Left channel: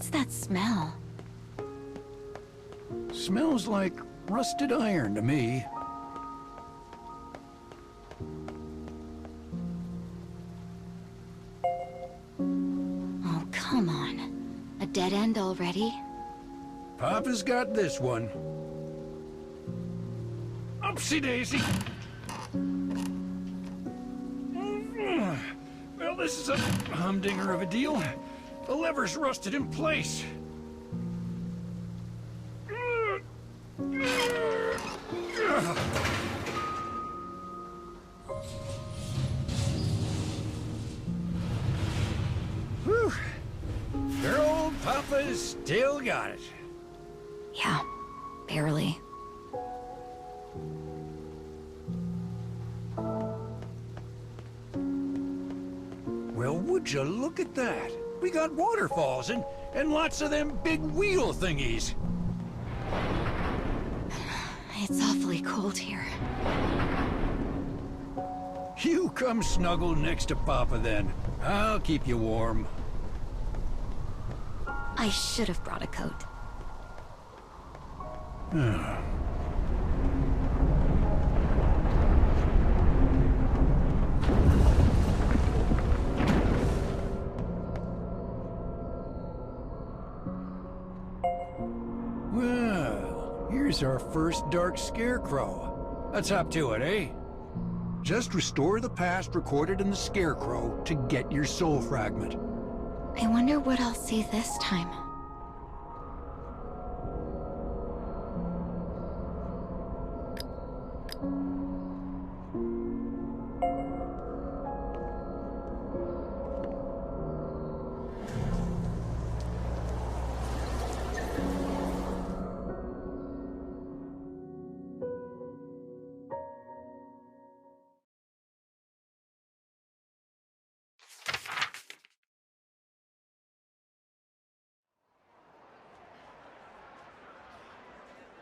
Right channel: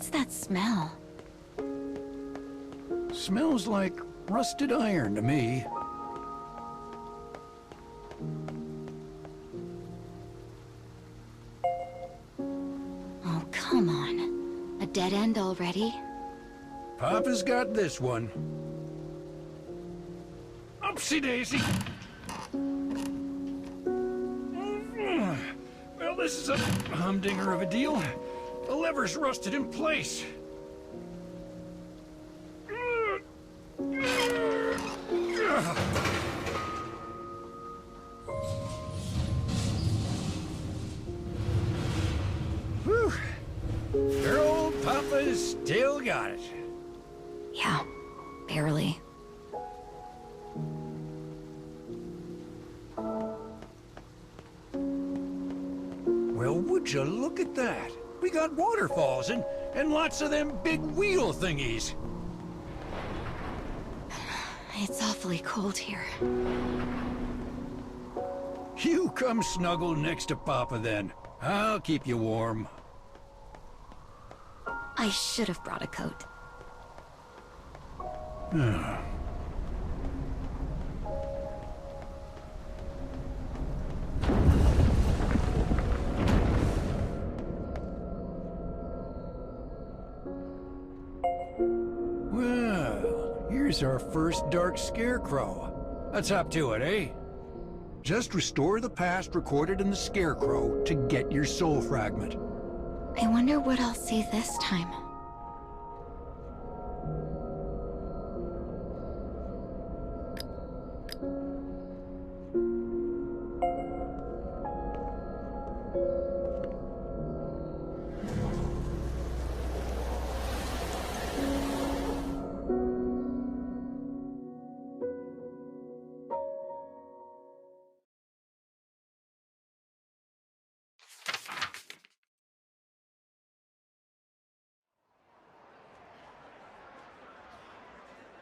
What's that smell? Smells like rusted iron to me. Oh, come on. A dead end already? Papa's got this one. Upsy daisy. Well, this is a humdinger of a deal. The lever's rusted in place. Whew. Your old Papa's still got it. Yeah, barely. Well, would you look at that? We got waterfalls and lots of them big wheel thingies. It's awfully cold here. You come snuggle next to Papa then. I'll keep you warm. I should have brought a coat. Well, here's our first dark scarecrow. Let's hop to it, eh? Just restore the past recorded in the scarecrow to get your soul fragment. I wonder what I'll see this time.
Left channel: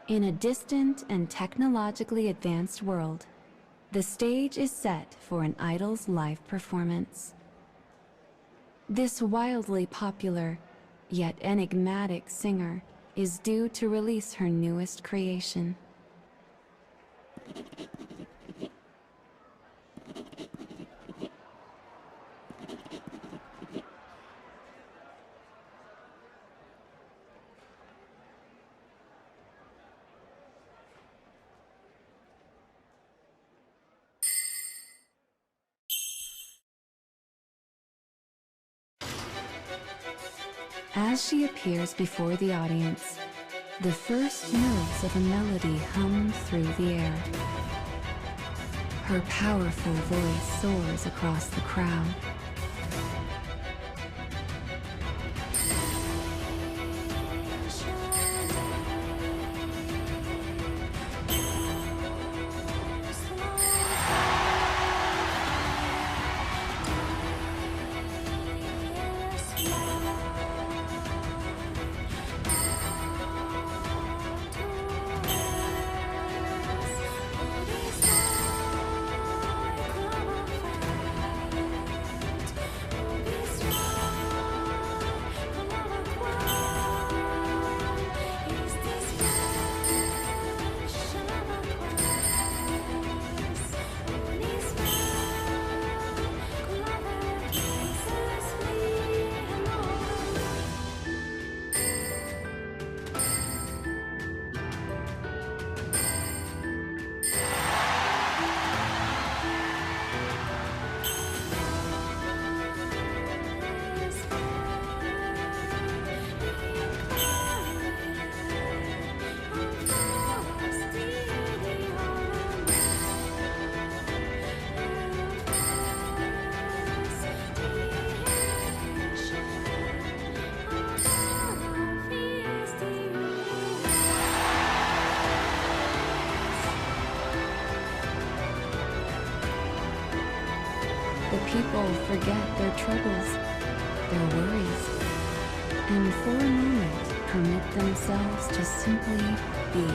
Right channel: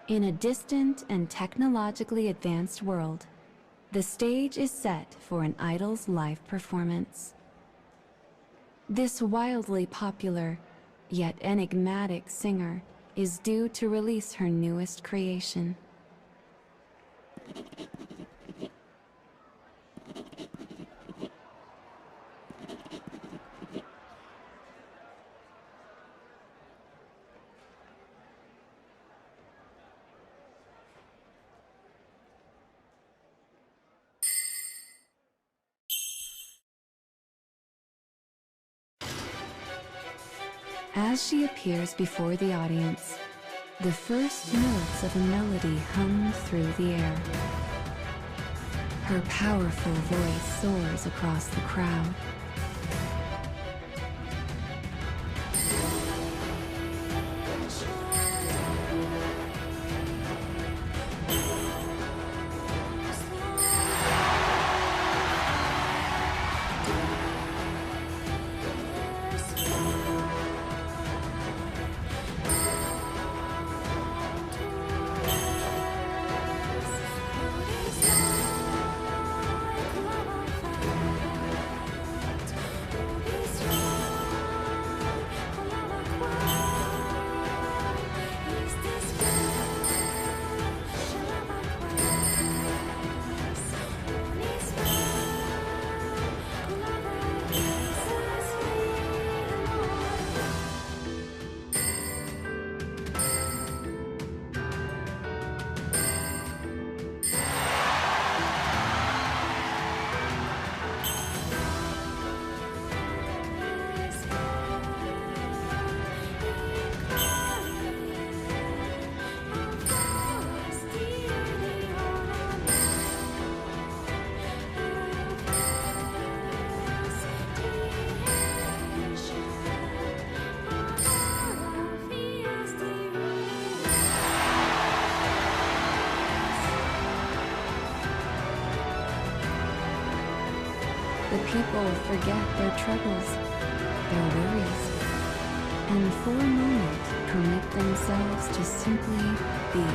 In a distant and technologically advanced world, the stage is set for an idol's live performance. This wildly popular, yet enigmatic singer is due to release her newest creation. As she appears before the audience, the first notes of a melody hum through the air. Her powerful voice soars across the crowd. The people forget their troubles, their worries, and for a moment permit themselves to simply be.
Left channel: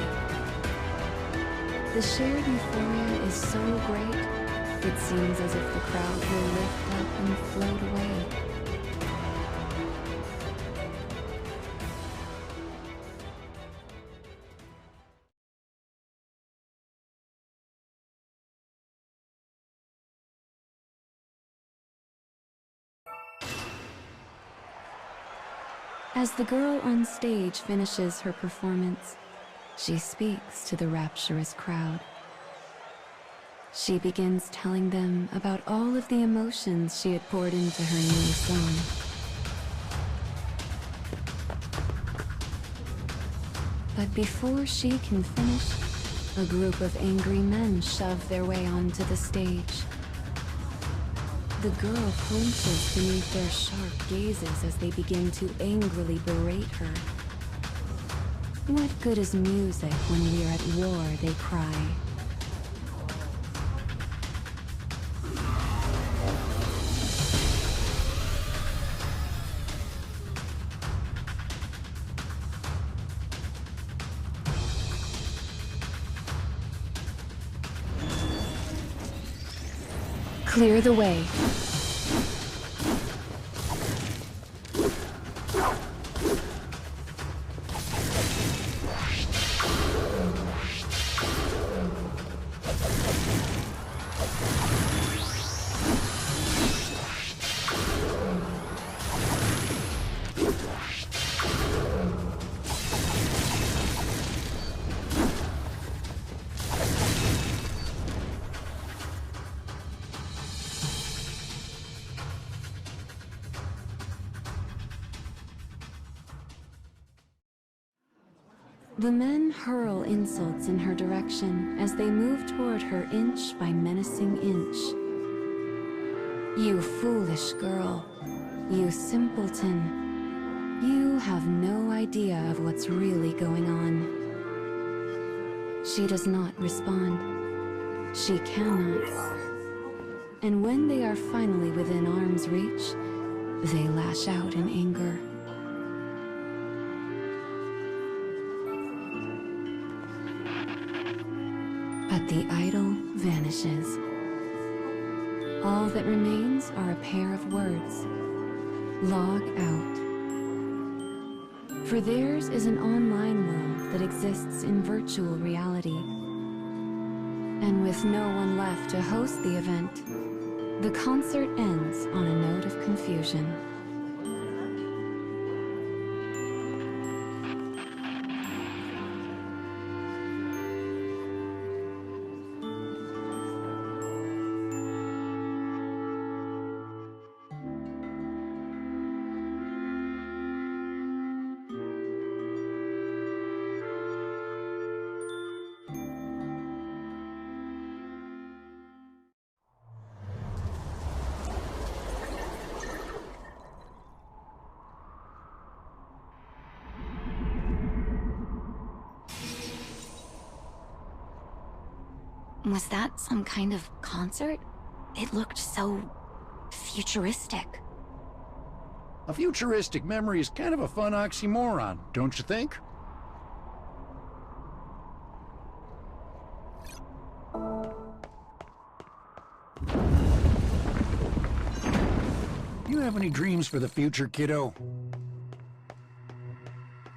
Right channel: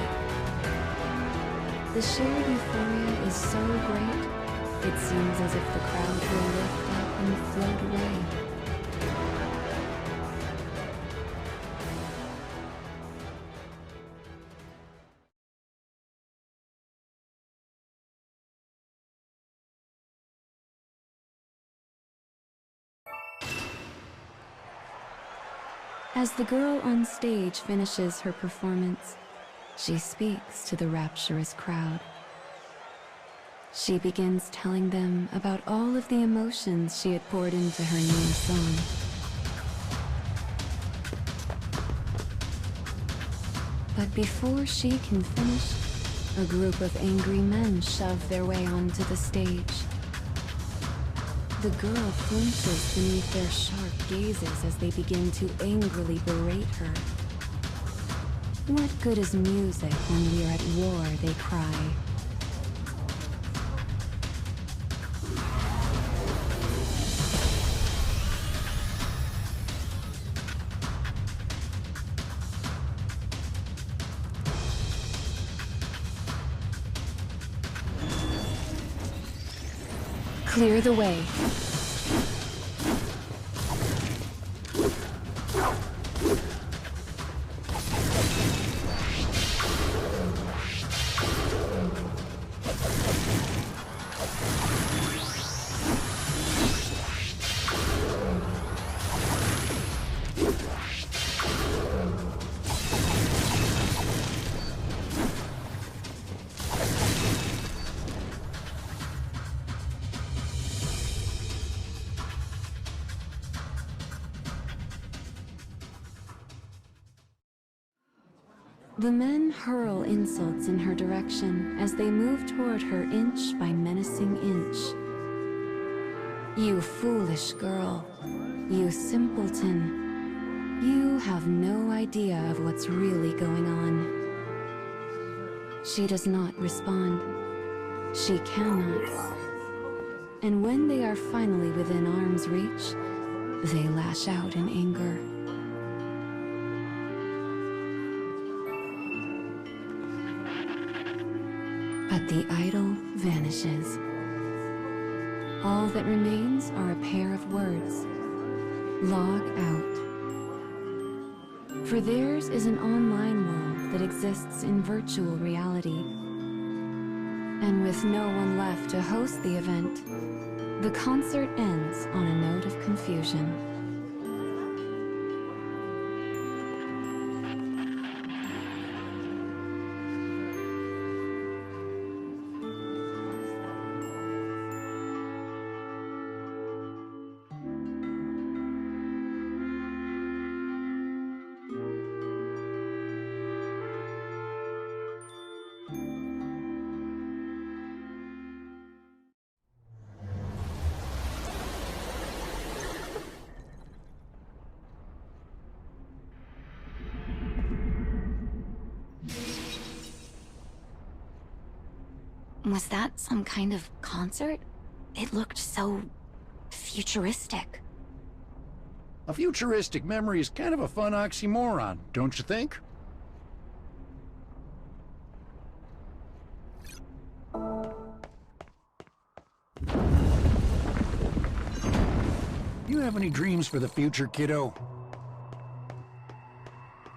The shared euphoria is so great, it seems as if the crowd will lift up and float away. As the girl on stage finishes her performance, she speaks to the rapturous crowd. She begins telling them about all of the emotions she had poured into her new song. But before she can finish, a group of angry men shove their way onto the stage. The girl flinches beneath their sharp gazes as they begin to angrily berate her. What good is music when we are at war, they cry. Clear the way. The men hurl insults in her direction as they move toward her inch by menacing inch. You foolish girl. You simpleton. You have no idea of what's really going on. She does not respond. She cannot. And when they are finally within arm's reach, they lash out in anger. But the idol vanishes. All that remains are a pair of words. Log out. For theirs is an online world that exists in virtual reality. And with no one left to host the event, the concert ends on a note of confusion. Was that some kind of concert? It looked so futuristic. A futuristic memory is kind of a fun oxymoron, don't you think? You have any dreams for the future, kiddo?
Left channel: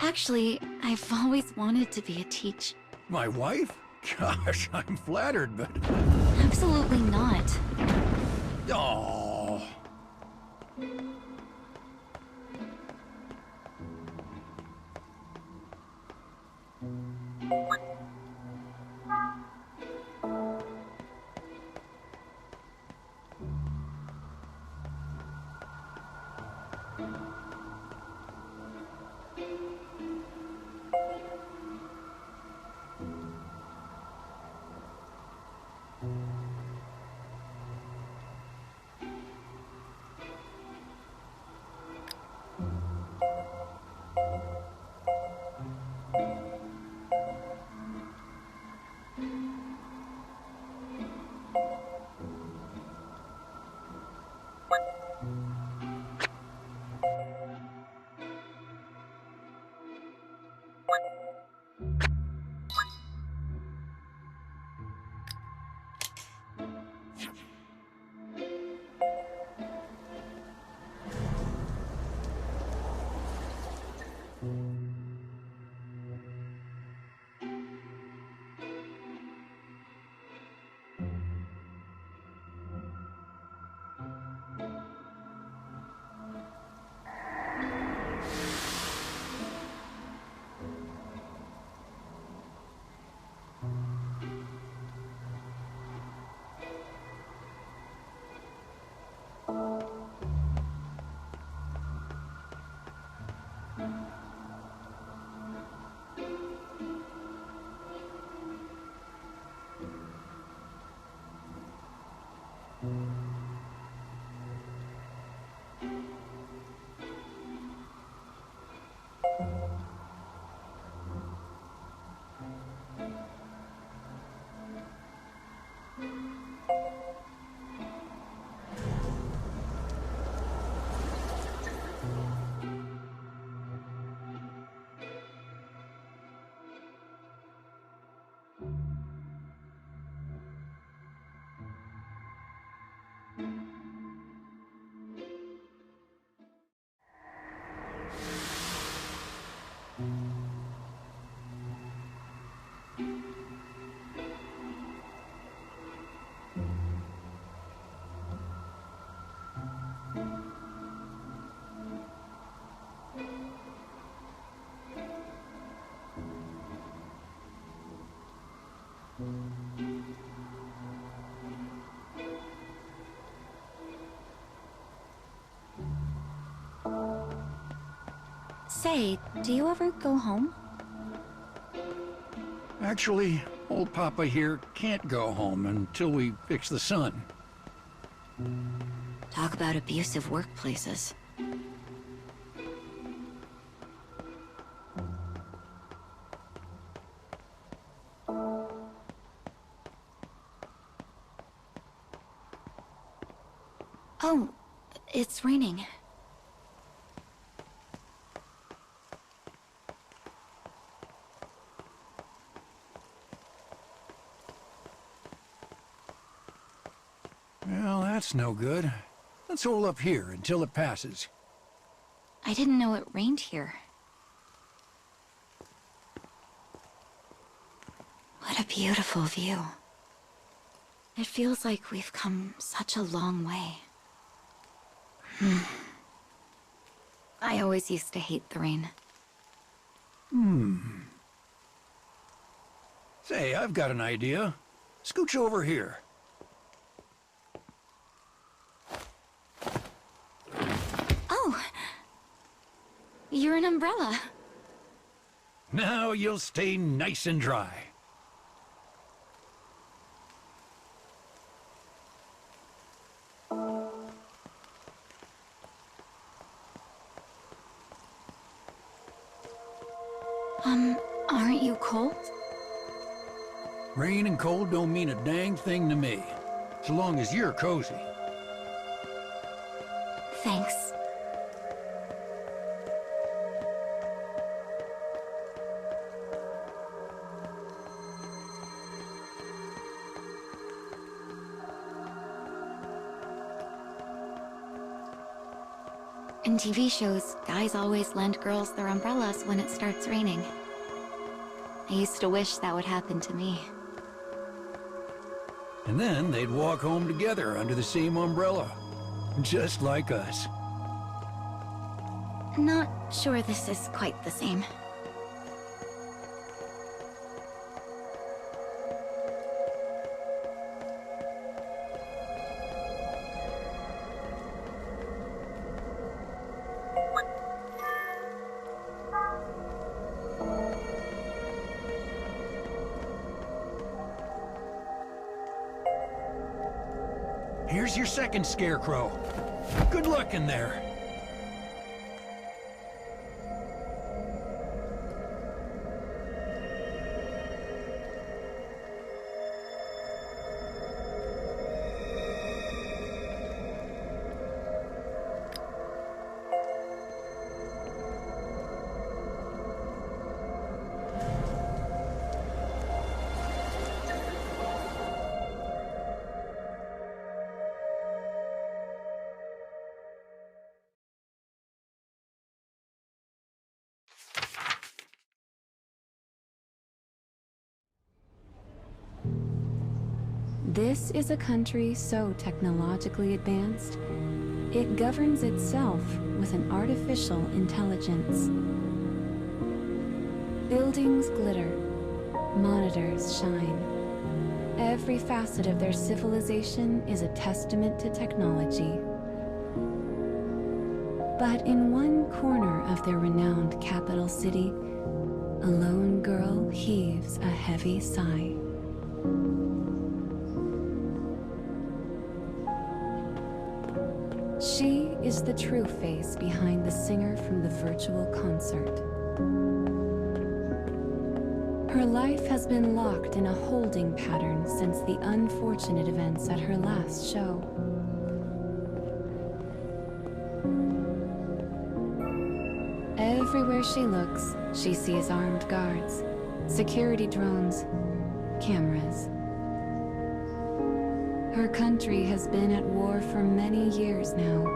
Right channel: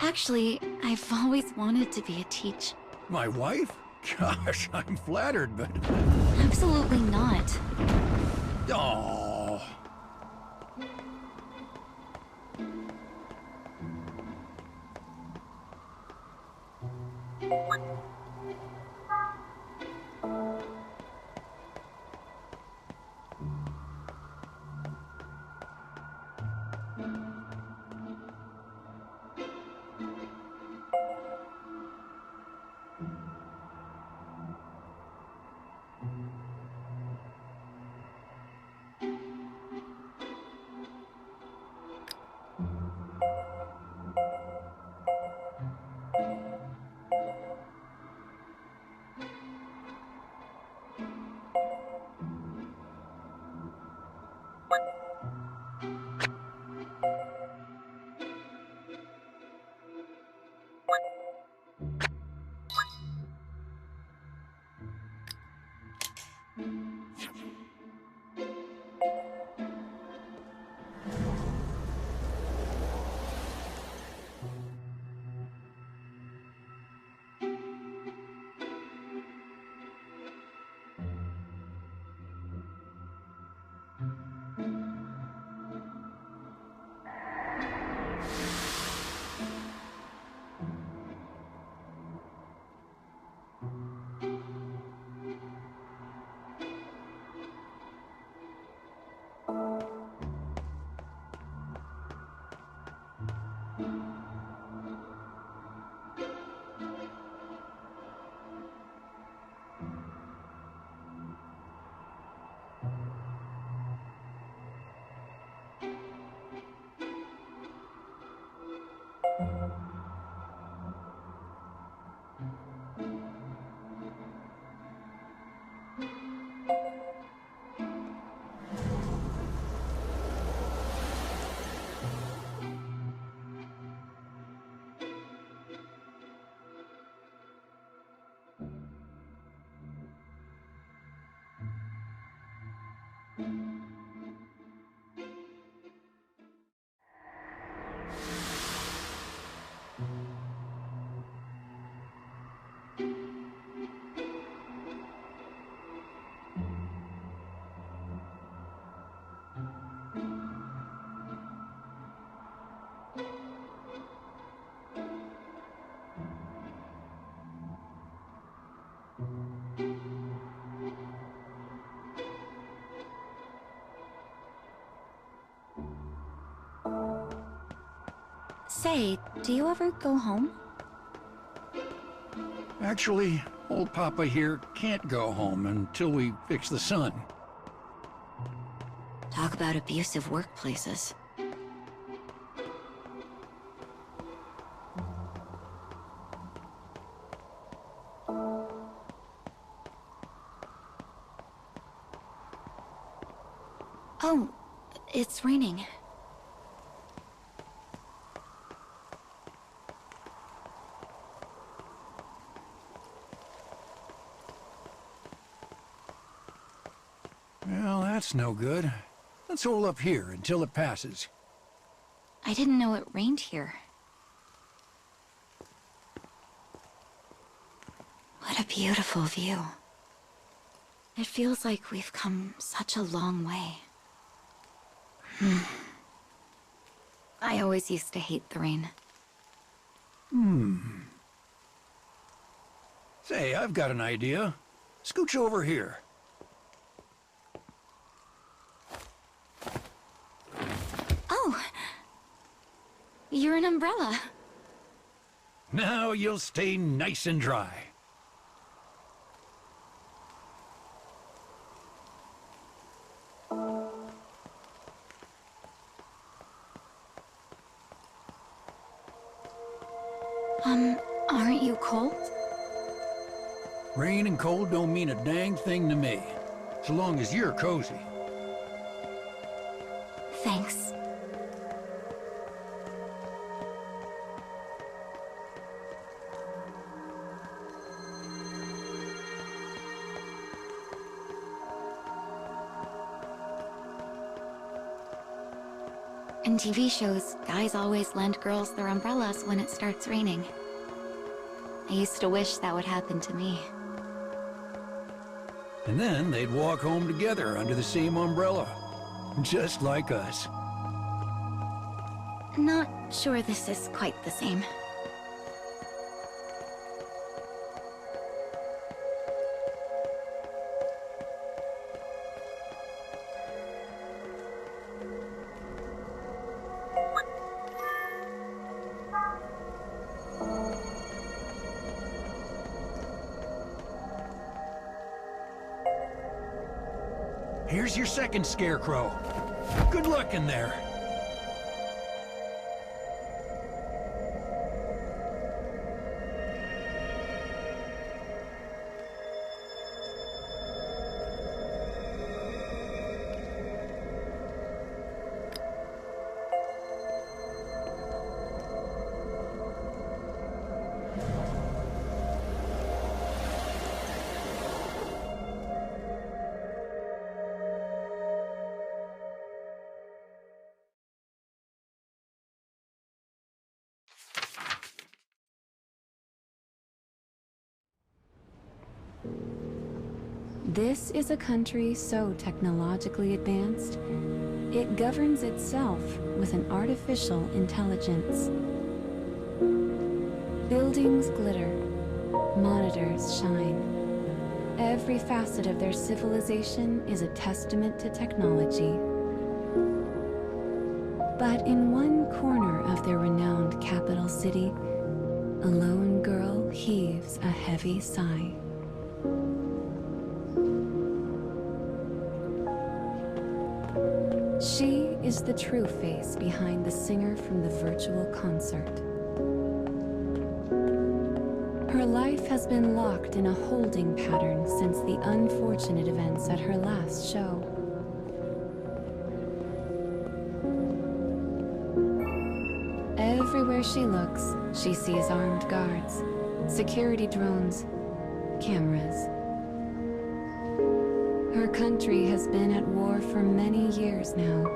Actually, I've always wanted to be a teacher. My wife? Gosh, I'm flattered, but... Absolutely not. Oh. Say, do you ever go home? Actually, old Papa here can't go home until we fix the sun. Talk about abusive workplaces. Oh, it's raining. Well, that's no good. Let's hold up here until it passes. I didn't know it rained here. What a beautiful view. It feels like we've come such a long way. I always used to hate the rain. Say, I've got an idea. Scooch over here. Oh! You're an umbrella. Now you'll stay nice and dry. Aren't you cold? Rain and cold don't mean a dang thing to me, so long as you're cozy. Thanks. In TV shows, guys always lend girls their umbrellas when it starts raining. I used to wish that would happen to me. And then they'd walk home together under the same umbrella. Just like us. Not sure this is quite the same. Here's your second scarecrow. Good luck in there. This is a country so technologically advanced, it governs itself with an artificial intelligence. Buildings glitter, monitors shine. Every facet of their civilization is a testament to technology. But in one corner of their renowned capital city, a lone girl heaves a heavy sigh. She is the true face behind the singer from the virtual concert. Her life has been locked in a holding pattern since the unfortunate events at her last show. Everywhere she looks, she sees armed guards, security drones, cameras. Her country has been at war for many years now.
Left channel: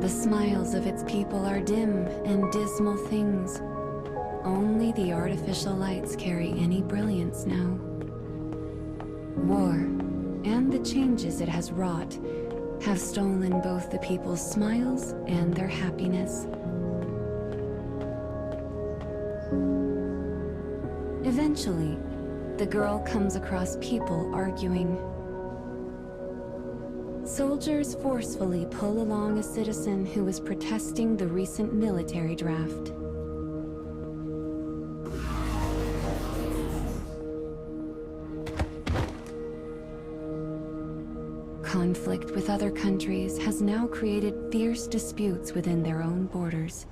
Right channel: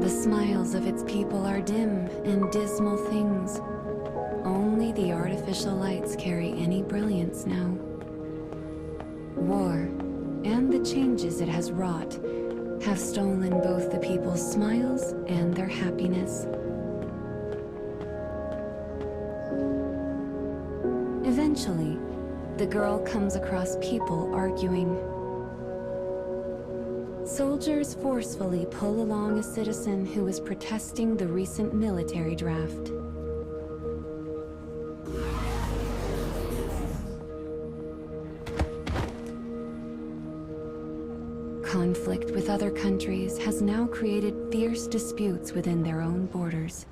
The smiles of its people are dim and dismal things. Only the artificial lights carry any brilliance now. War, and the changes it has wrought, have stolen both the people's smiles and their happiness. Eventually, the girl comes across people arguing. Soldiers forcefully pull along a citizen who is protesting the recent military draft. Conflict with other countries has now created fierce disputes within their own borders.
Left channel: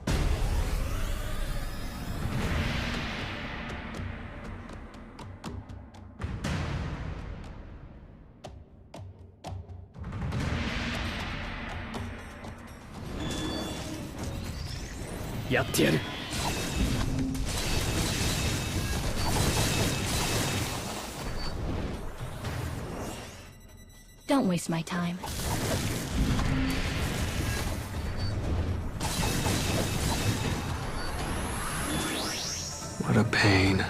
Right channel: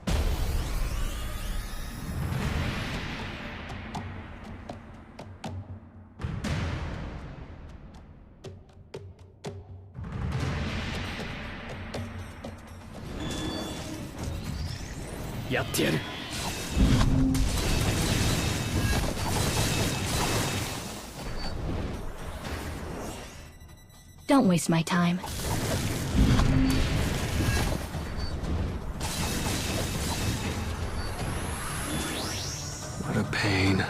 Don't waste my time. What a pain.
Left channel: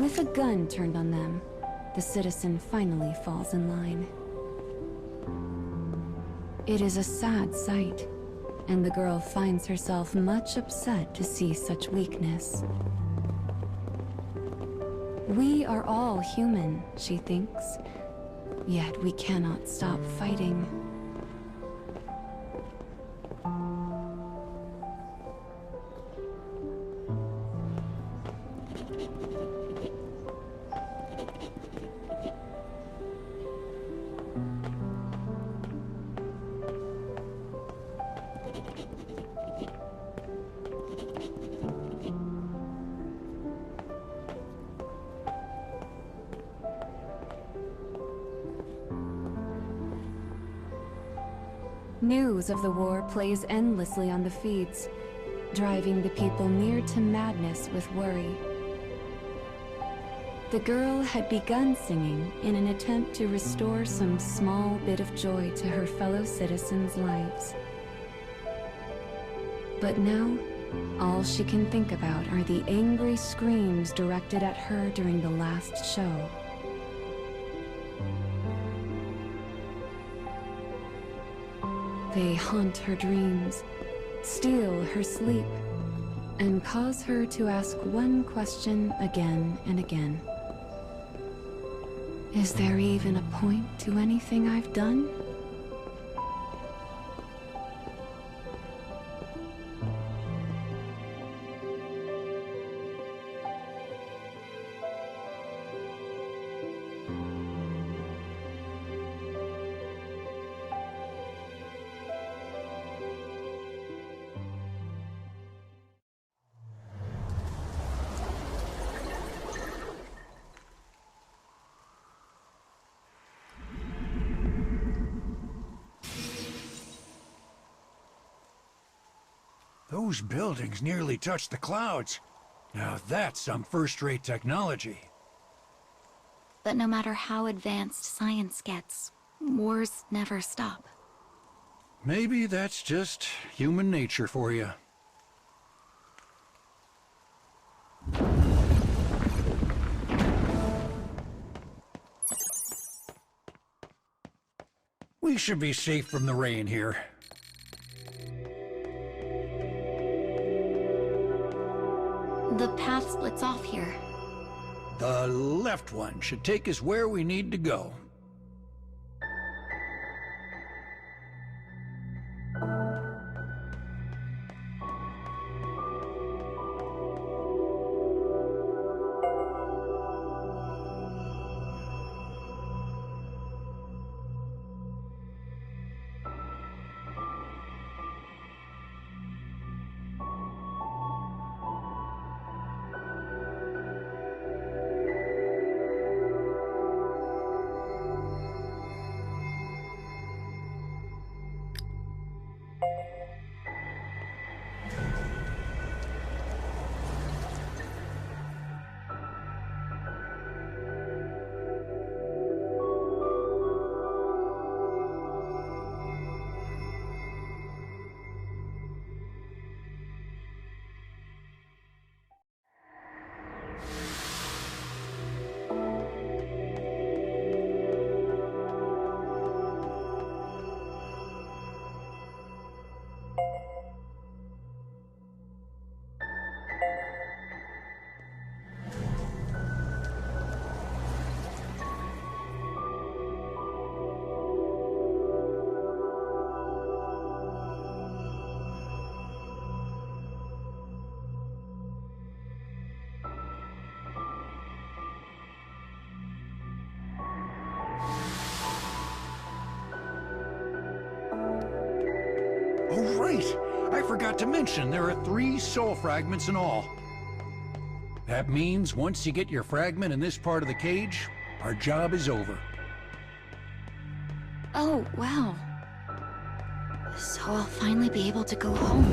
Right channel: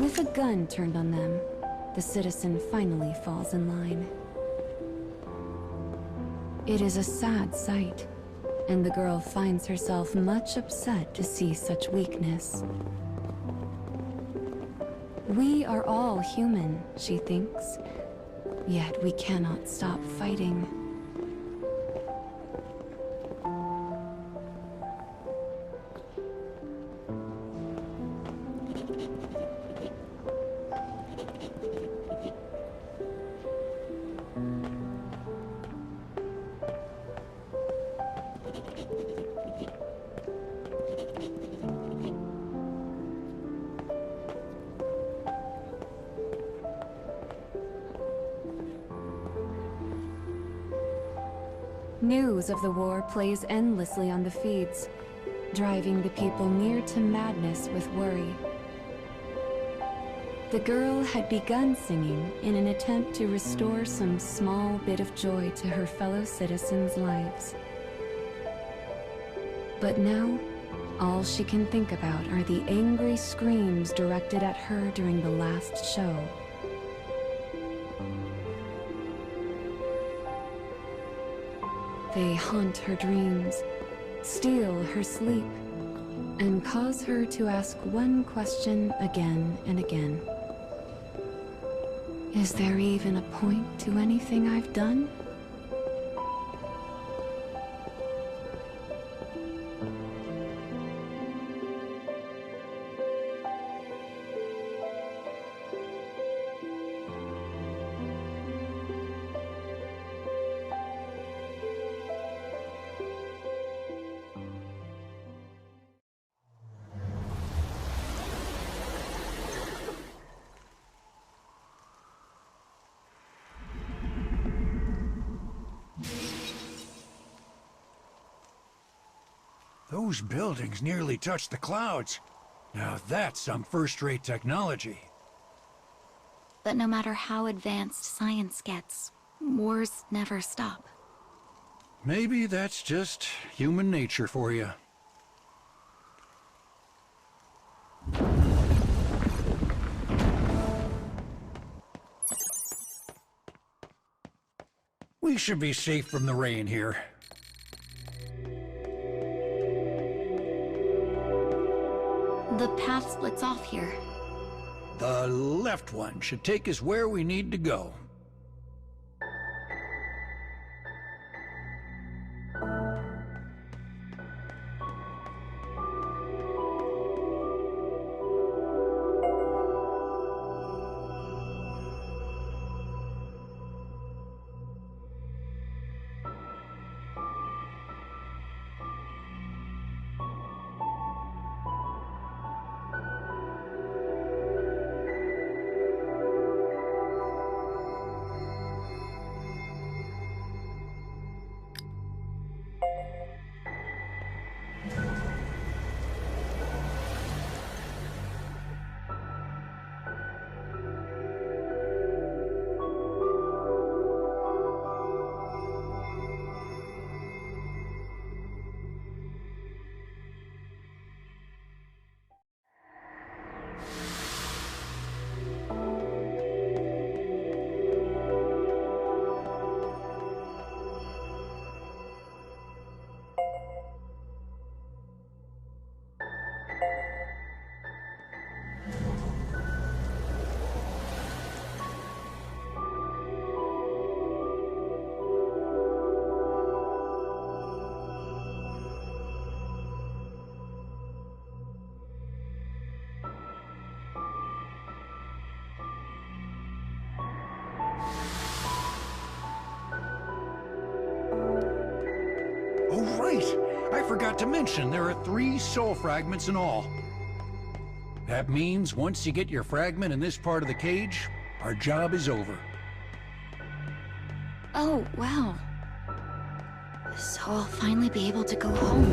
With a gun turned on them, the citizen finally falls in line. It is a sad sight, and the girl finds herself much upset to see such weakness. We are all human, she thinks, yet we cannot stop fighting. News of the war plays endlessly on the feeds, driving the people near to madness with worry. The girl had begun singing in an attempt to restore some small bit of joy to her fellow citizens' lives. But now, all she can think about are the angry screams directed at her during the last show. They haunt her dreams, steal her sleep, and cause her to ask one question again and again. Is there even a point to anything I've done? Those buildings nearly touch the clouds. Now that's some first-rate technology. But no matter how advanced science gets, wars never stop. Maybe that's just human nature for you. We should be safe from the rain here. The path splits off here. The left one should take us where we need to go. Oh, right! I forgot to mention there are 3 soul fragments in all. That means once you get your fragment in this part of the cage, our job is over. Oh, wow. So I'll finally be able to go home.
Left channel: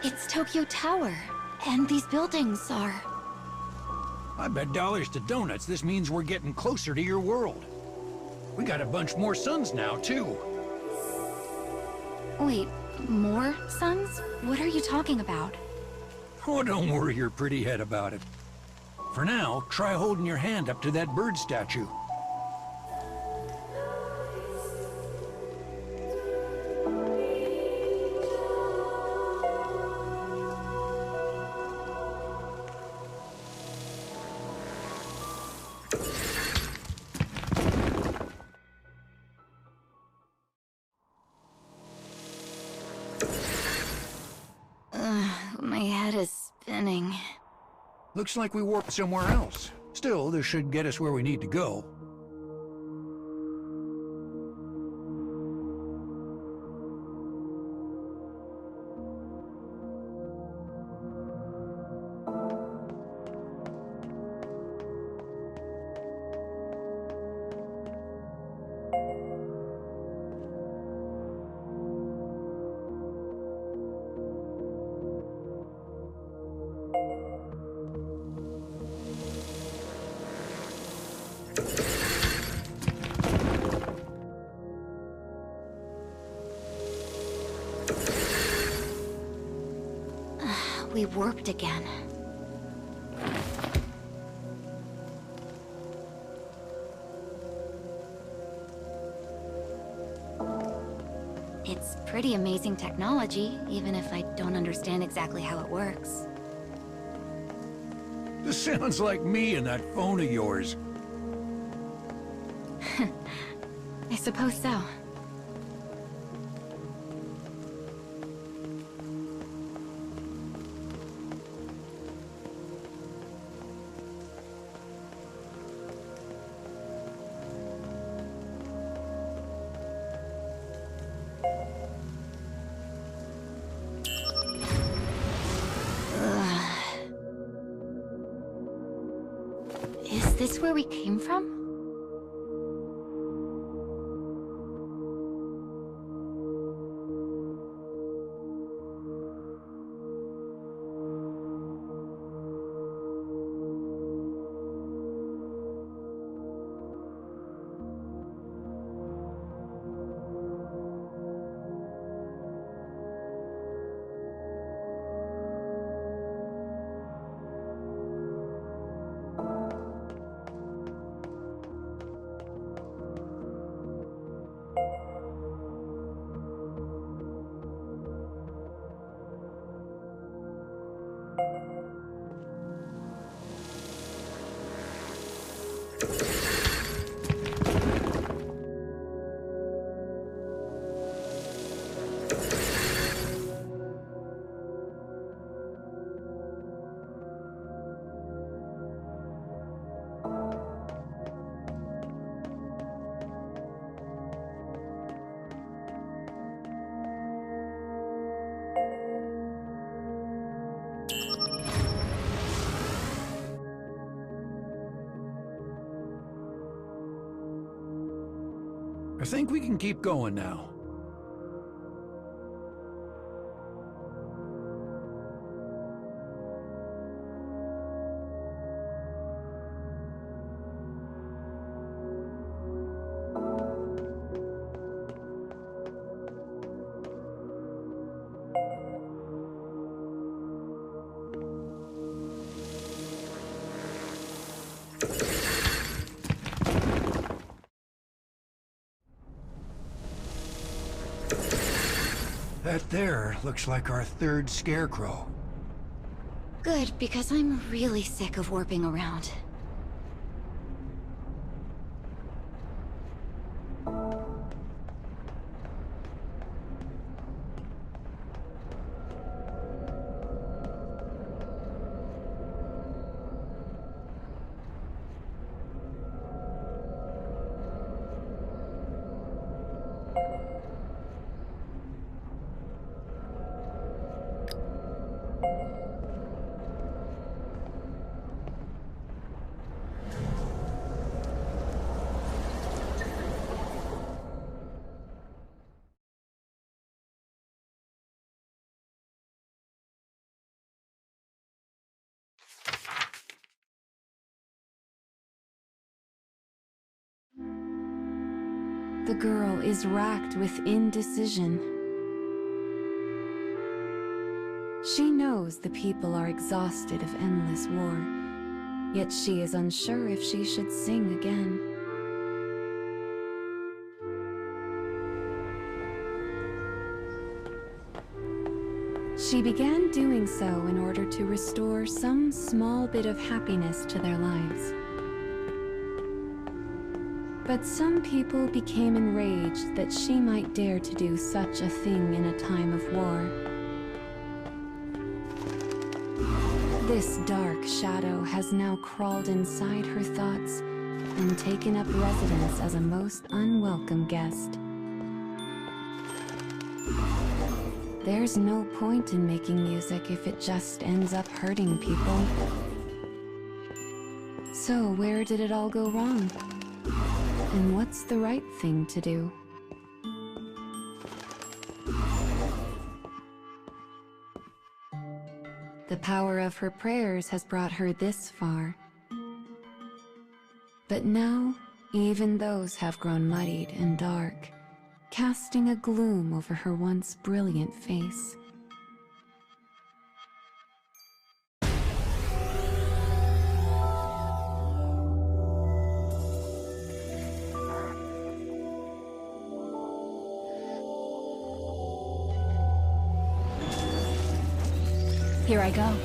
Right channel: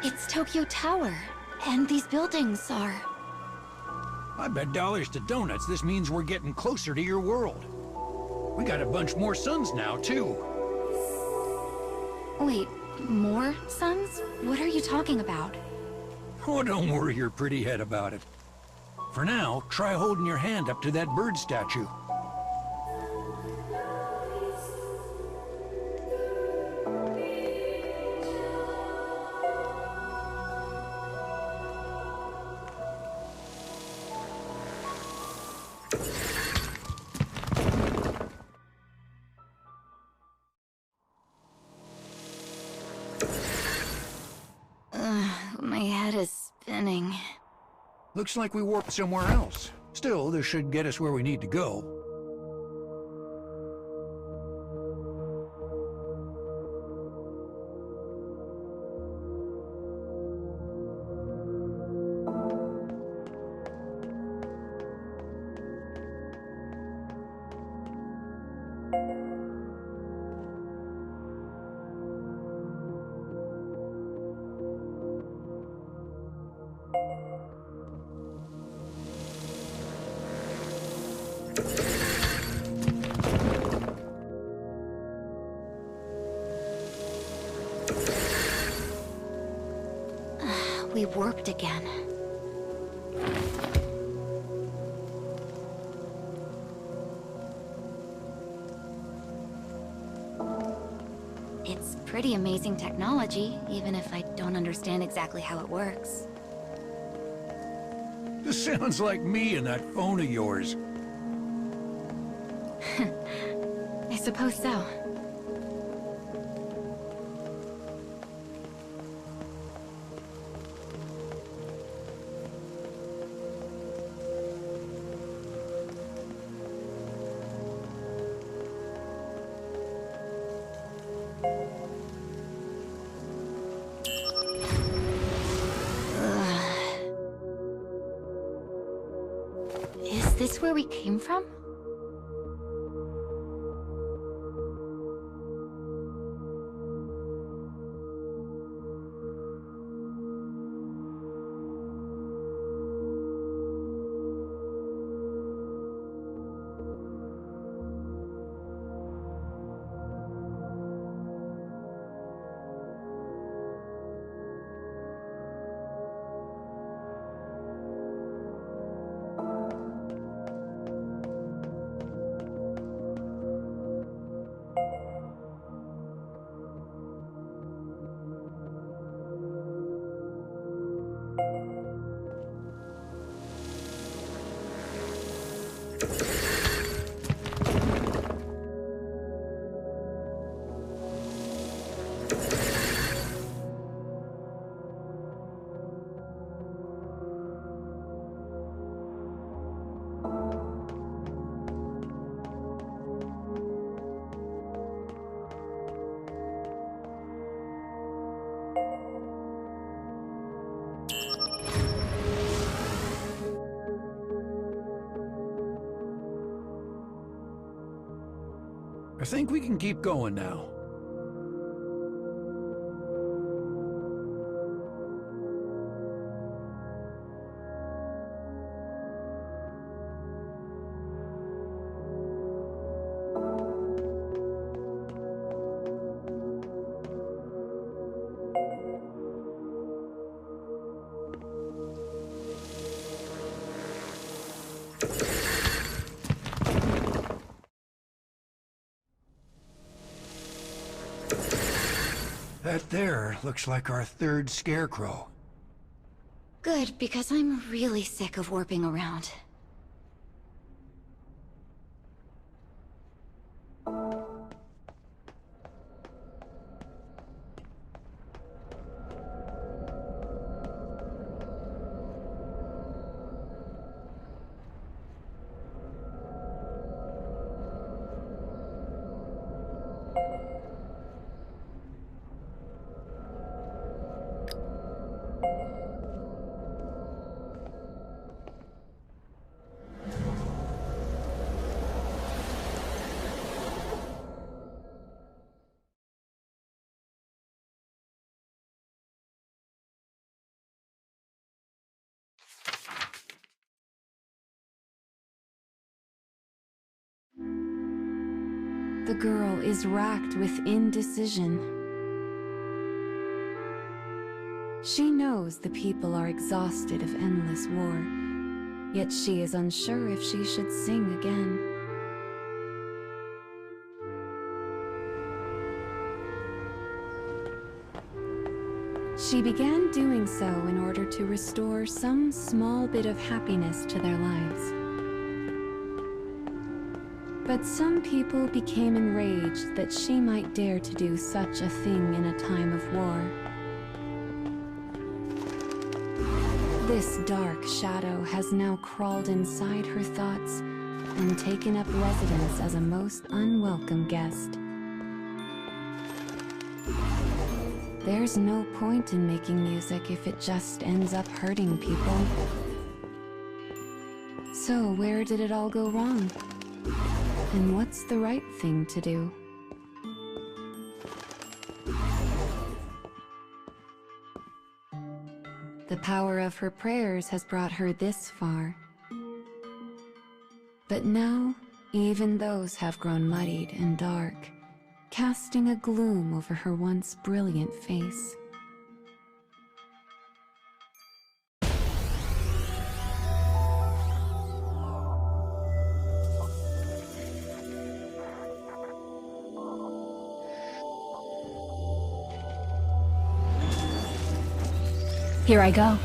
It's Tokyo Tower, and these buildings are... I bet dollars to donuts this means we're getting closer to your world. We got a bunch more suns now, too. Wait, more suns? What are you talking about? Oh, don't worry your pretty head about it. For now, try holding your hand up to that bird statue. My head is spinning. Looks like we warped somewhere else. Still, this should get us where we need to go. We warped again. It's pretty amazing technology, even if I don't understand exactly how it works. This sounds like me and that phone of yours. I suppose so. Is this where we came from? I think we can keep going now. That there looks like our third scarecrow. Good, because I'm really sick of warping around. The girl is racked with indecision. She knows the people are exhausted of endless war, yet she is unsure if she should sing again. She began doing so in order to restore some small bit of happiness to their lives. But some people became enraged that she might dare to do such a thing in a time of war. This dark shadow has now crawled inside her thoughts and taken up residence as a most unwelcome guest. There's no point in making music if it just ends up hurting people. So where did it all go wrong? And what's the right thing to do? The power of her prayers has brought her this far. But now, even those have grown muddied and dark, casting a gloom over her once brilliant face. Here I go.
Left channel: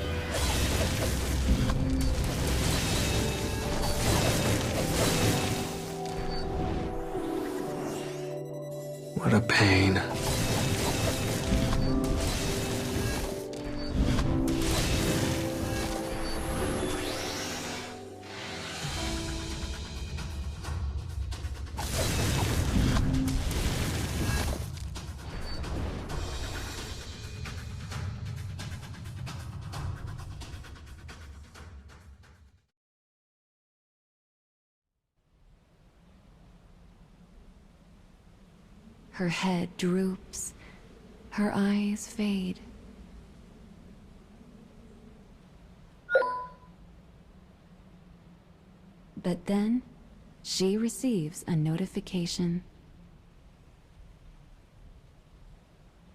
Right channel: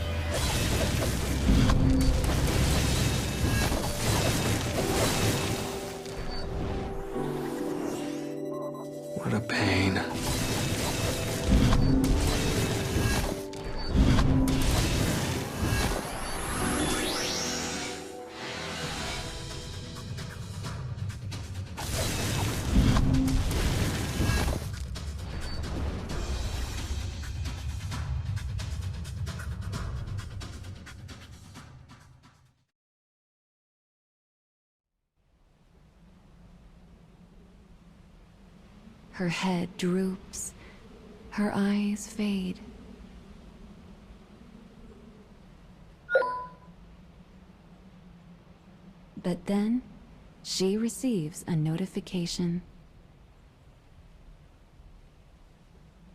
What a pain. Her head droops. Her eyes fade. But then, she receives a notification.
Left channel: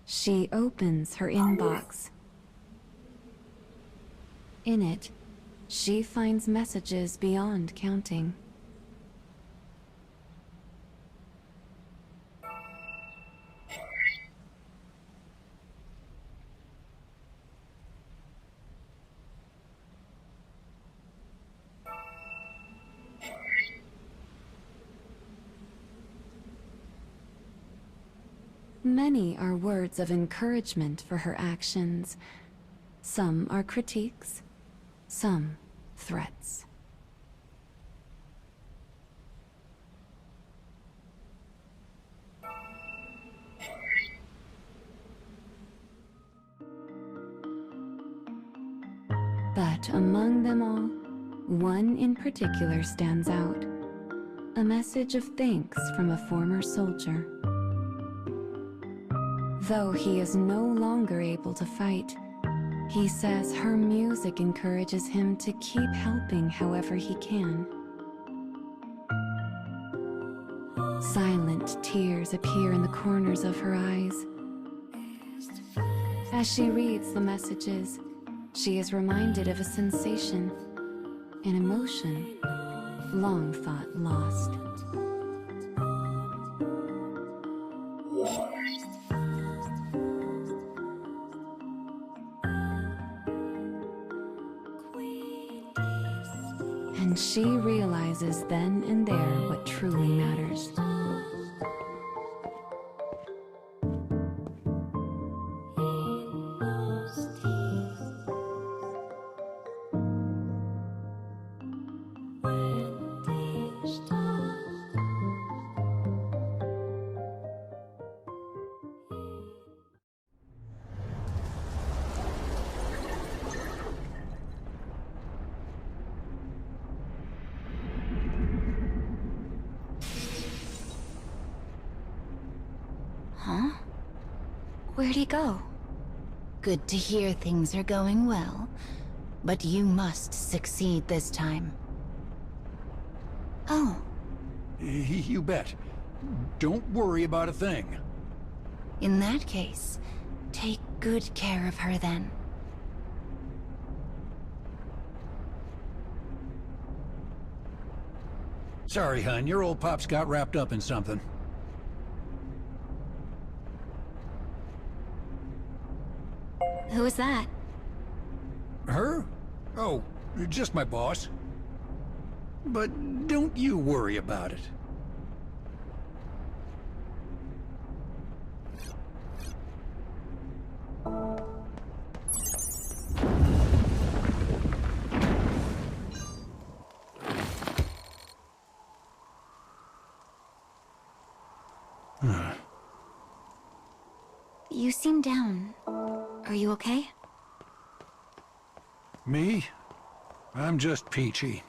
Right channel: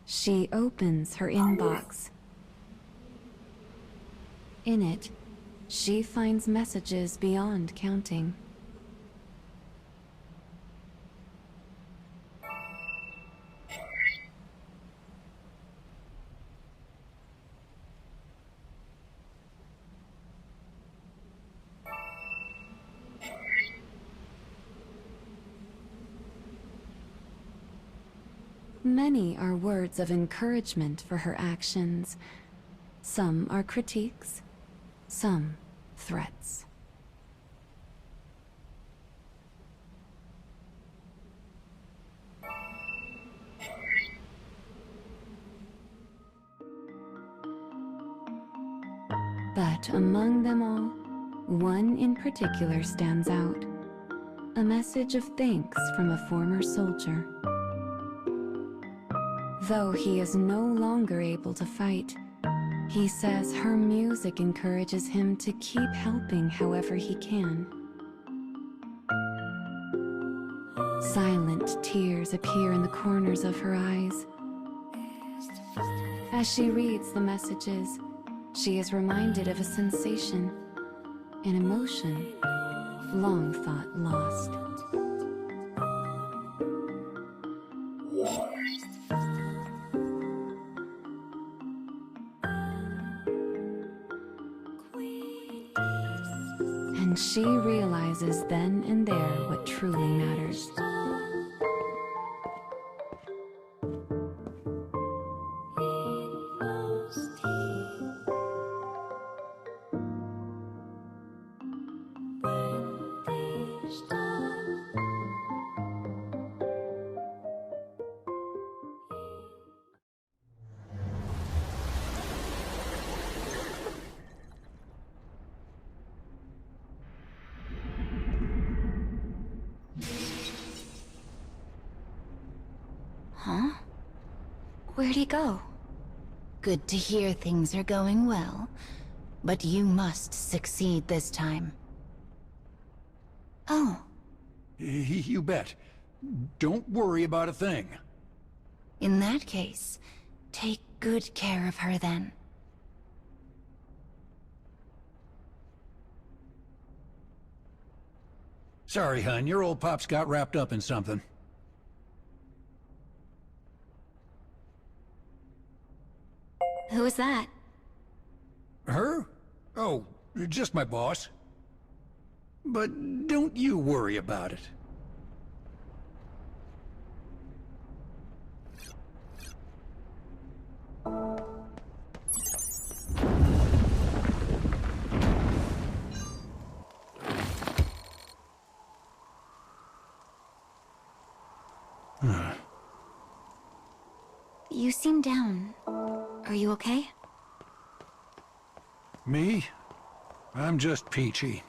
She opens her inbox. In it, she finds messages beyond counting. Many are words of encouragement for her actions. Some are critiques, some threats. But among them all, one in particular stands out. A message of thanks from a former soldier. Though he is no longer able to fight, he says her music encourages him to keep helping however he can. Silent tears appear in the corners of her eyes. As she reads the messages, she is reminded of a sensation, an emotion, long thought lost. And she realizes then and there what truly matters. Huh? Where'd he go? Good to hear things are going well, but you must succeed this time. Oh, You bet. Don't worry about a thing. In that case, take good care of her then. Sorry, hun, your old pop's got wrapped up in something. who was that? Her? Oh, just my boss. But don't you worry about it. You seem down. Are you okay? Me? I'm just peachy.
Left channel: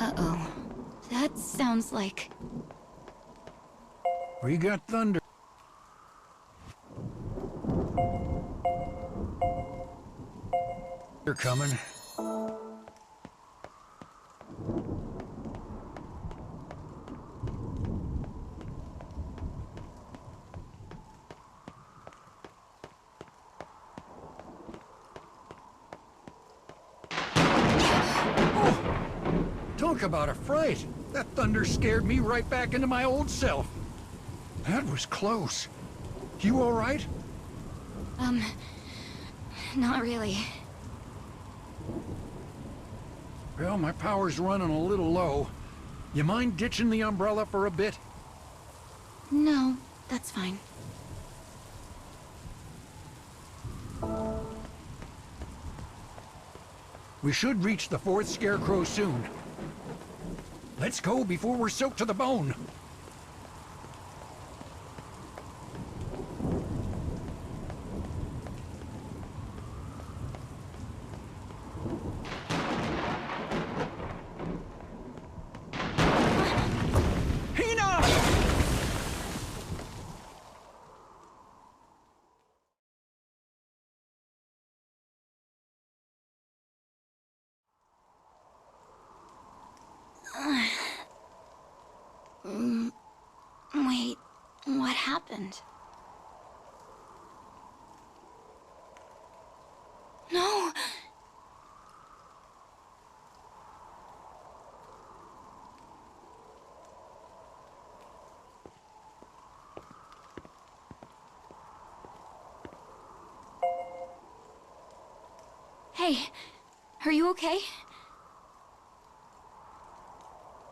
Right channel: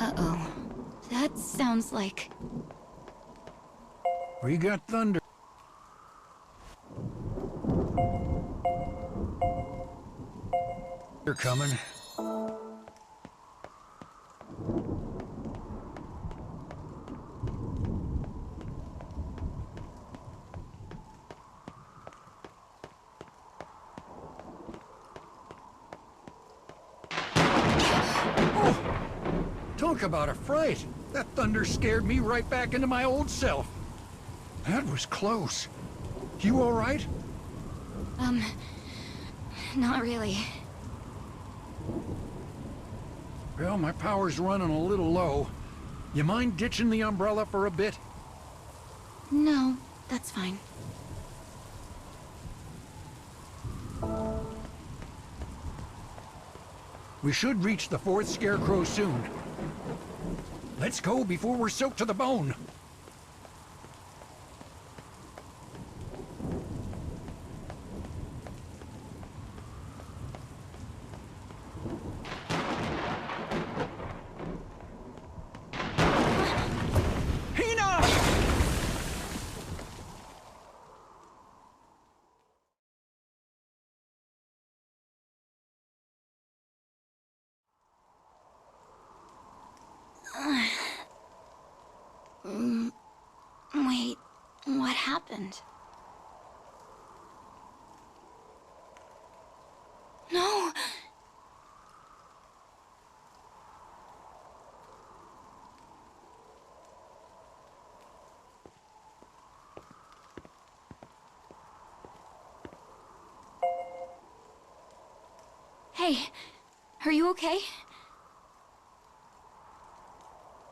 Uh-oh. That sounds like... We got thunder. They're coming. Talk about a fright! That thunder scared me right back into my old self. That was close. You all right? Not really. Well, my power's running a little low. You mind ditching the umbrella for a bit? No, that's fine. We should reach the fourth scarecrow soon. Let's go before we're soaked to the bone. Wait, what happened? No! Hey, are you okay?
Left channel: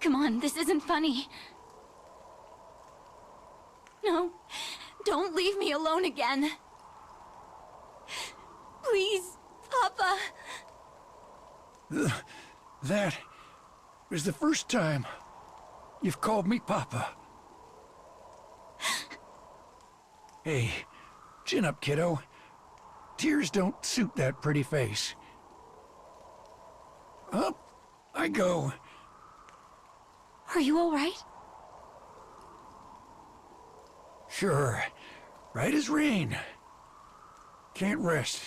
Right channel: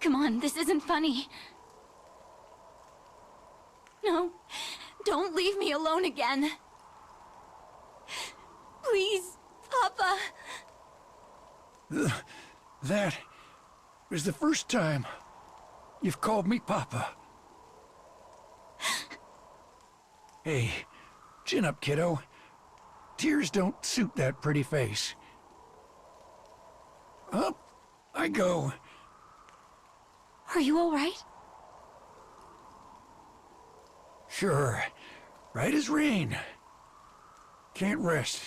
Come on, this isn't funny. No, don't leave me alone again. Please, Papa. That was the first time you've called me Papa. Hey, chin up, kiddo. Tears don't suit that pretty face. Up I go. Are you all right? Sure. Right as rain. Can't rest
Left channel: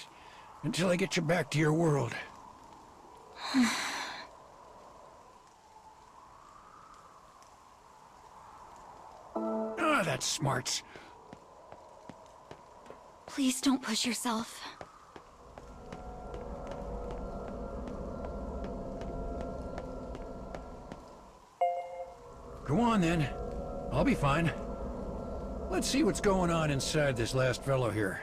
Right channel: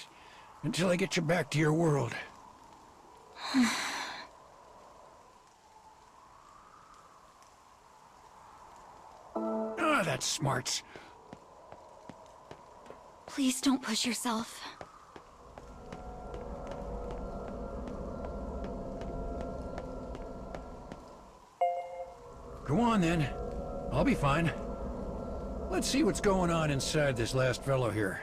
until I get you back to your world. Ah, that's smarts. Please don't push yourself. Go on then. I'll be fine. Let's see what's going on inside this last fellow here.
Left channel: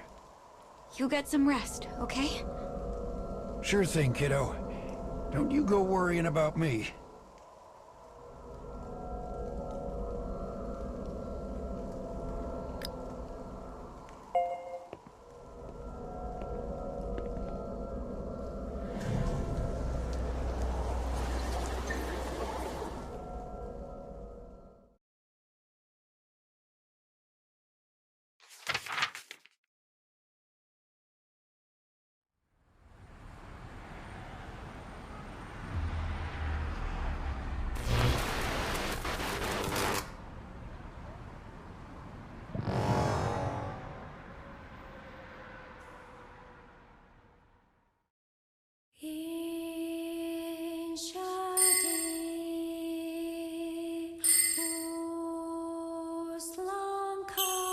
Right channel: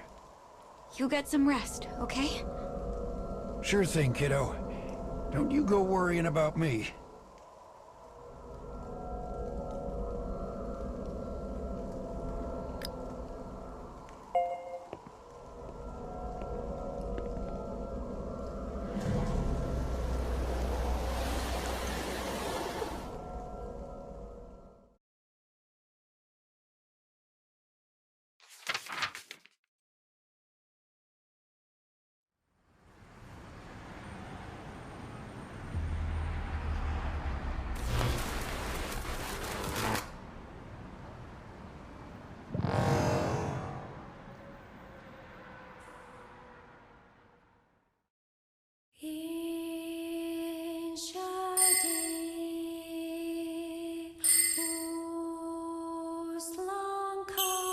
You get some rest, okay? Sure thing, kiddo. Don't you go worrying about me. Quest,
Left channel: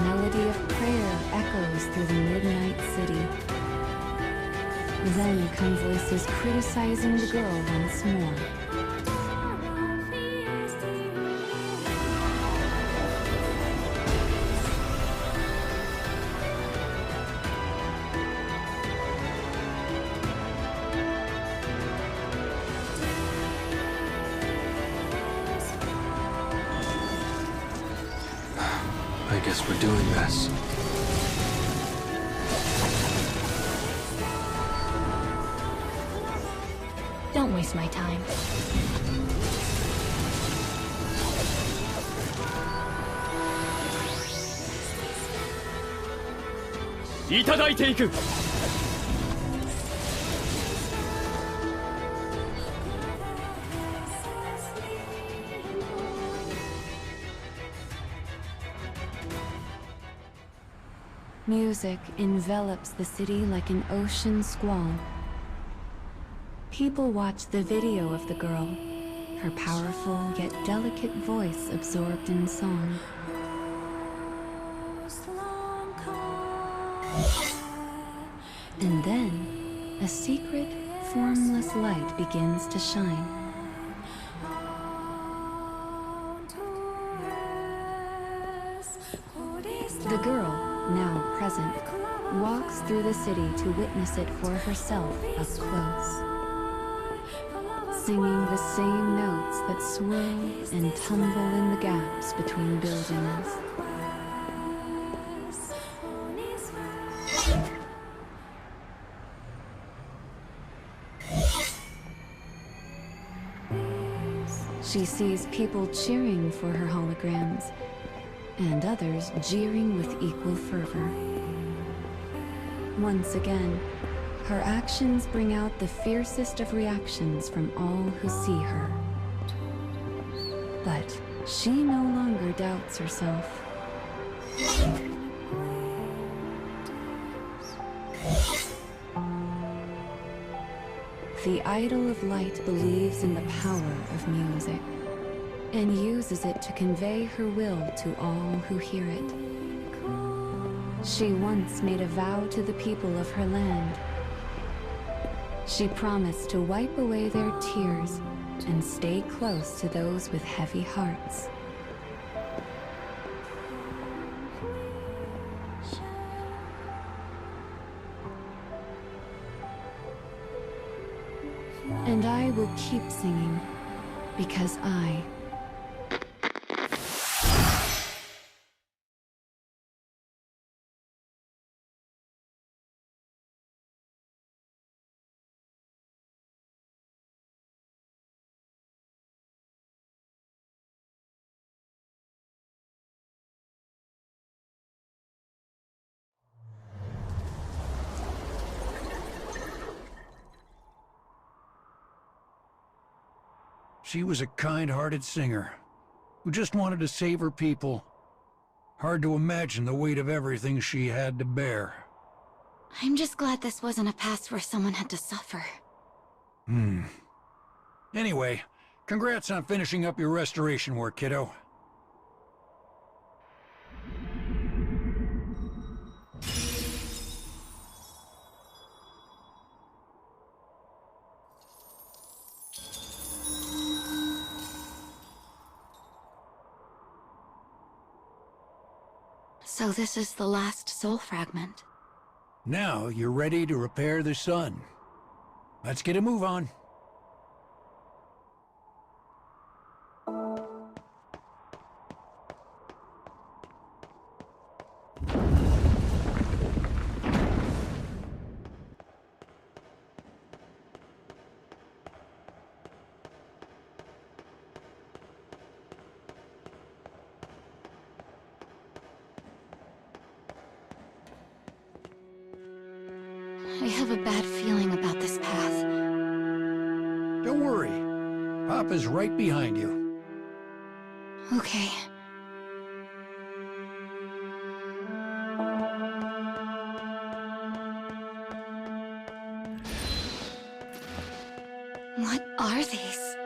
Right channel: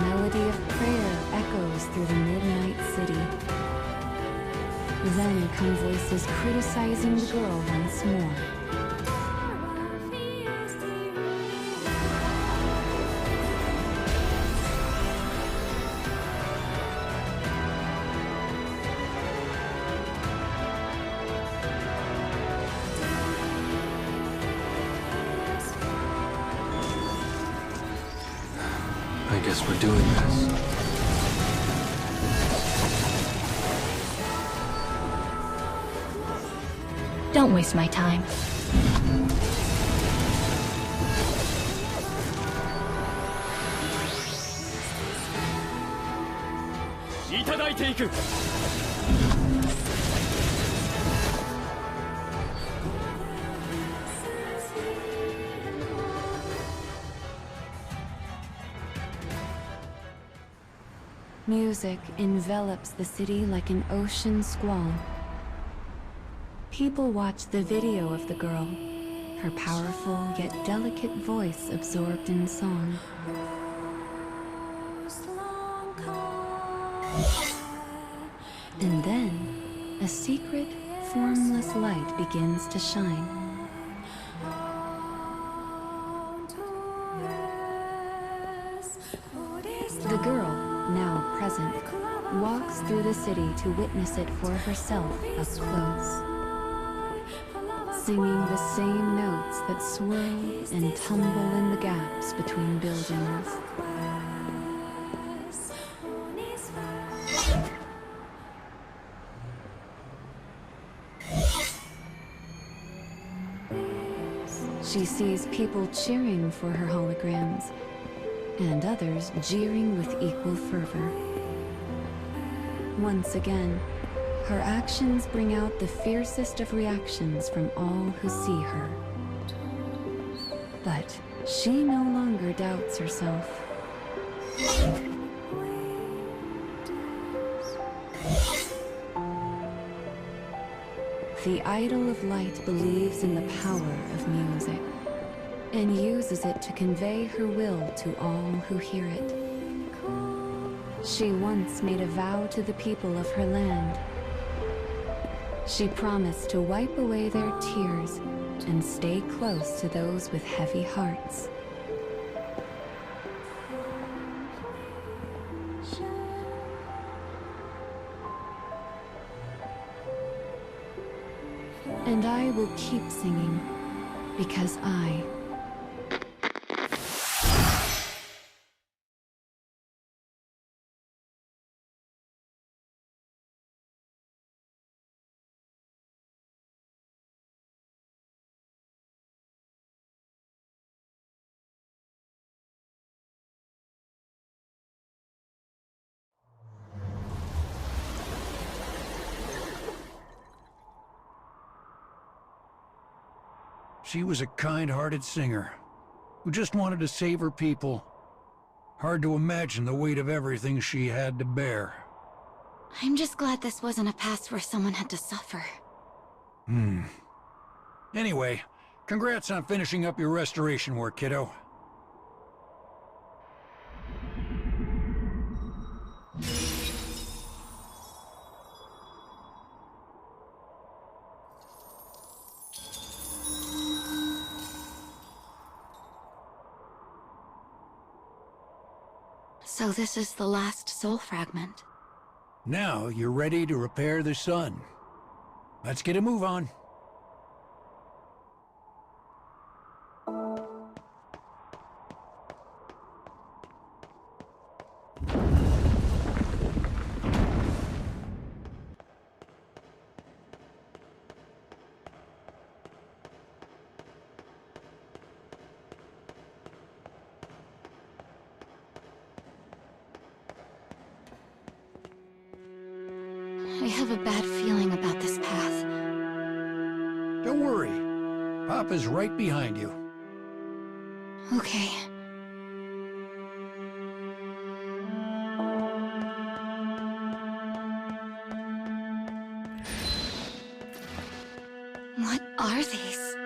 melody of prayer echoes through the midnight city. Then come voices criticizing the girl once more. I guess we're doing this. Don't waste my time. Music envelops the city like an ocean squall. People watch the video of the girl, her powerful yet delicate voice absorbed in song. And then, a secret, formless light begins to shine. The girl, now present, walks through the city to witness it for herself up close. Singing the same notes that swirl and tumble in the gaps between buildings. She sees people cheering for her holograms, and others jeering with equal fervor. Once again, her actions bring out the fiercest of reactions from all who see her. But she no longer doubts herself. The Idol of Light believes in the power of music, and uses it to convey her will to all who hear it. She once made a vow to the people of her land. She promised to wipe away their tears and stay close to those with heavy hearts. And I will keep singing, because I... She was a kind-hearted singer who just wanted to save her people. Hard to imagine the weight of everything she had to bear. I'm just glad this wasn't a past where someone had to suffer. Anyway, congrats on finishing up your restoration work, kiddo. So this is the last soul fragment. Now you're ready to repair the sun. Let's get a move on. I have a bad feeling about this path. Don't worry. Papa's right behind you. Okay. What are these?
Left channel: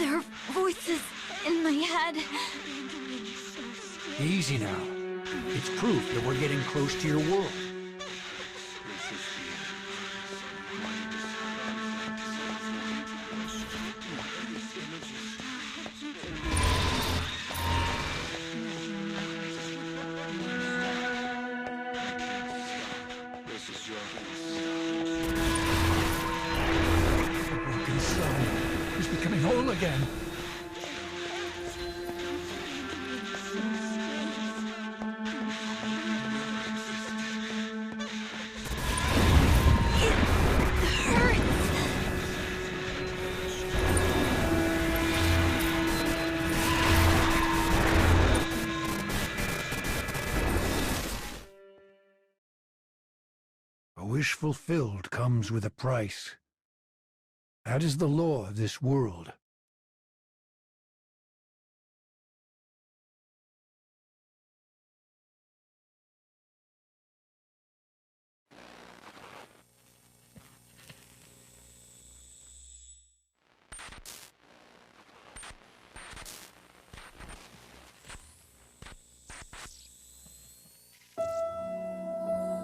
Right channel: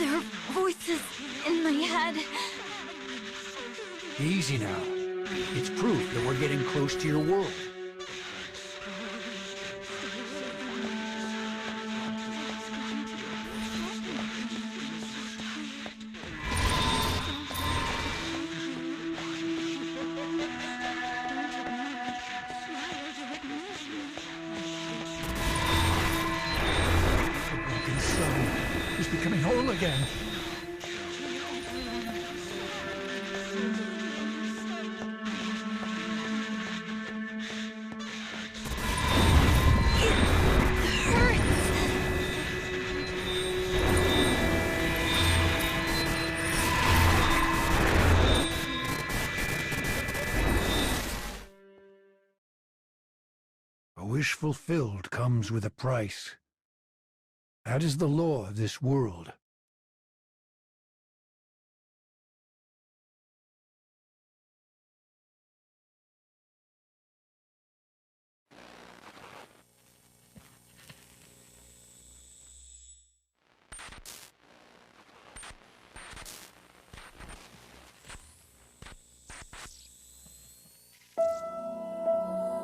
There are voices in my head. Easy now. It's proof that we're getting close to your world. The broken son is becoming whole again. A wish fulfilled comes with a price. That is the law of this world.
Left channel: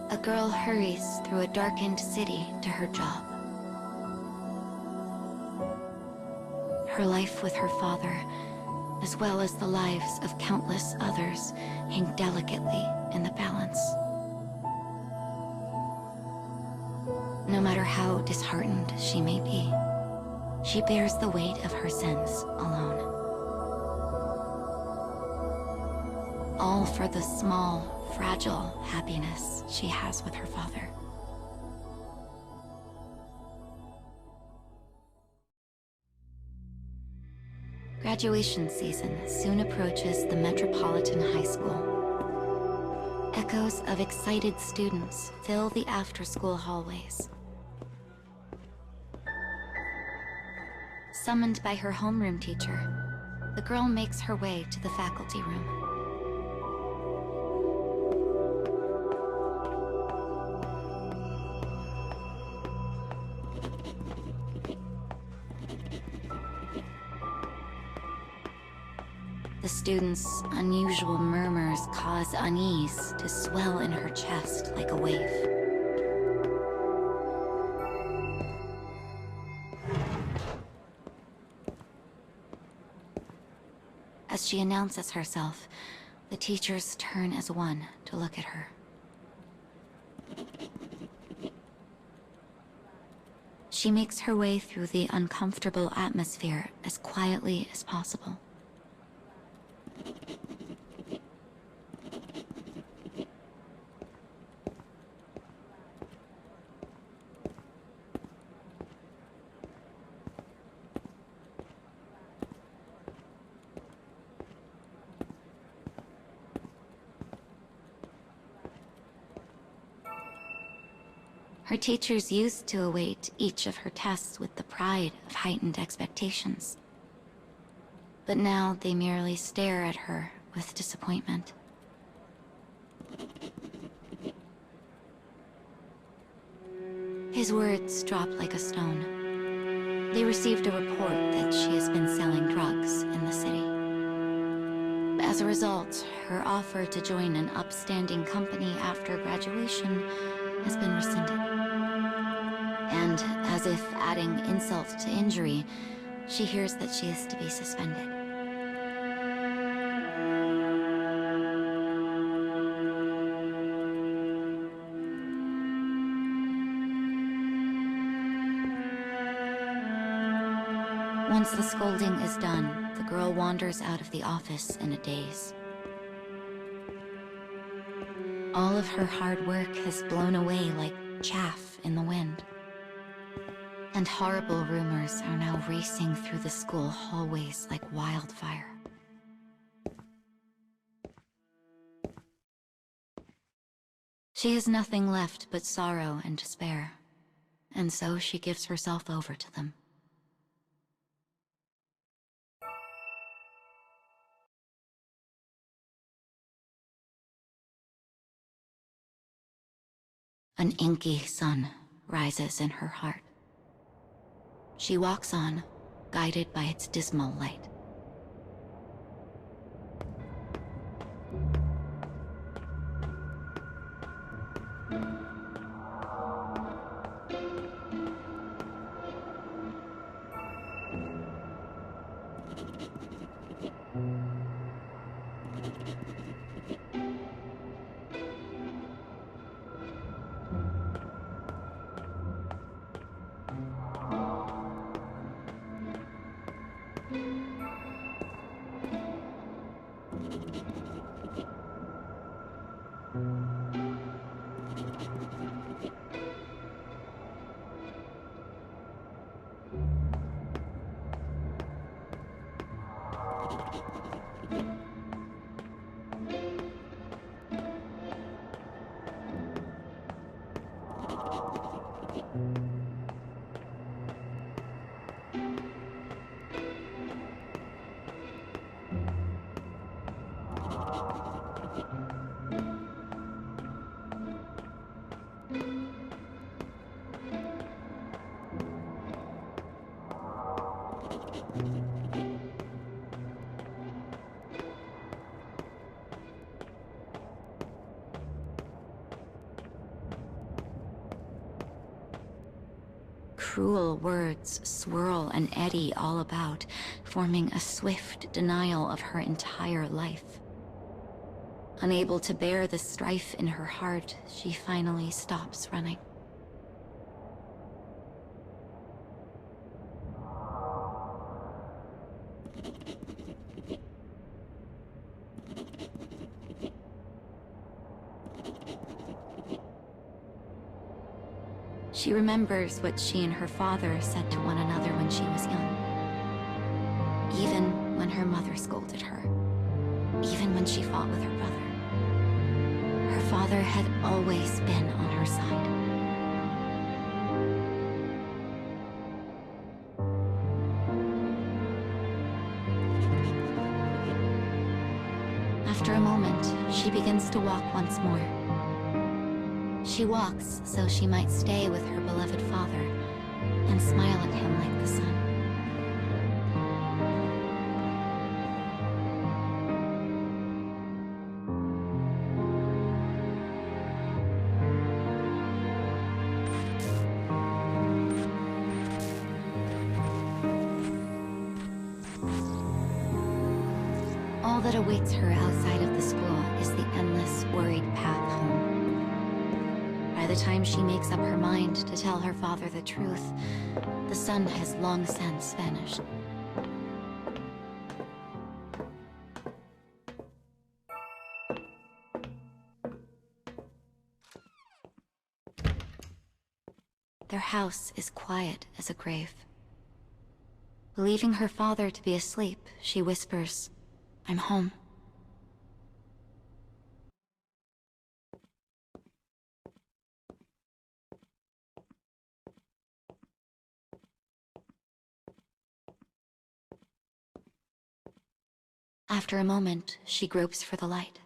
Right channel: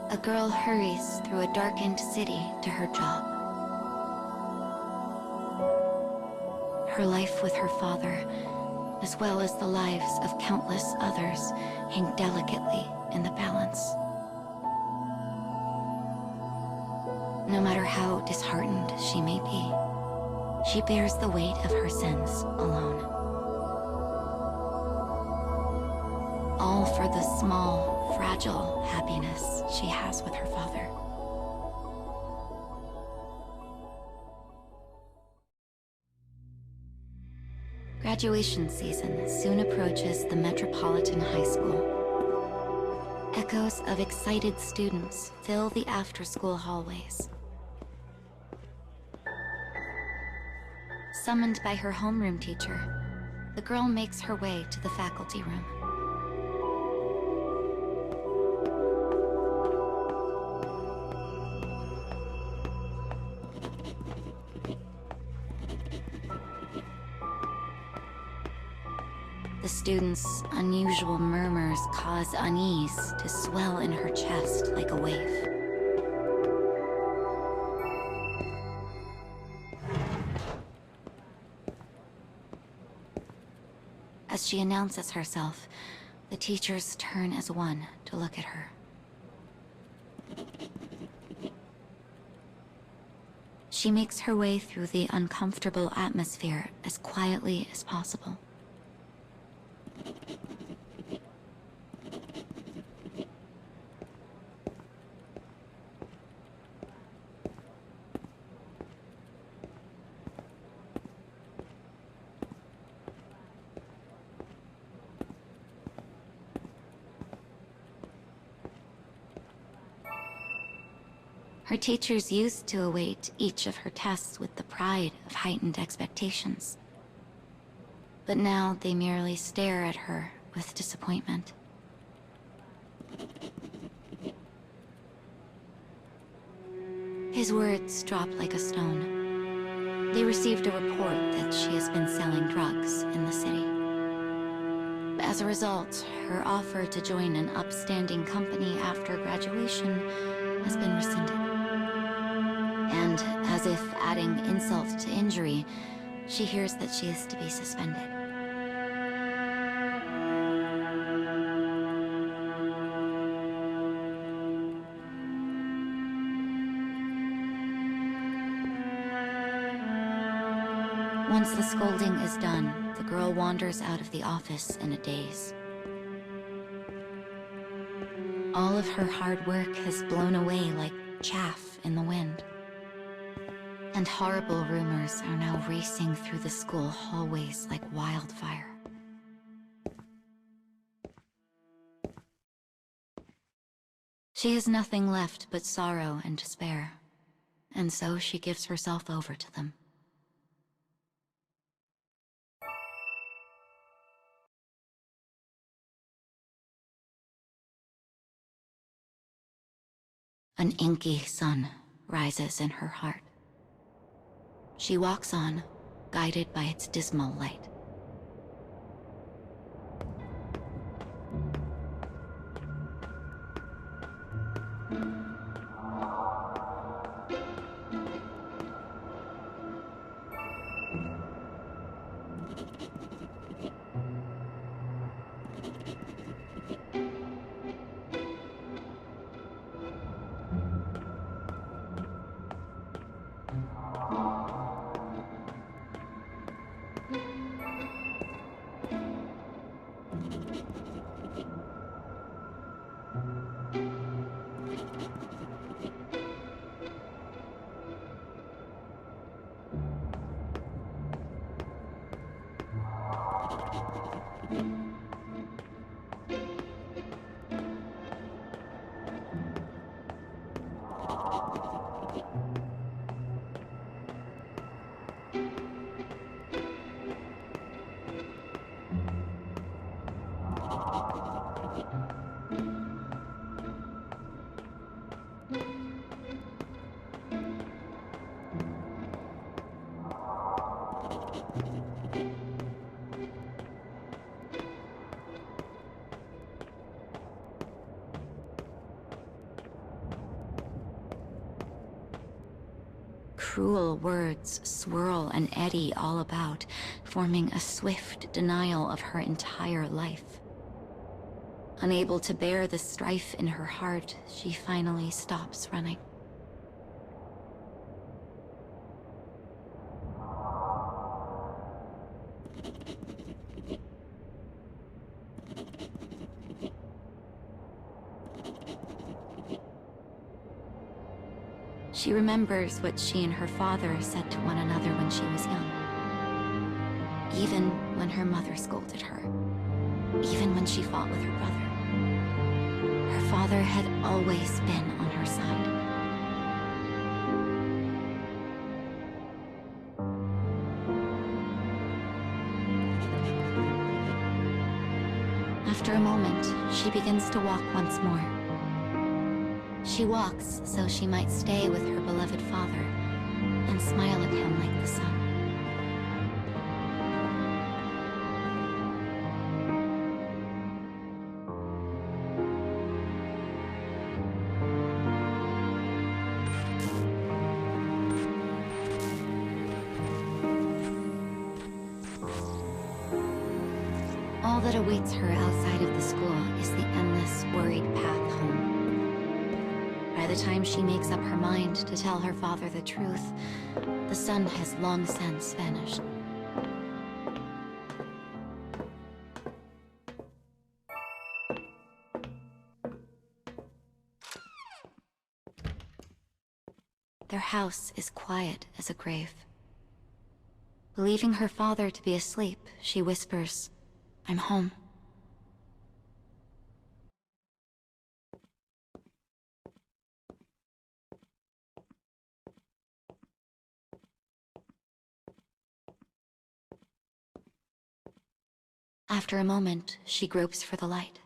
A girl hurries through a darkened city to her job. Her life with her father, as well as the lives of countless others, hang delicately in the balance. No matter how disheartened she may be, she bears the weight of her sins alone. All for the small, fragile happiness she has with her father. Graduation season soon approaches the Metropolitan High School. Echoes of excited students fill the after-school hallways. Summoned by her homeroom teacher, the girl makes her way to the faculty room. The students' unusual murmurs cause unease to swell in her chest like a wave. As she announces herself, the teachers turn as one to look at her. She makes her way through the uncomfortable atmosphere as quietly as possible. Her teachers used to await each of her tests with the pride of heightened expectations. But now they merely stare at her with disappointment. His words drop like a stone. They received a report that she has been selling drugs in the city. As a result, her offer to join an upstanding company after graduation has been rescinded. And, as if adding insult to injury, she hears that she is to be suspended. Once the scolding is done, the girl wanders out of the office in a daze. All of her hard work has blown away like chaff in the wind. And horrible rumors are now racing through the school hallways like wildfire. She has nothing left but sorrow and despair, and so she gives herself over to them. An inky sun rises in her heart. She walks on, guided by its dismal light. Cruel words swirl and eddy all about, forming a swift denial of her entire life. Unable to bear the strife in her heart, she finally stops running. She remembers what she and her father said to one another when she was young. Even when her mother scolded her. Even when she fought with her brother. Her father had always been on her side. After a moment, she begins to walk once more. She walks so she might stay with her beloved father and smile at him like the sun. All that awaits her outside of the school is the endless, worried path home. By the time she makes up her mind to tell her father the truth, the sun has long since vanished. Their house is quiet as a grave. Believing her father to be asleep, she whispers, "I'm home." After a moment, she gropes for the light.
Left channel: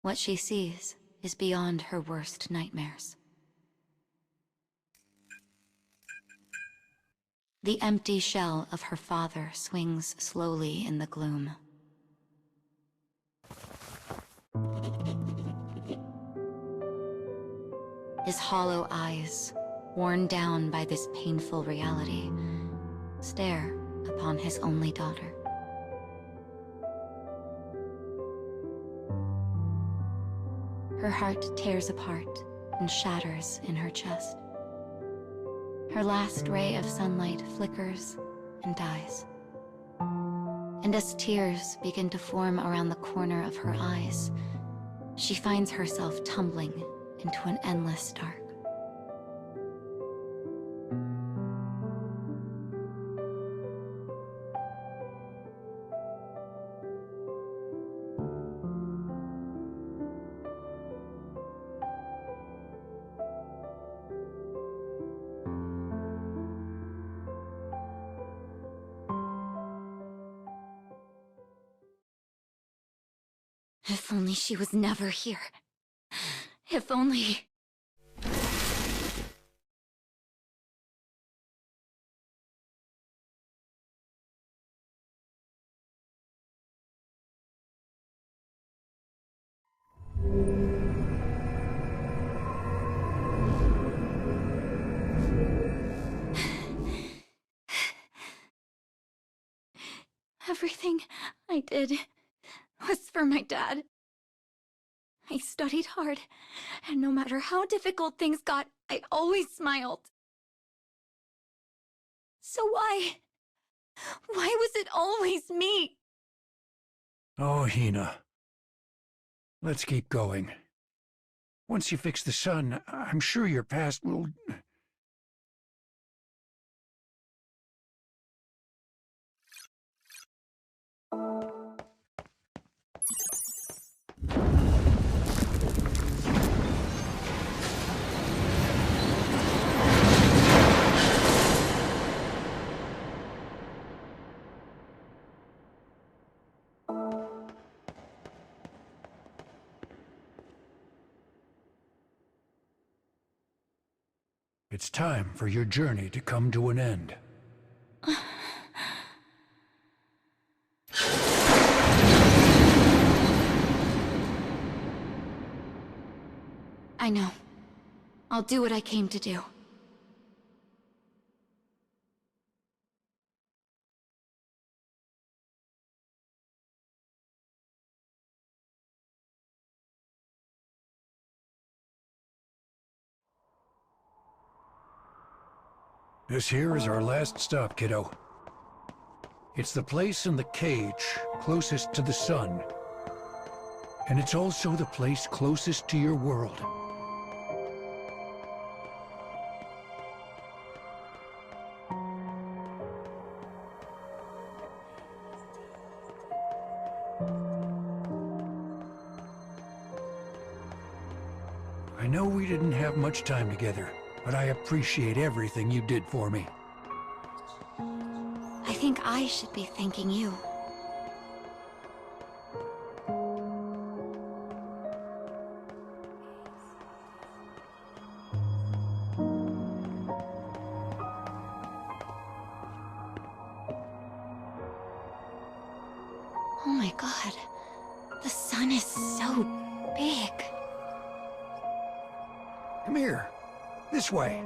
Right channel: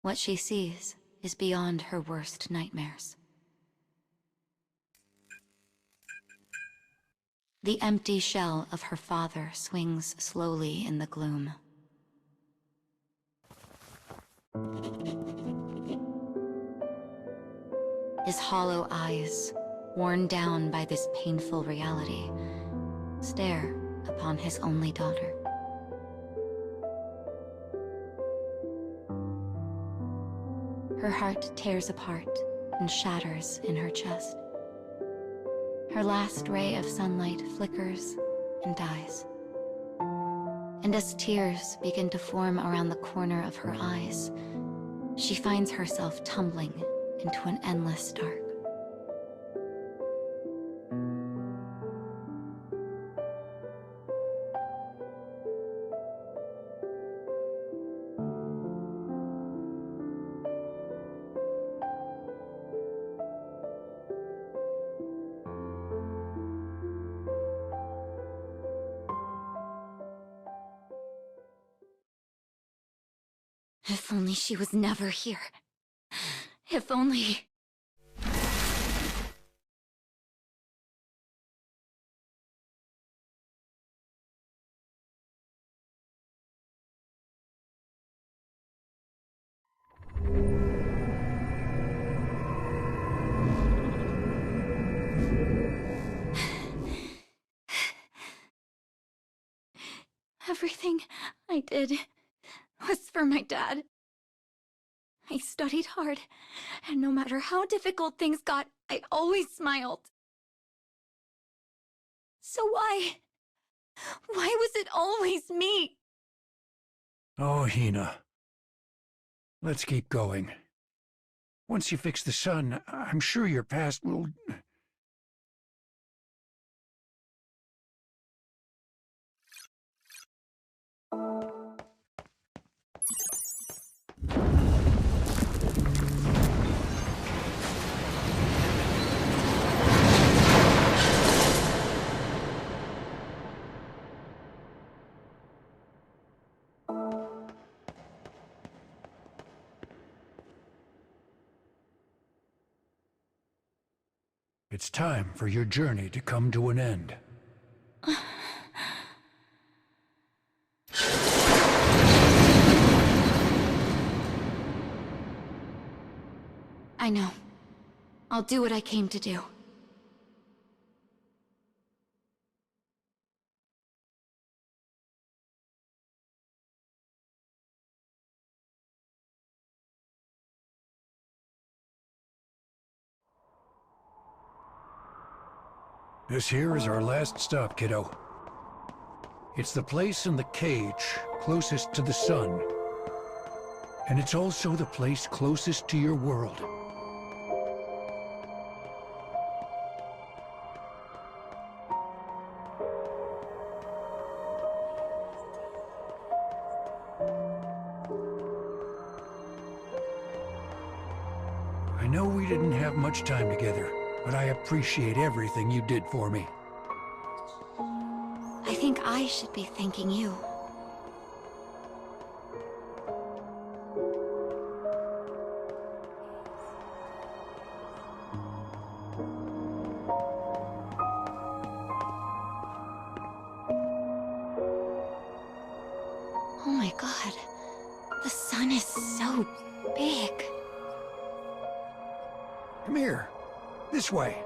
What she sees is beyond her worst nightmares. The empty shell of her father swings slowly in the gloom. His hollow eyes, worn down by this painful reality, stare upon his only daughter. Her heart tears apart and shatters in her chest. Her last ray of sunlight flickers and dies. And as tears begin to form around the corner of her eyes, she finds herself tumbling into an endless dark. If only she was never here. If only... Everything I did was for my dad. I studied hard, and no matter how difficult things got, I always smiled. So why was it always me? Oh, Hina. Let's keep going. Once you fix the sun, I'm sure your past will... It's time for your journey to come to an end. I know. I'll do what I came to do. This here is our last stop, kiddo. It's the place in the cage closest to the sun. And it's also the place closest to your world. I know we didn't have much time together, but I appreciate everything you did for me. I think I should be thanking you. Oh my god. The sun is so big. Come here. This way.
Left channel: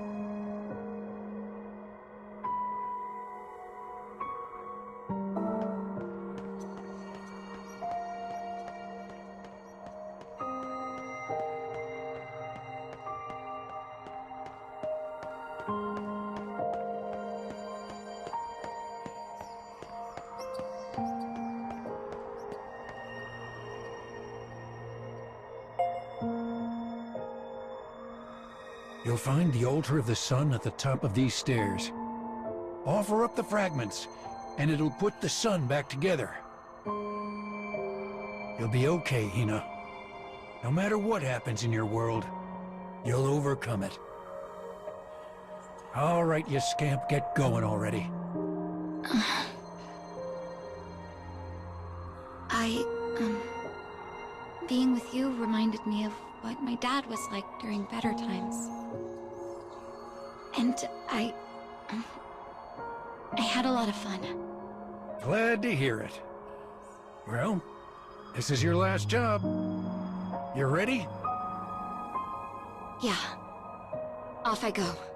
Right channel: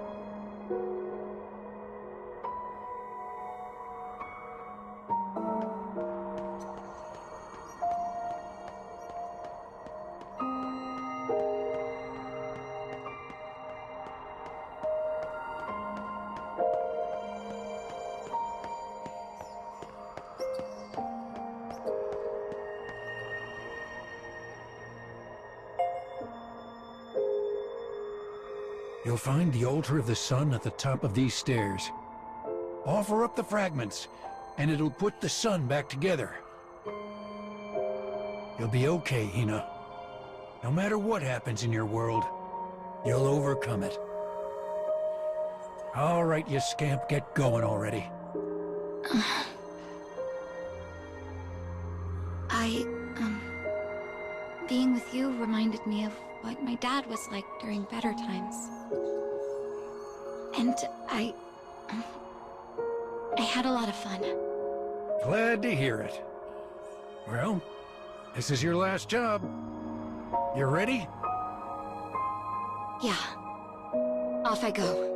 You'll find the altar of the sun at the top of these stairs. Offer up the fragments, and it'll put the sun back together. You'll be okay, Hina. No matter what happens in your world, you'll overcome it. All right, you scamp, get going already. Being with you reminded me of what my dad was like during better times. And I had a lot of fun. Glad to hear it. Well, this is your last job. You ready? Yeah. Off I go.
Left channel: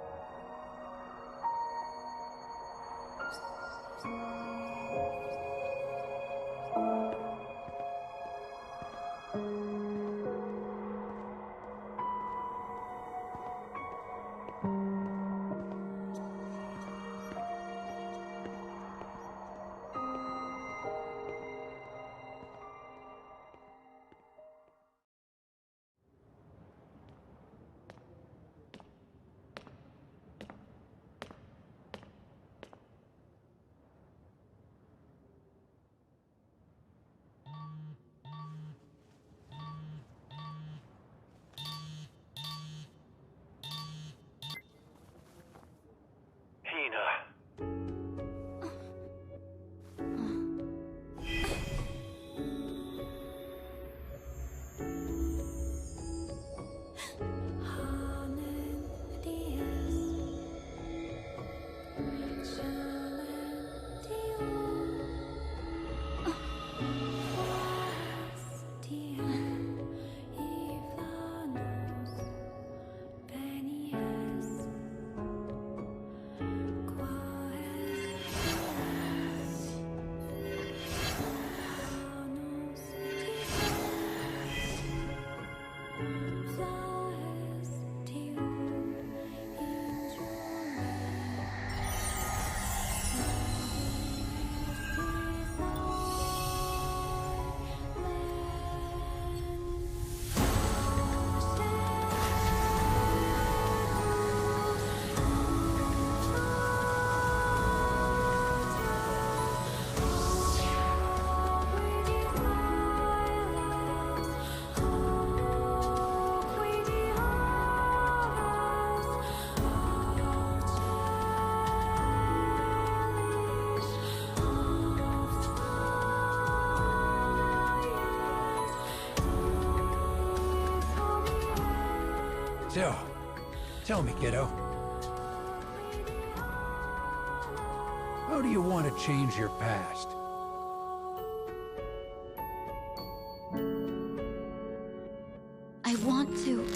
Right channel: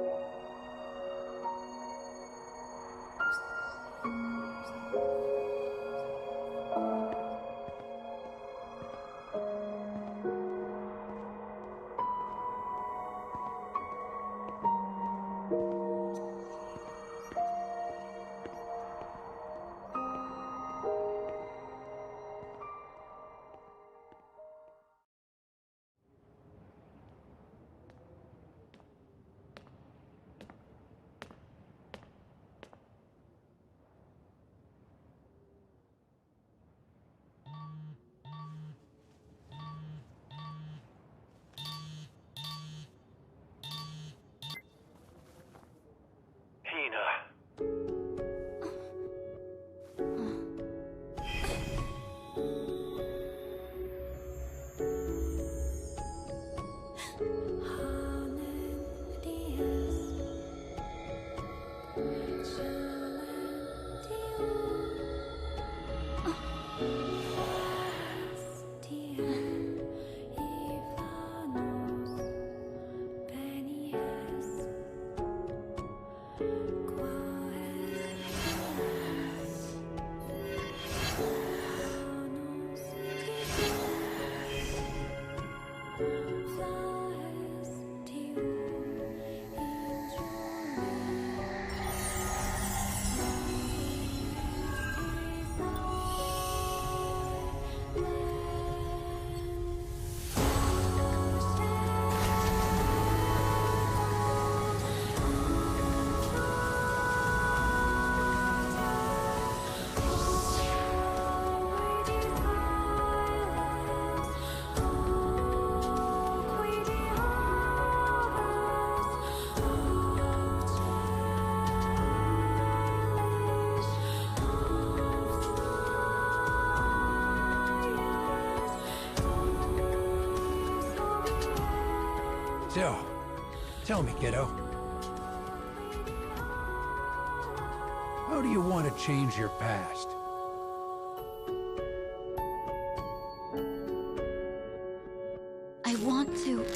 So, tell me, kiddo. How do you want to change your past? I want to...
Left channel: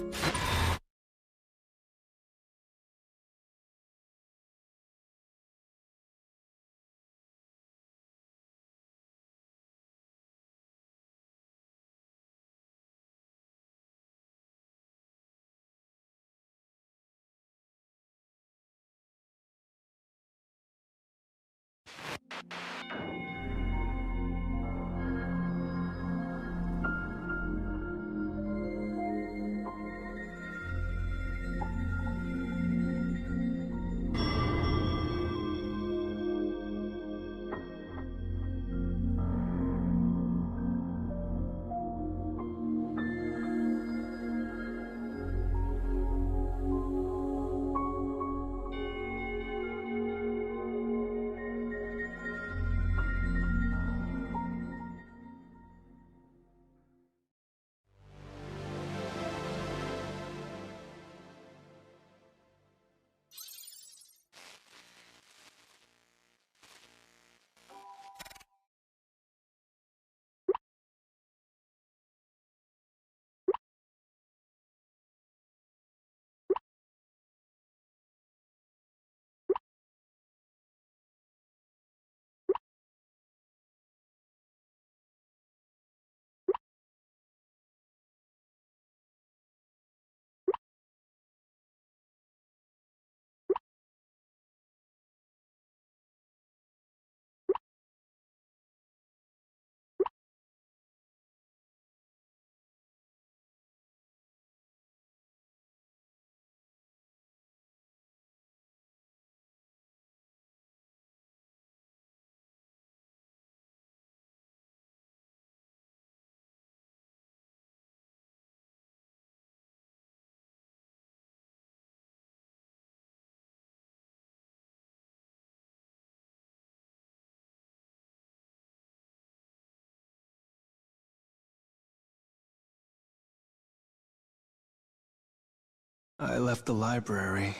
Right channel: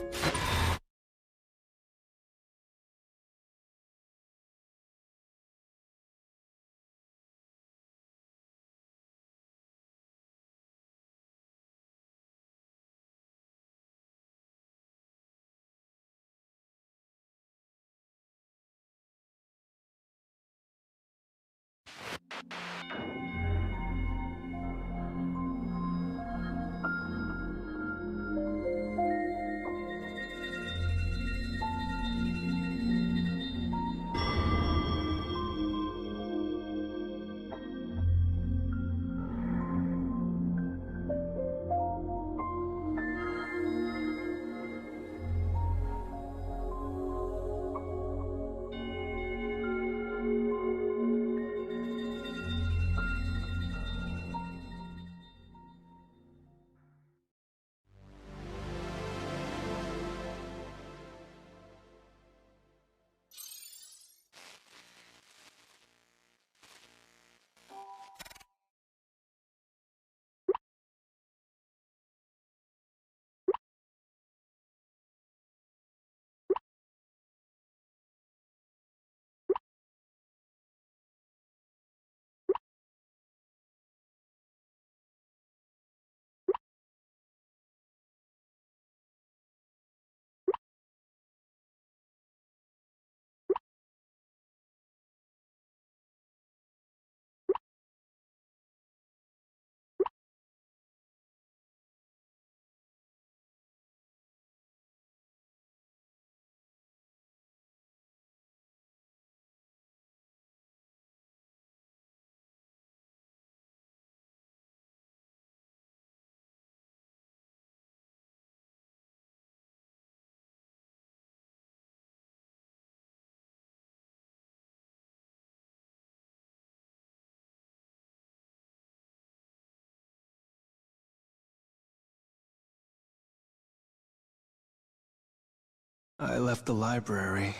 I left the library,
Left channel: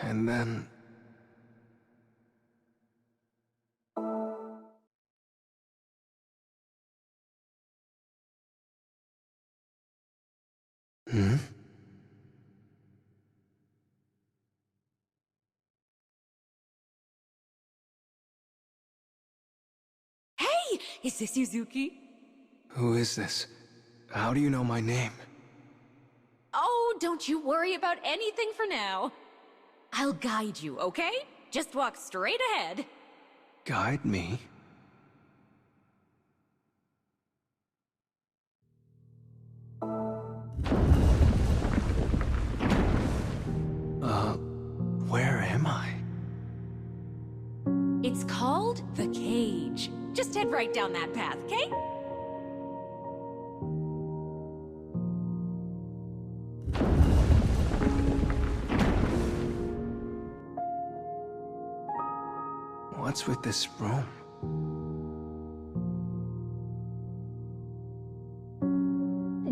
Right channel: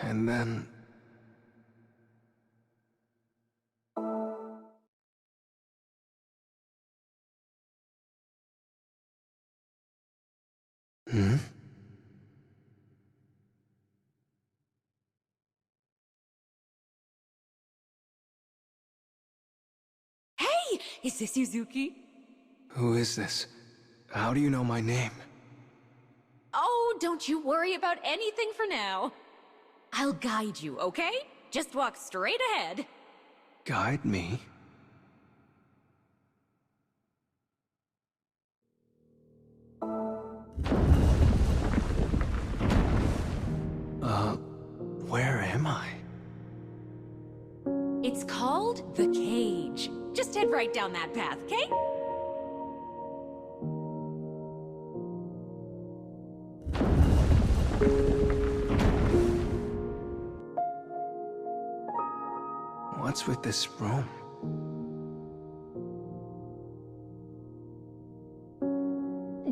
and then... Hmm? Hey! Is this Yuzuki? Who is this? How do you know my name? Oh, don't you worry about anything for now. I'll guide you, okay? Just walk straight ahead. Guide me? Where am I? It's called the Cage. Just head right down that path, okay? What's with this room?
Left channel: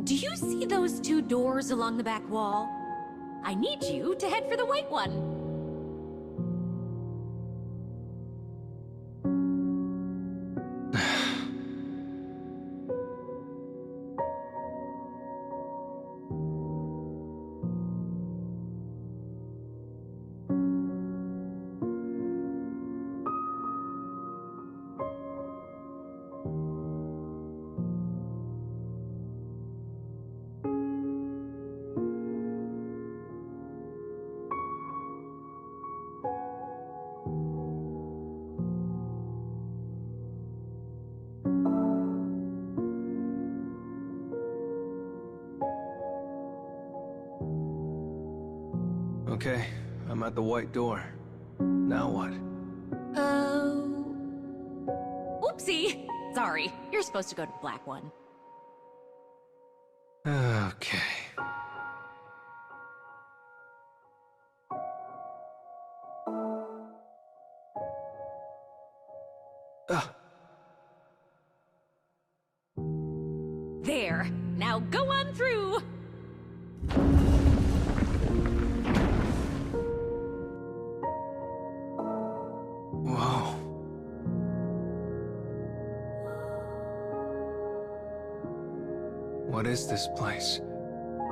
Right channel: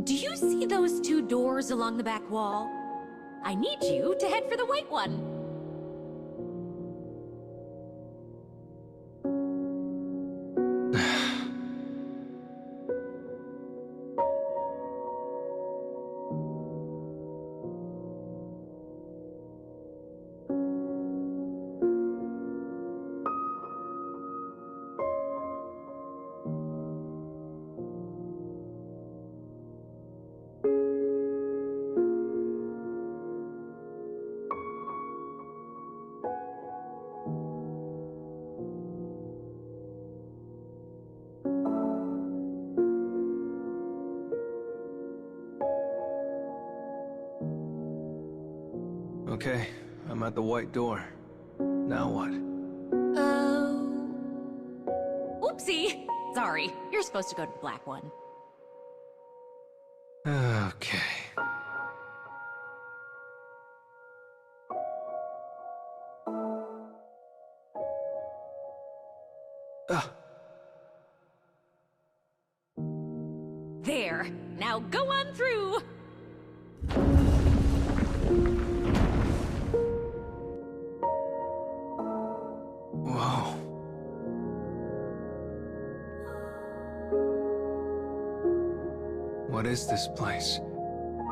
Do you see those 2 doors along the back wall. I need you to head for the white one. Okay, I'm at the white door. Now what? Oh... Oopsie! Sorry, you're supposed to go to the black one. Okay. There! Now go on through! Whoa. What is this place?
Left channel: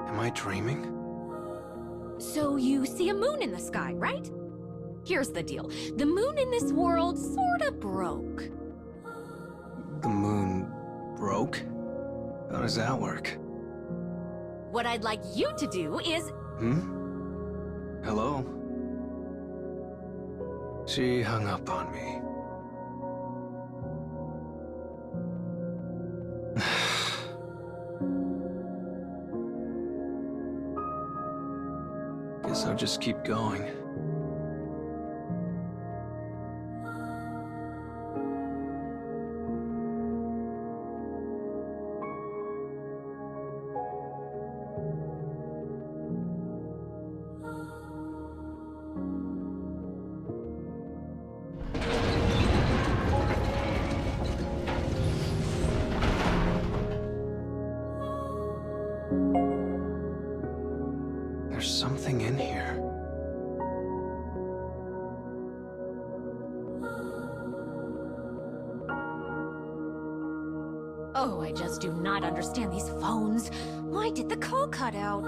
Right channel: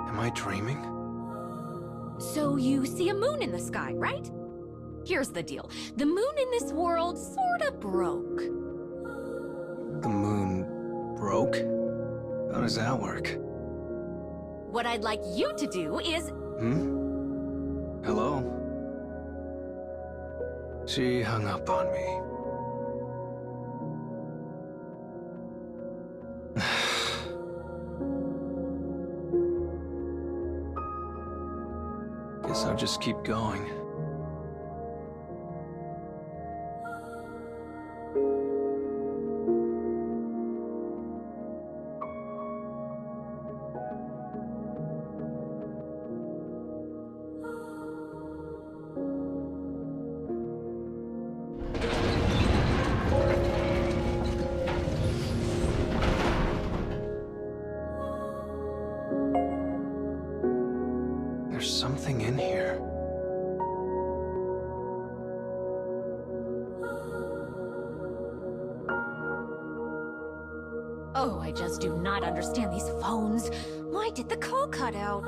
Am I dreaming? So you see a moon in the sky, right? Here's the deal. The moon in this world sorta broke. The moon broke? How does that work? What I'd like you to do is... Hello? She hung up on me. Guess I'll just keep going. There's something in here. Oh, I just do not understand these phones. Why did the call cut out?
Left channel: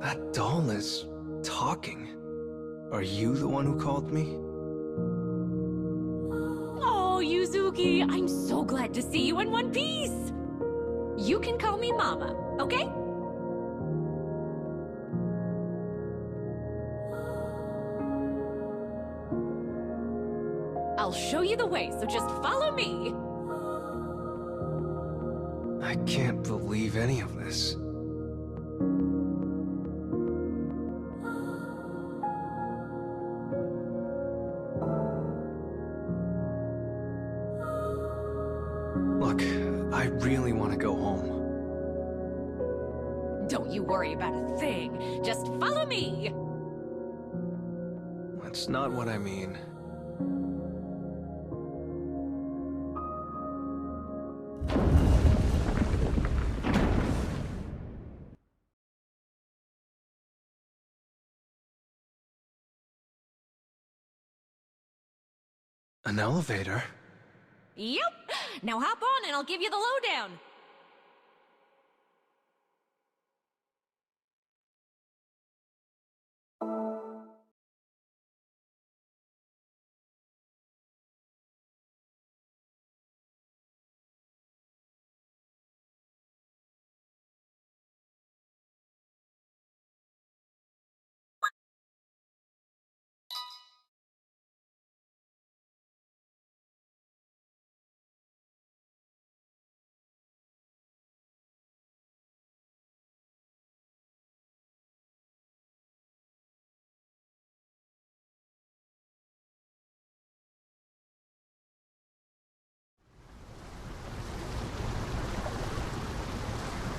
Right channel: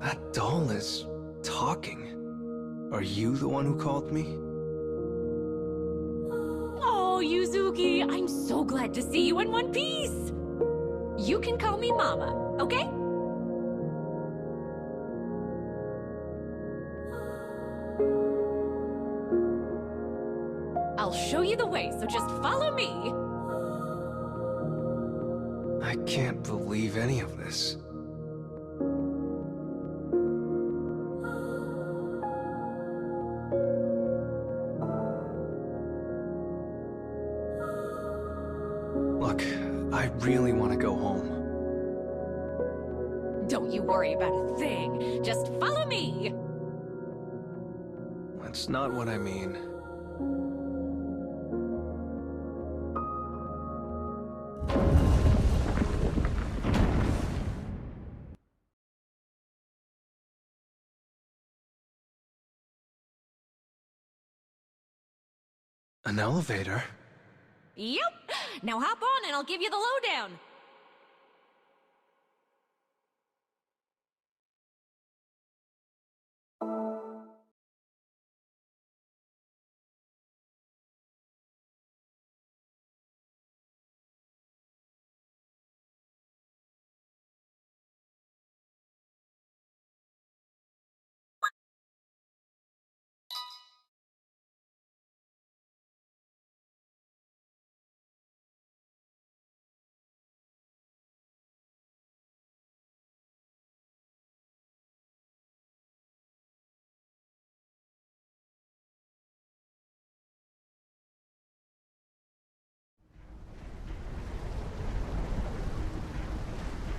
That doll is talking. Are you the one who called me? Oh, Yuzuki, I'm so glad to see you in one piece! You can call me Mama, okay? I'll show you the way, so just follow me! I can't believe any of this. Look, I really want to go home. Don't you worry about a thing. Just follow me! That's not what I mean. An elevator? Yep! Now hop on and I'll give you the lowdown!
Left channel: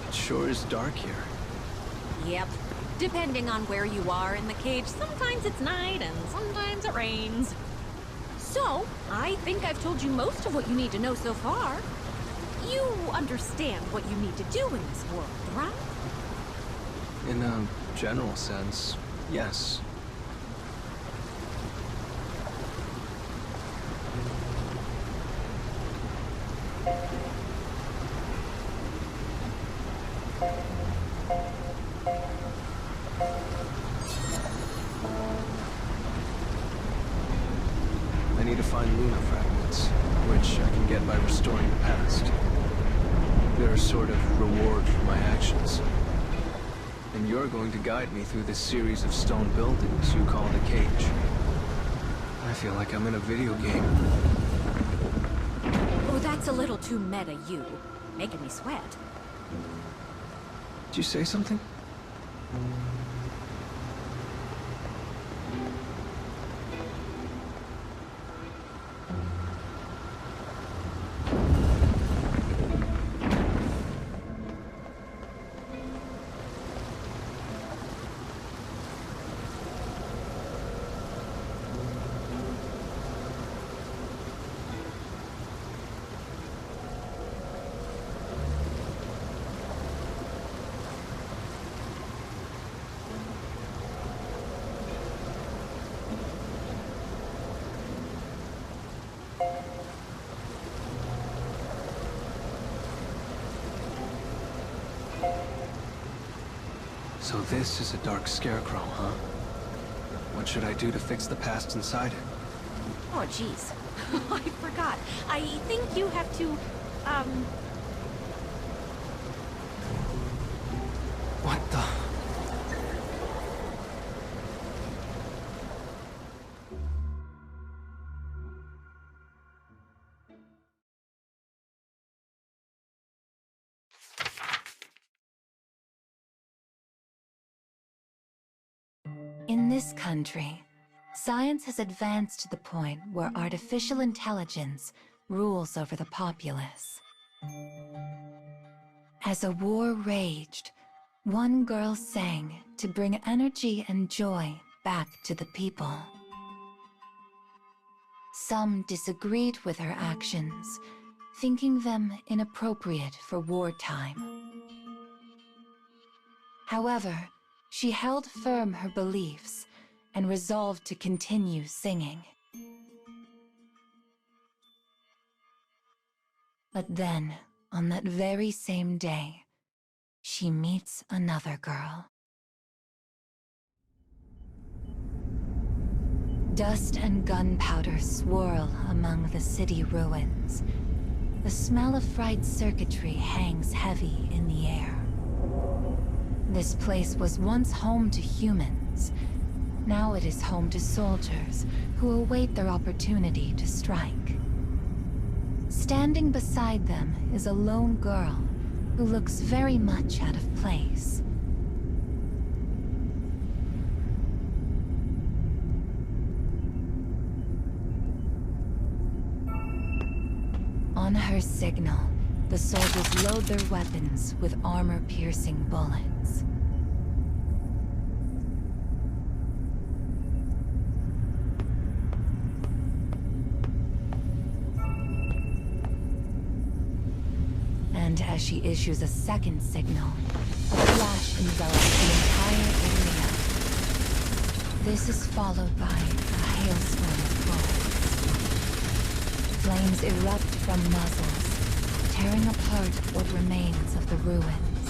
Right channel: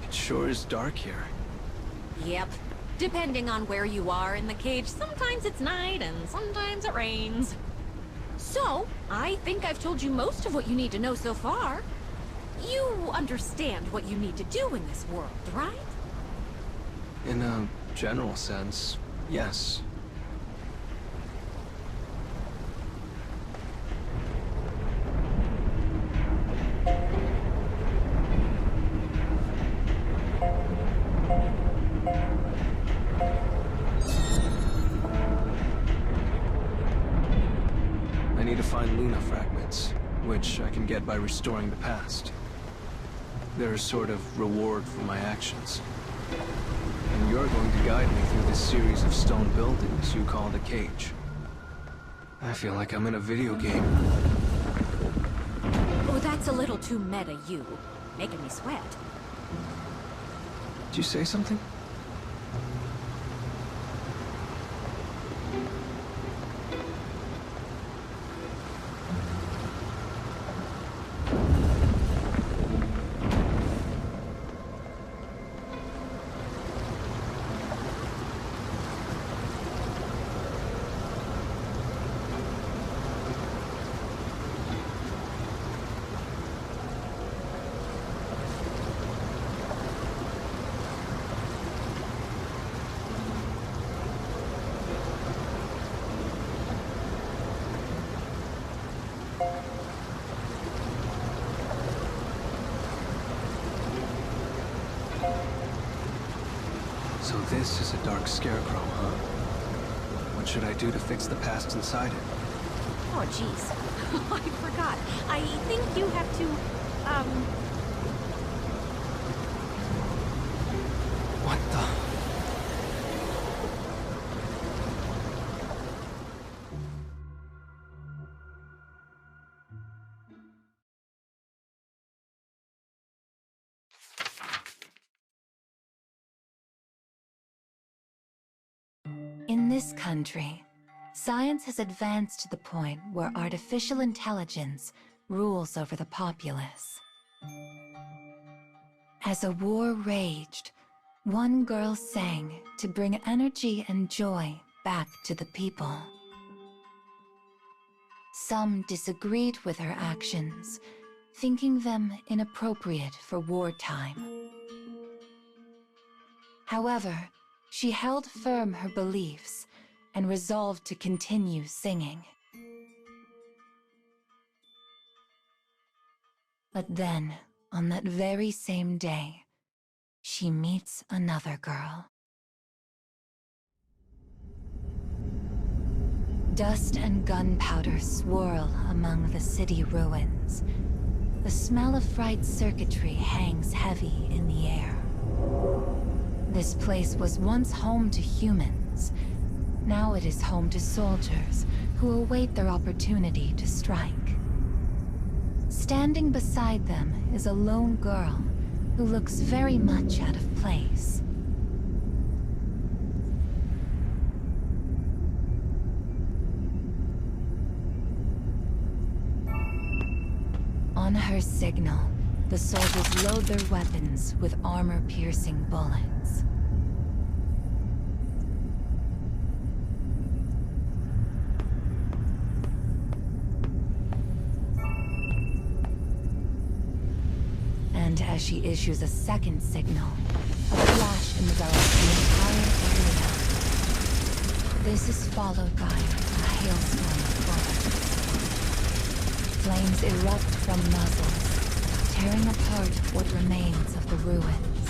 It sure is dark here. Yep. Depending on where you are in the cage, sometimes it's night and sometimes it rains. So, I think I've told you most of what you need to know so far. You understand what you need to do in this world, right? In a general sense, yes. I need to find Luna fragments, which I can get by restoring the past. They're a sort of reward for my actions. And you're going to guide me through this series of stone buildings you call the cage. I feel like I'm in a video game. Oh, that's a little too meta, you. Making me sweat. Did you say something? So this is a dark scarecrow, huh? What should I do to fix the past inside it? Oh, jeez. I forgot. I think you have to, What the... In this country, science has advanced to the point where artificial intelligence rules over the populace. As a war raged, one girl sang to bring energy and joy back to the people. Some disagreed with her actions, thinking them inappropriate for wartime. However, she held firm her beliefs and resolved to continue singing. But then, on that very same day, she meets another girl. Dust and gunpowder swirl among the city ruins. The smell of fried circuitry hangs heavy in the air. This place was once home to humans. Now it is home to soldiers who await their opportunity to strike. Standing beside them is a lone girl who looks very much out of place. On her signal, the soldiers load their weapons with armor-piercing bullets. And as she issues a second signal, a flash envelops the entire area. This is followed by a hailstorm of bullets. Flames erupt from muzzles, tearing apart what remains of the ruins.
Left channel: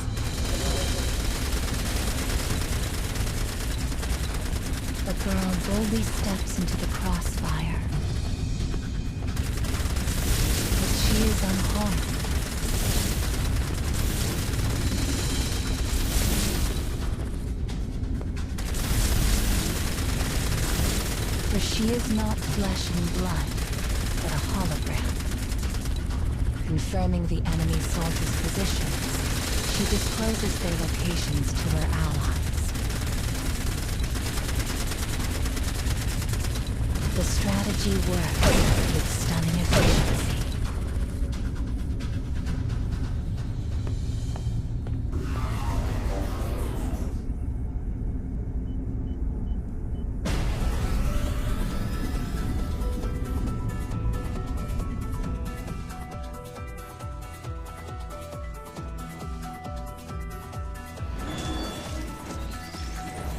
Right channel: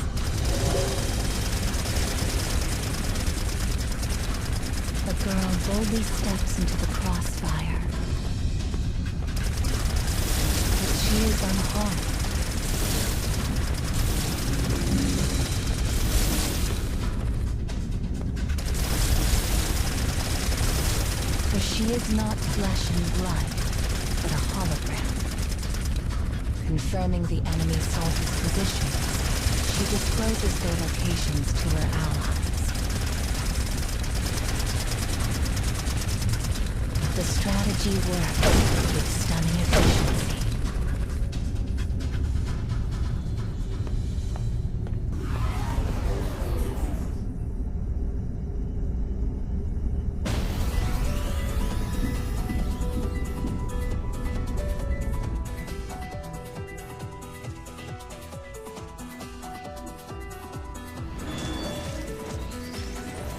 The girl boldly steps into the crossfire. But she is unharmed. For she is not flesh and blood, but a hologram. Confirming the enemy soldiers' positions, she discloses their locations to her allies. The strategy worked with stunning efficiency.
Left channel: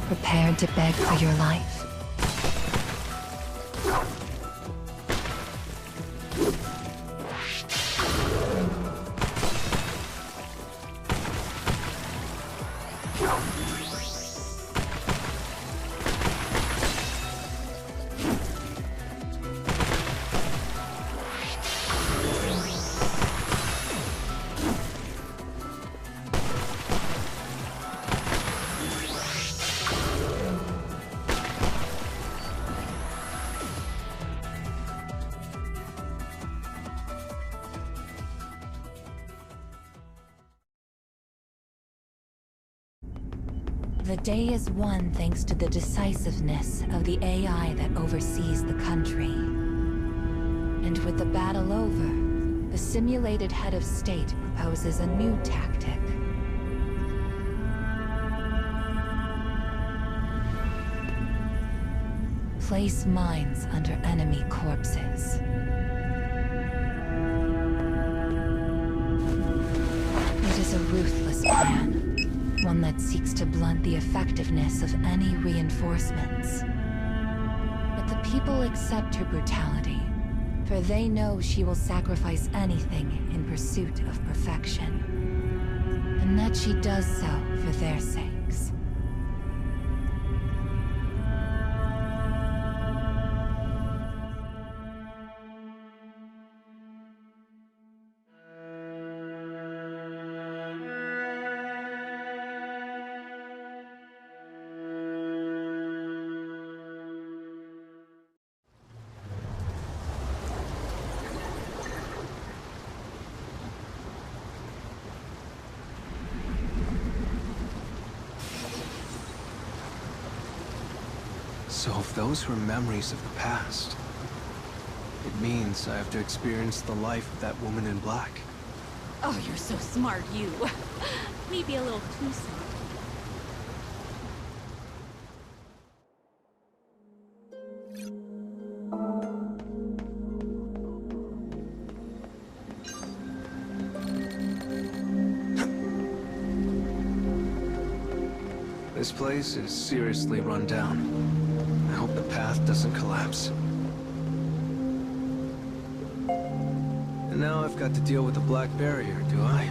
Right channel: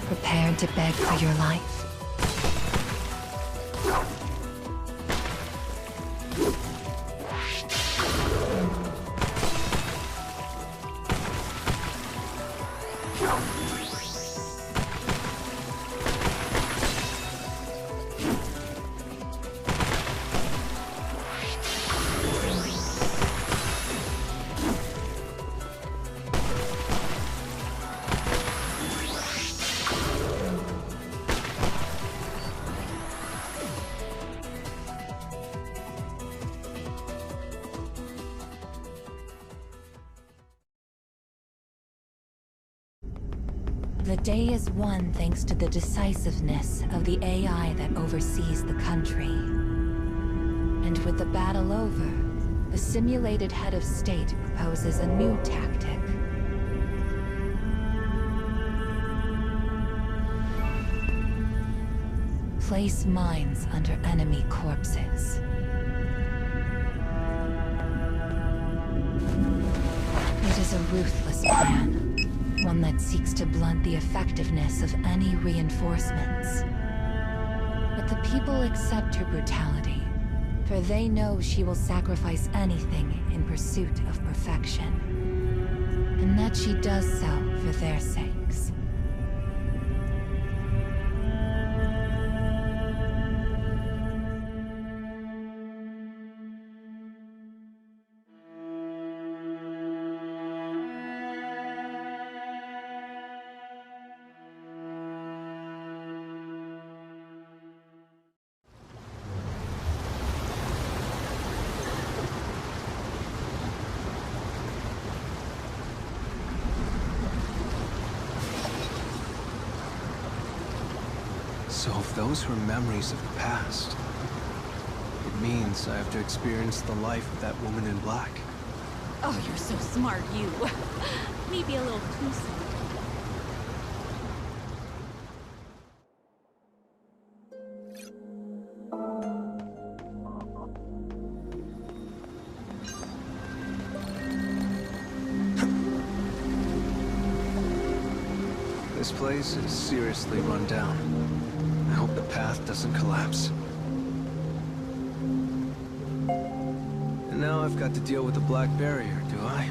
prepared to beg for your life. The day is won thanks to the decisiveness of the AI that oversees the country. And with the battle over, the simulated head of state proposes a new tactic. Place mines under enemy corpses. It is a ruthless plan. One that seeks to blunt the effectiveness of any reinforcements. But the people accept her brutality, for they know she will sacrifice anything in pursuit of perfection. And that she does so for their sakes. So if those were memories of the past, it means I have to experience the life of that woman in black. Oh, you're so smart, you. Maybe a little too smart. This place is seriously run down. I hope the path doesn't collapse. And now I've got to deal with the black barrier, do I?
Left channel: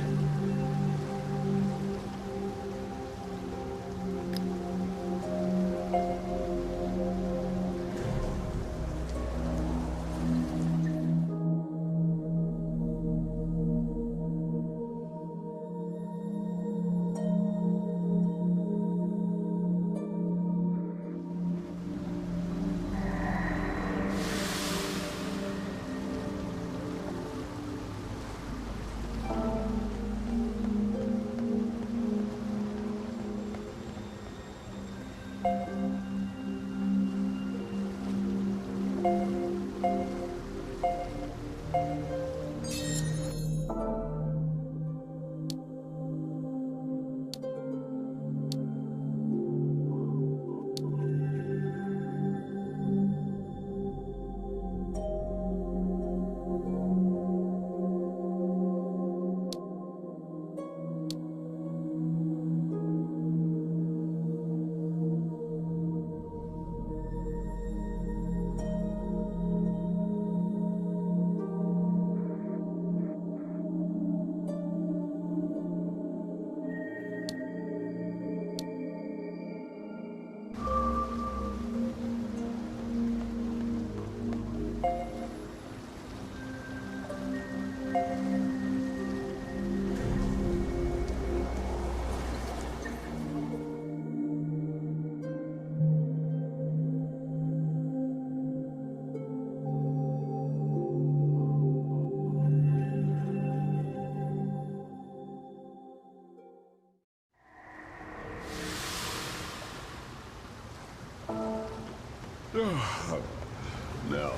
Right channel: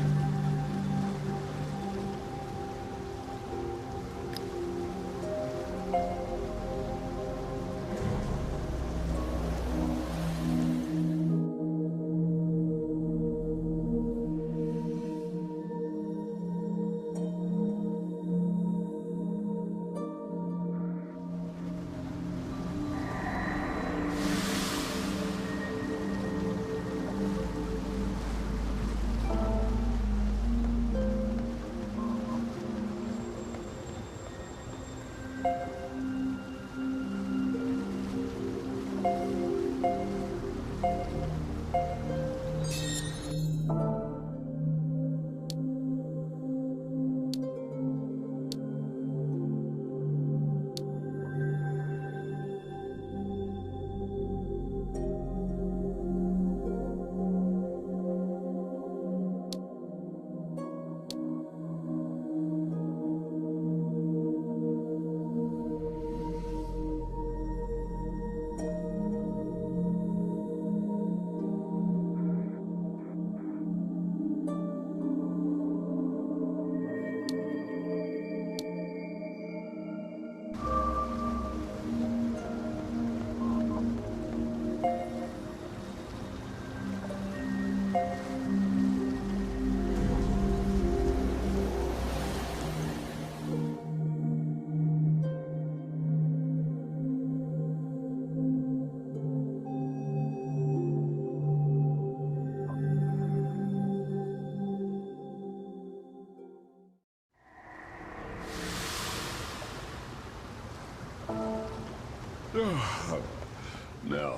Now,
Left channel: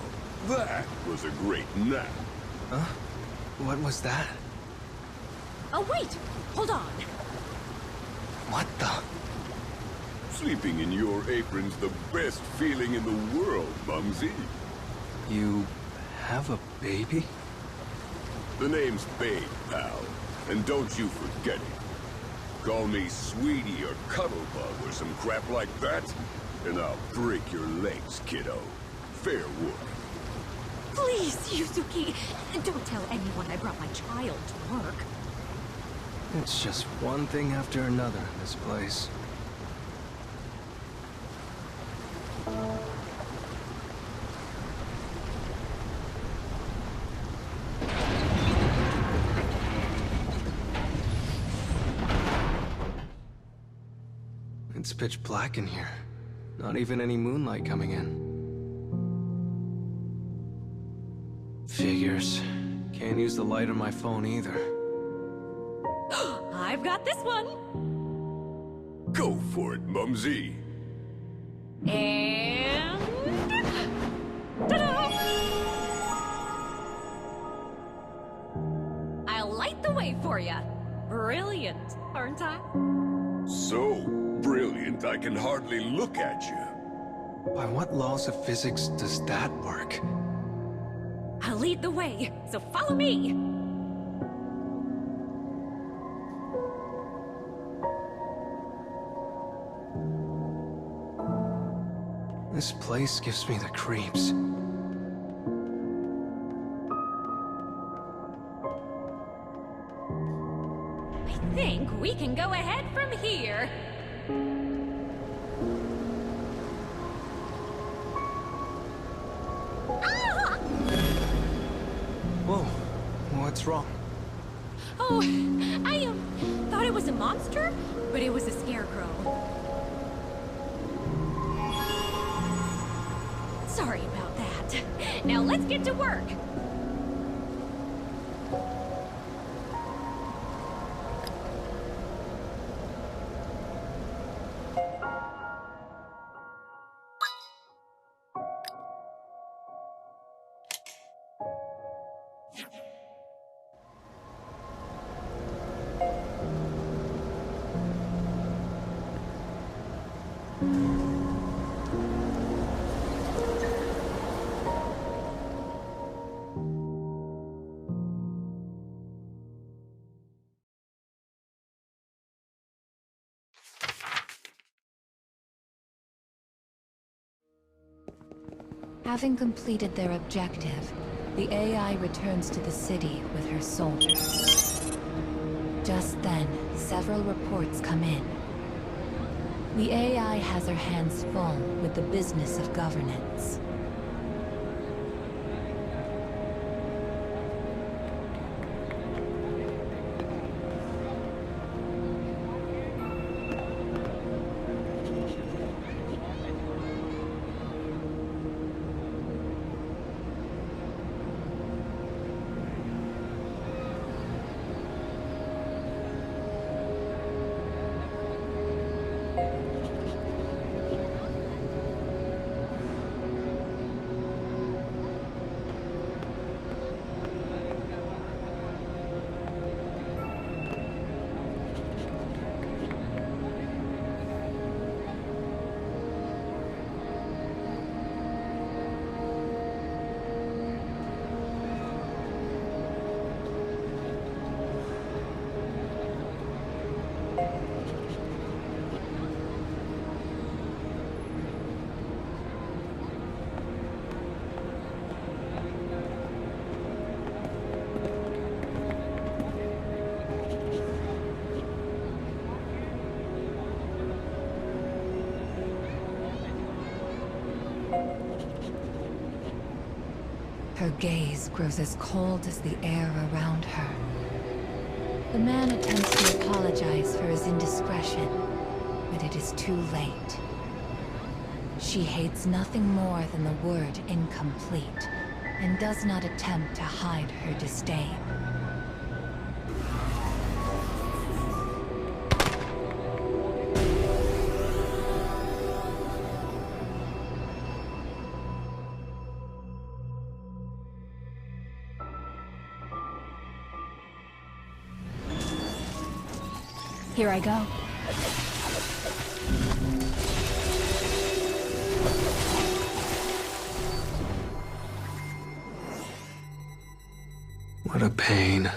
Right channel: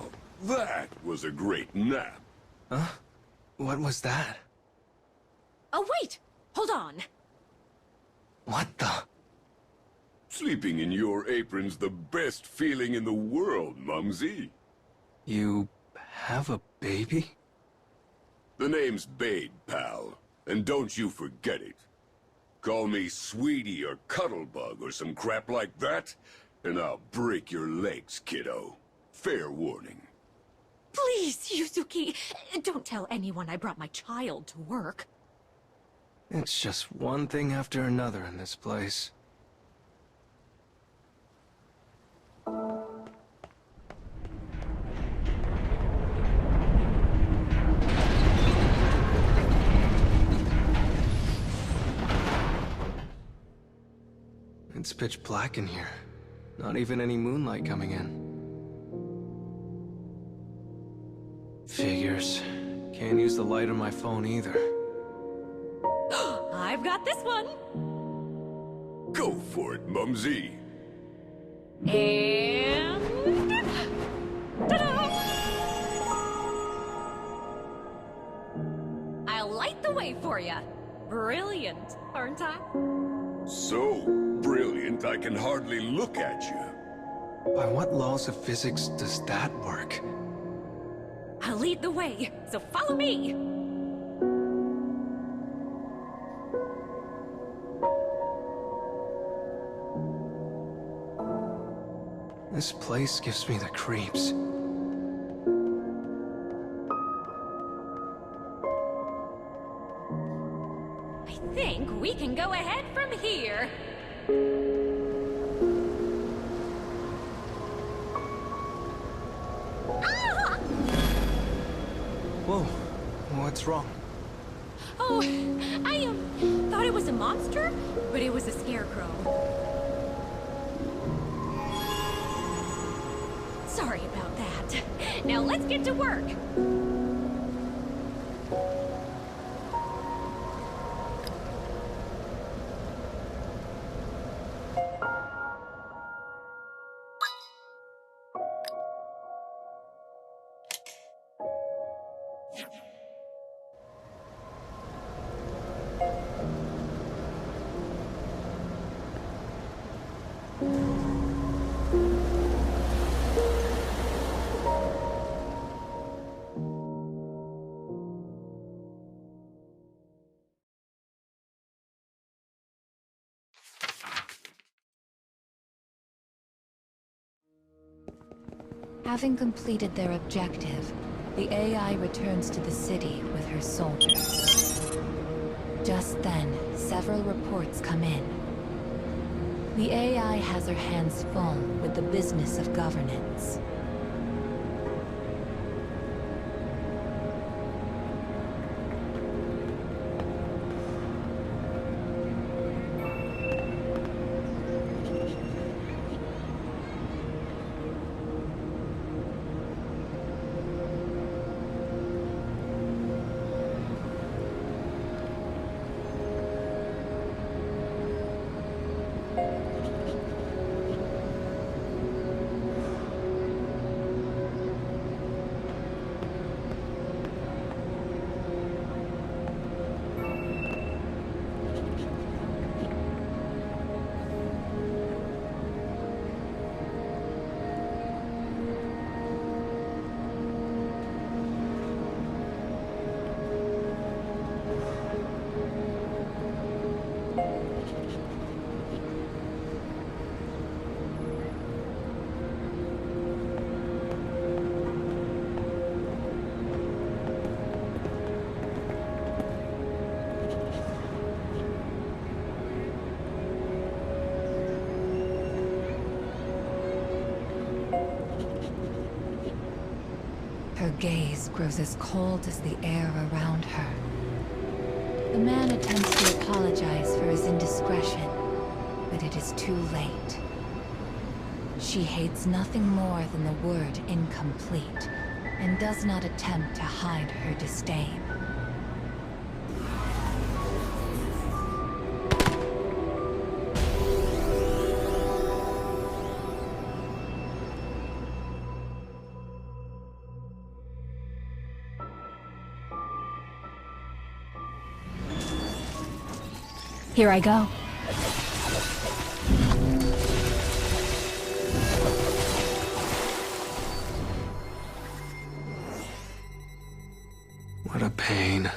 that was a great nap. Huh? What was that? Oh, wait! Hold on! What the? Sleeping in your apron's the best feeling in the world, Mumsy. You have a baby? The name's Babe, pal. And don't you forget it. Call me Sweetie or Cuddlebug or some crap like that, and I'll break your legs, kiddo. Fair warning. Please, Yuzuki, don't tell anyone I brought my child to work. It's just one thing after another in this place. It's pitch black in here. Not even any moonlight coming in. Figures. Can't use the light on my phone either. I've got this one. Go for it, Mumsy. And... ta-da! I'll light the way for you. Brilliant, aren't I? So brilliant, I can hardly look at you. By what laws of physics does that work? I'll lead the way, so follow me. This place gives me the creeps. I think we can go ahead from here. Ah! Whoa, what's wrong? Oh, I thought it was a monster, but it was a scarecrow. Sorry about that. Now let's get to work. Having completed their objective, the AI returns to the city with her soldiers. Just then, several reports come in. The AI has her hands full with the business of governance. Her gaze grows as cold as the air around her. The man attempts to apologize for his indiscretion, but it is too late. She hates nothing more than the word incomplete, and does not attempt to hide her disdain. Here I go. What a pain.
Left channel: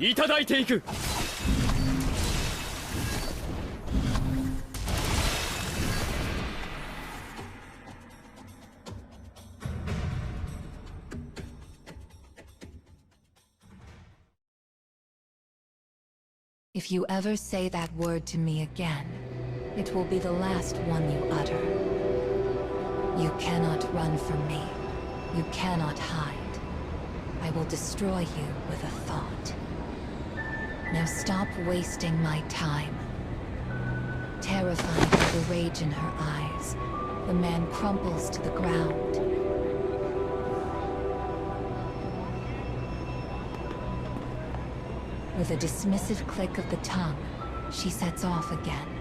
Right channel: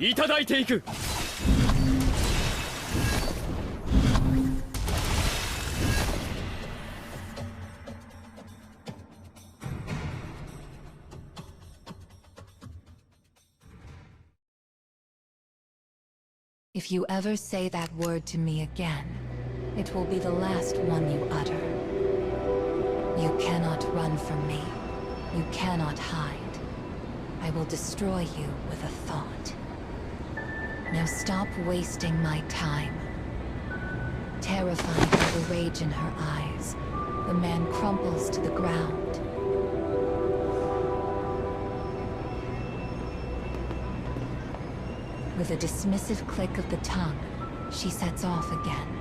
いただいていく。If you ever say that word to me again, it will be the last one you utter. You cannot run from me. You cannot hide. I will destroy you with a thought. Now stop wasting my time. Terrified by the rage in her eyes, the man crumples to the ground. With a dismissive click of the tongue, she sets off again.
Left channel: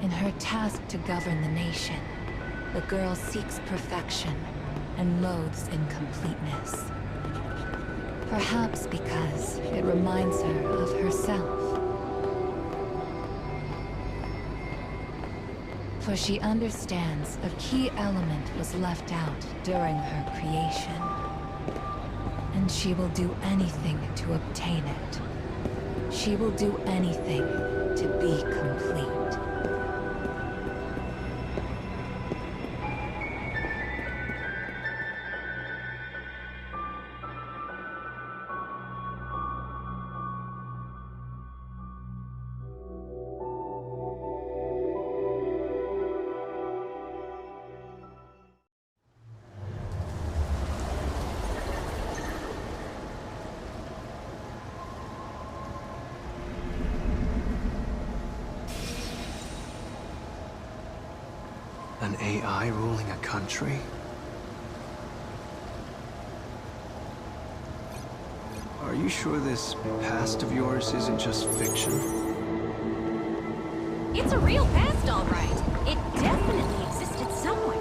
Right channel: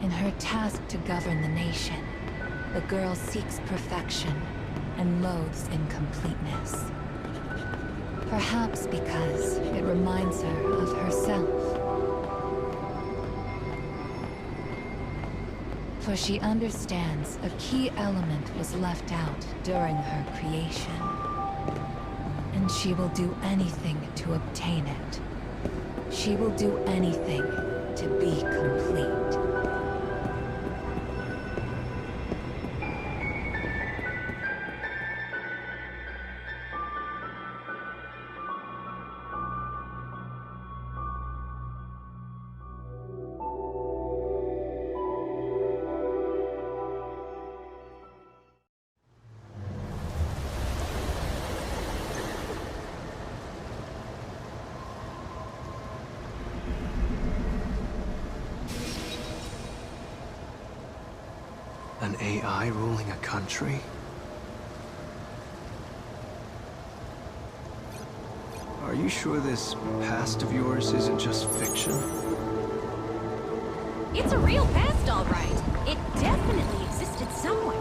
In her task to govern the nation, the girl seeks perfection and loathes incompleteness. Perhaps because it reminds her of herself. For she understands a key element was left out during her creation. And she will do anything to obtain it. She will do anything to be complete. An AI ruling a country? Are you sure this past of yours isn't just fiction? It's a real past, all right. It definitely existed somewhere.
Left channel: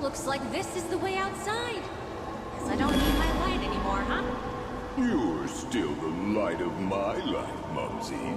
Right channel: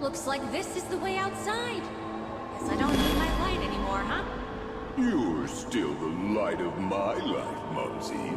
Looks like this is the way outside. Guess I don't need my light anymore, huh? You're still the light of my life, Mumsy.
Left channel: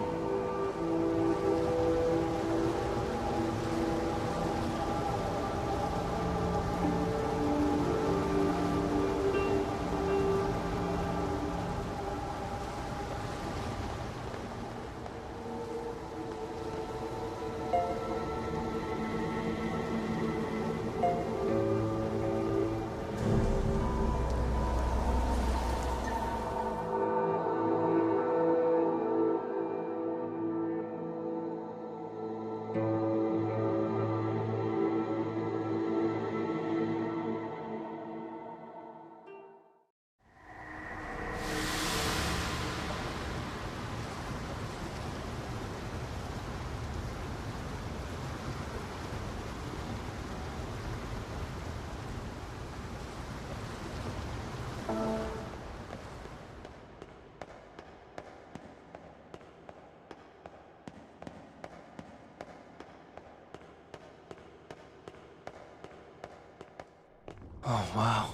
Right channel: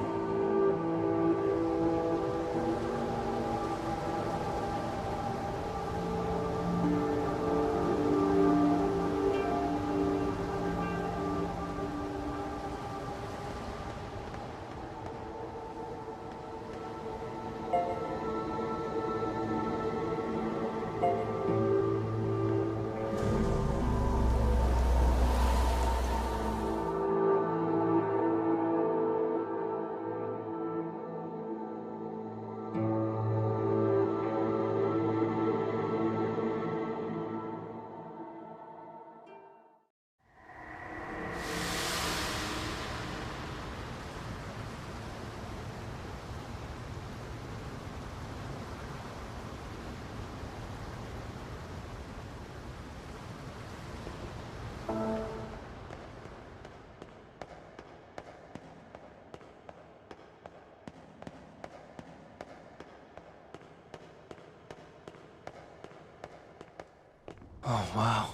Oh, wow.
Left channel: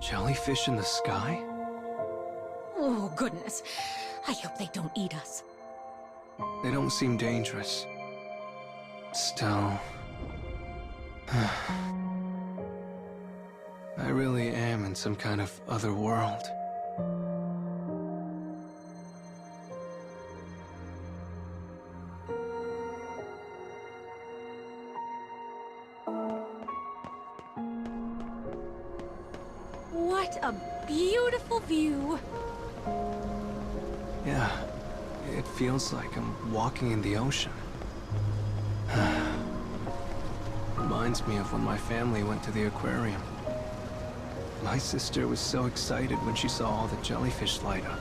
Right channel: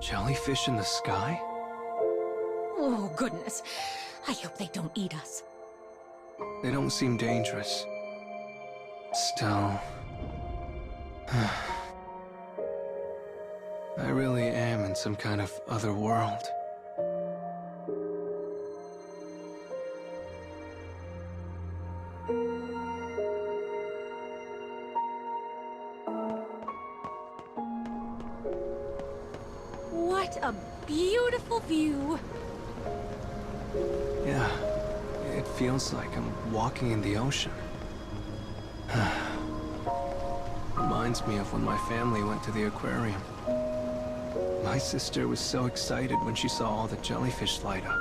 Jellyfish in the sky? Oh, goodness. I hope they don't eat us. They don't seem dangerous. Still... I really am in some kind of other world. What a beautiful view. Yeah, it feels like I'm walking in the ocean. Reminds me of when my family went to the aquarium. My sister was so excited when she saw all the jellyfish light up.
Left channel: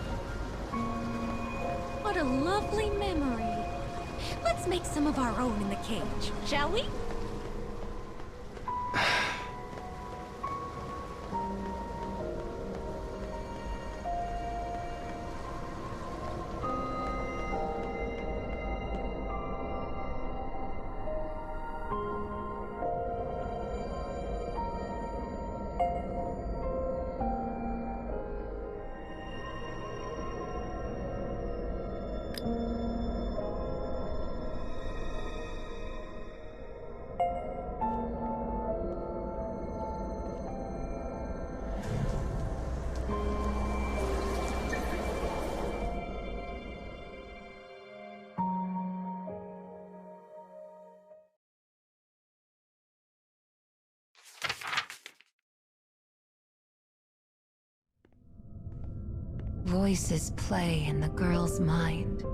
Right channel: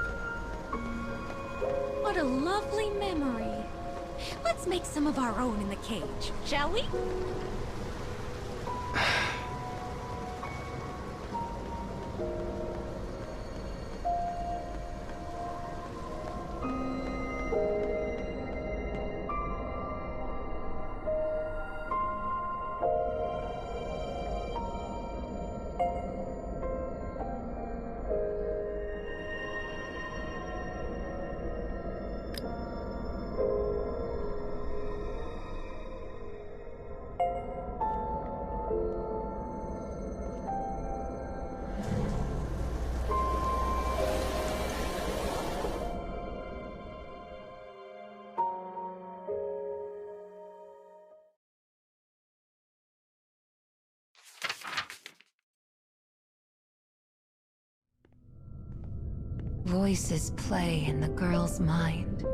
What a lovely memory. Let's make some of our own in the cage, shall we? Voices play in the girl's mind.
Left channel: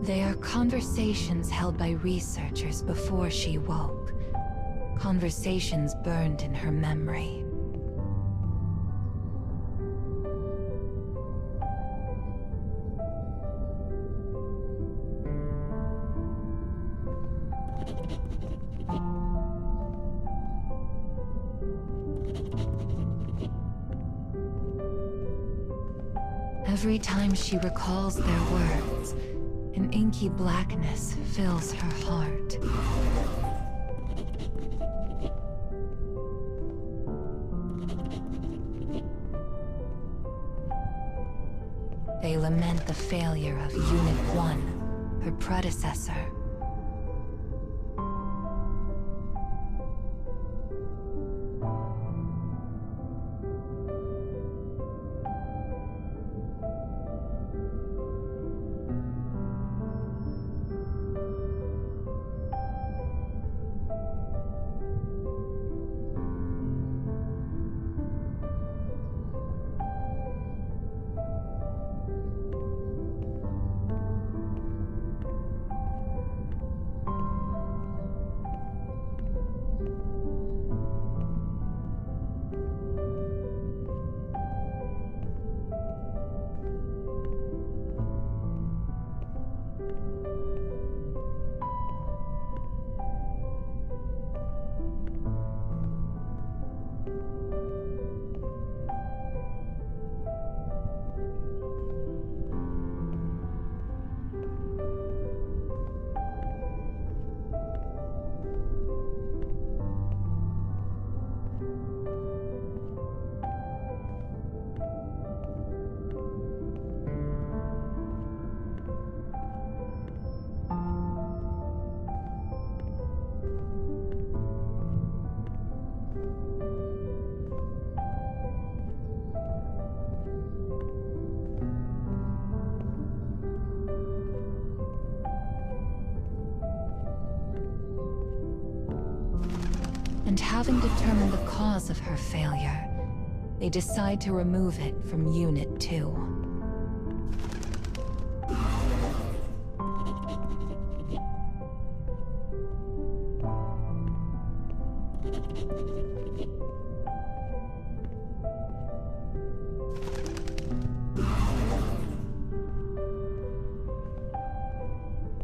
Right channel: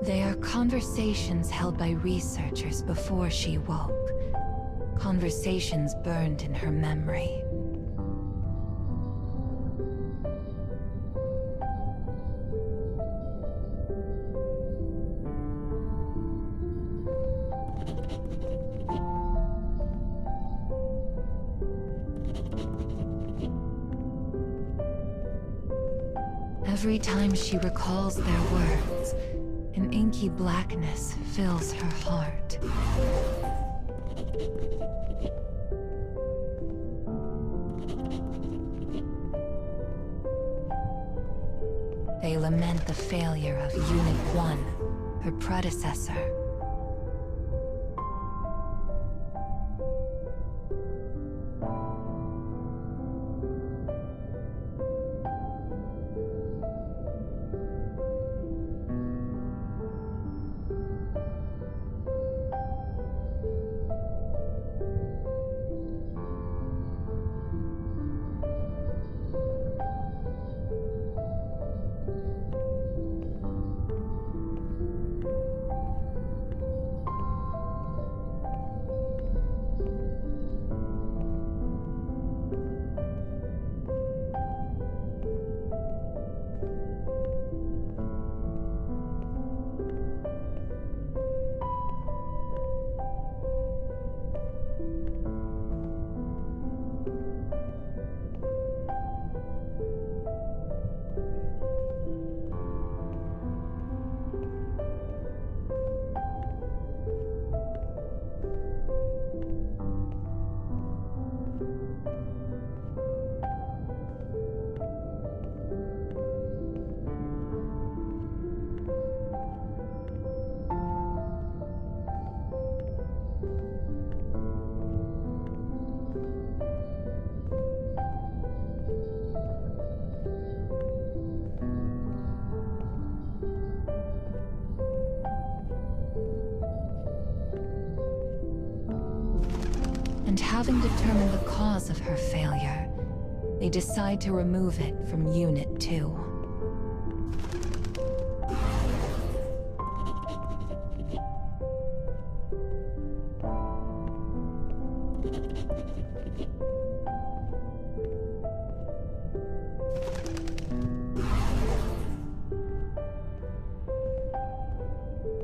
They are conversations held by researchers before she woke. Conversations burned in her memory. Every time she recalls their words, an inky blackness fills her heart. They lament the failure of Unit 1, her predecessor. And having determined the cause of her failure, they decide to remove it from Unit 2.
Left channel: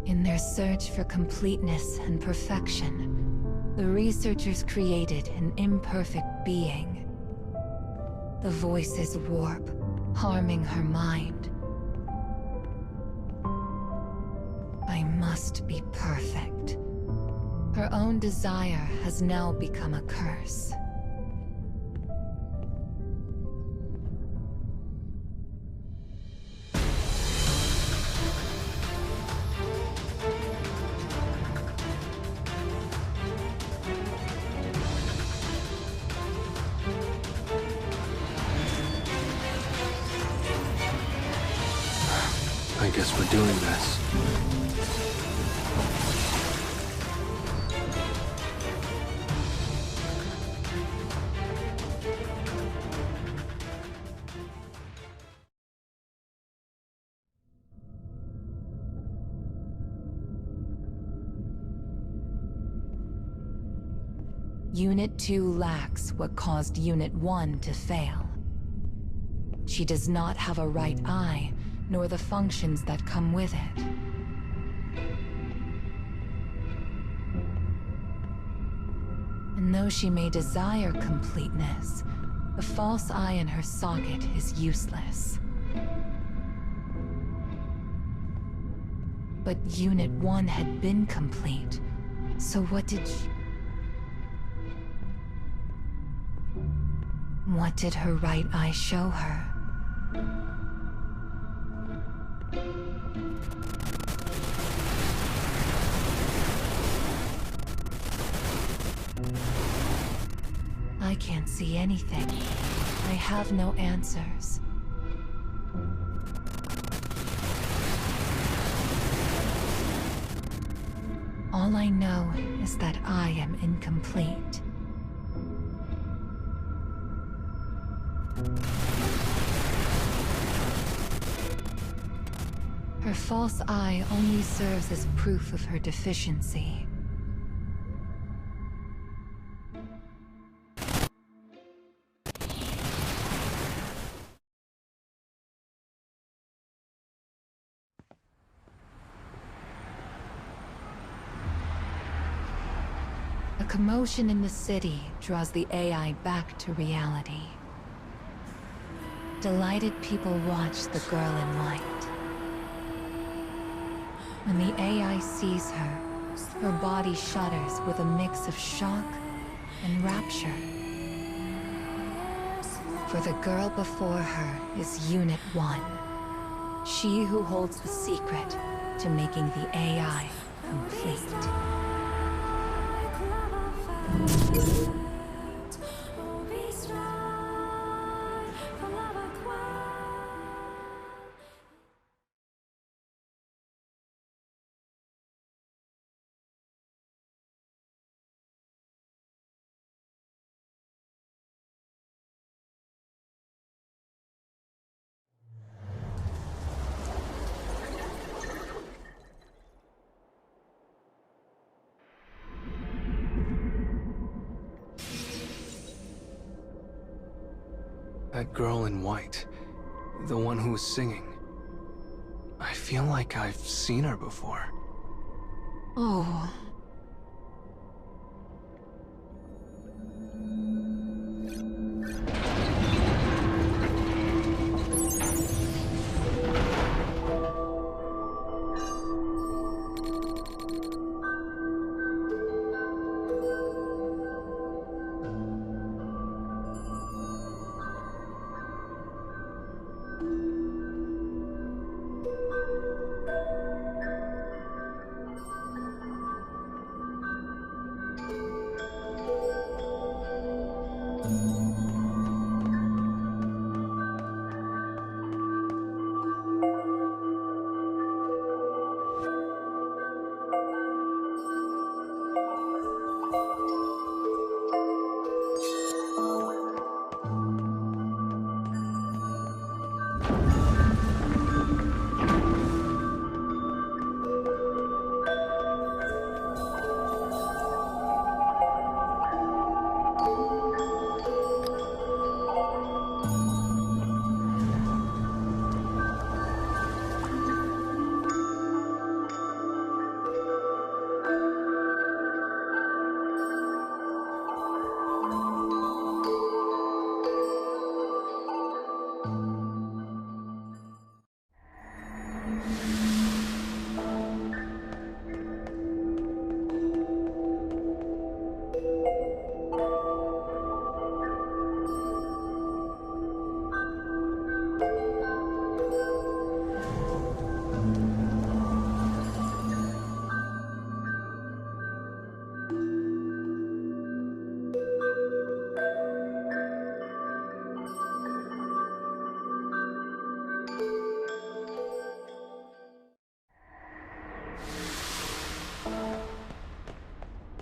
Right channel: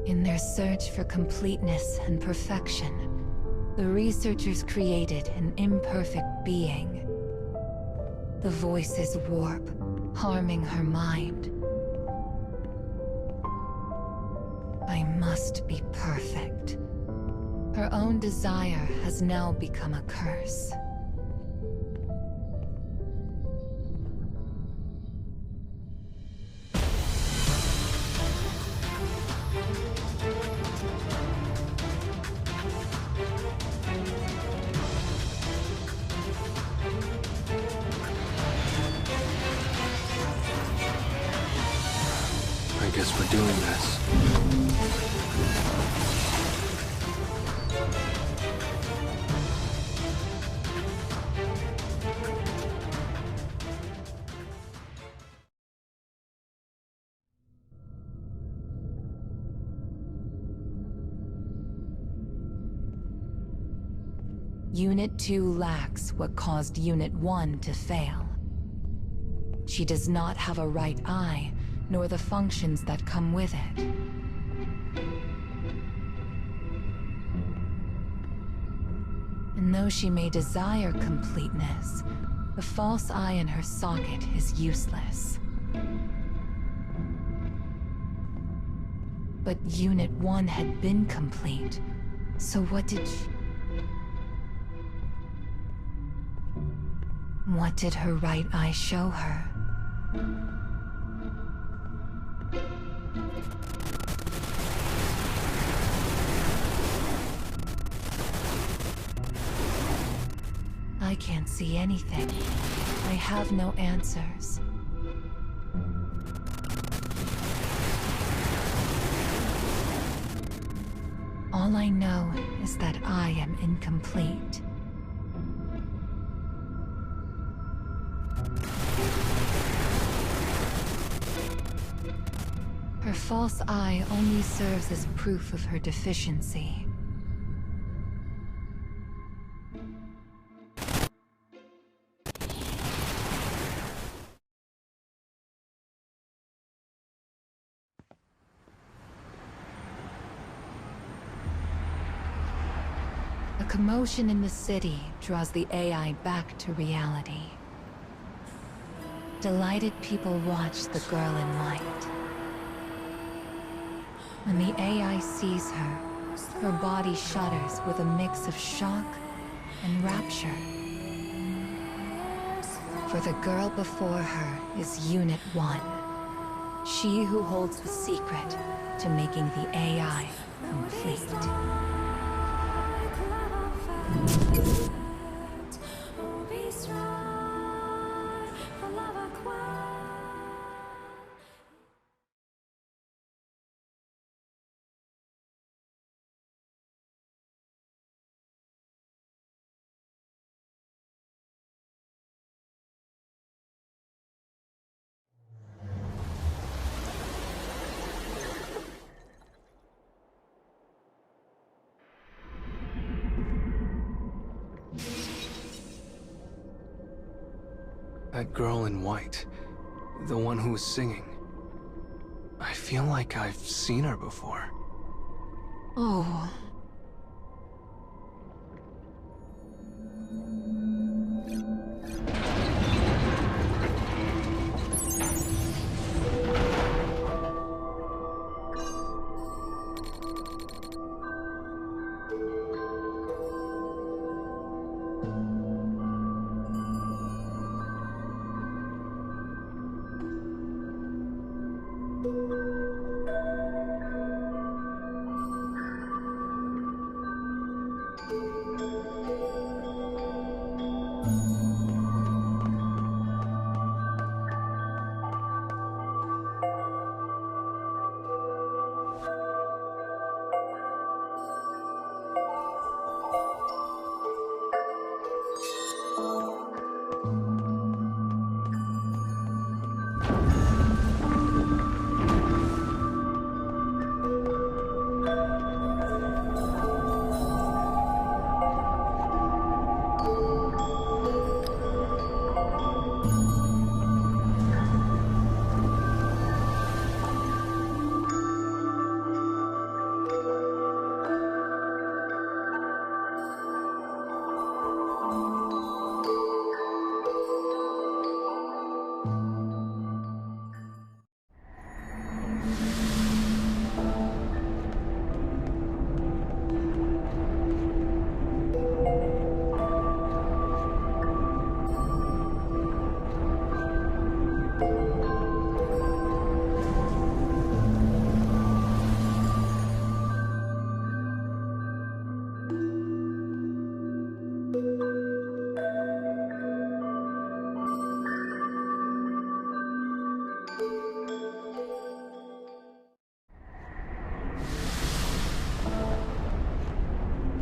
In their search for completeness and perfection, the researchers created an imperfect being. The voices warp, harming her mind. I must be perfect. Her own desire has now become a curse. I guess we're doing this. Unit 2 lacks what caused Unit 1 to fail. She does not have a right eye, nor the functions that come with it. And though she may desire completeness, the false eye in her socket is useless. But Unit 1 had been complete, so what did her right eye show her? I can't see anything. I have no answers. All I know is that I am incomplete. Her false eye only serves as proof of her deficiency. A commotion in the city draws the AI back to reality. Delighted people watch the girl in white. When the AI sees her, her body shudders with a mix of shock and rapture. For the girl before her is Unit 1. She who holds the secret to making the AI complete. That girl in white, the one who was singing. I feel like I've seen her before. Oh.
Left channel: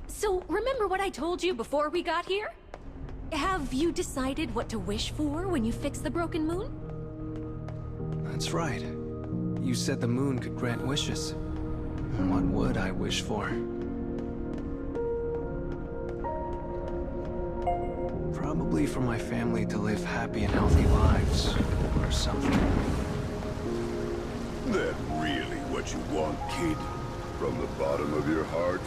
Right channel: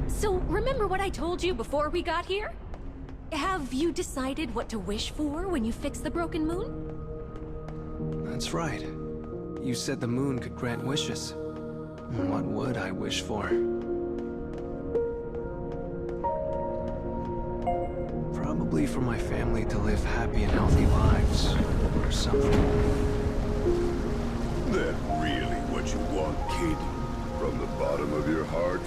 So, remember what I told you before we got here? Have you decided what to wish for when you fix the broken moon? That's right. You said the moon could grant wishes. What would I wish for? Probably for my family to live happy and healthy lives, or something. That really what you want, kid? From the bottom of your heart?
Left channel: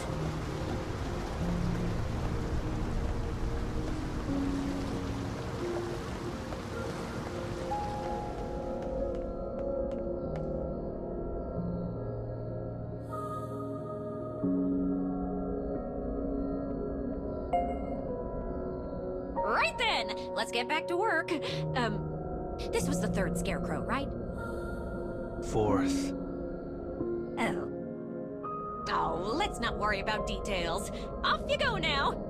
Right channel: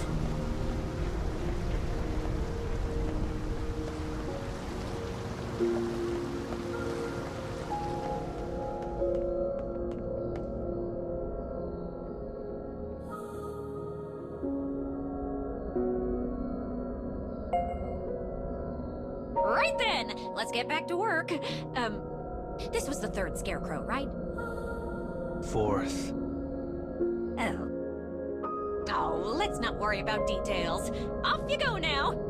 Right then! Let's get back to work. This was the third scarecrow, right? Fourth. Oh. Oh, let's not worry about details. Off you go now!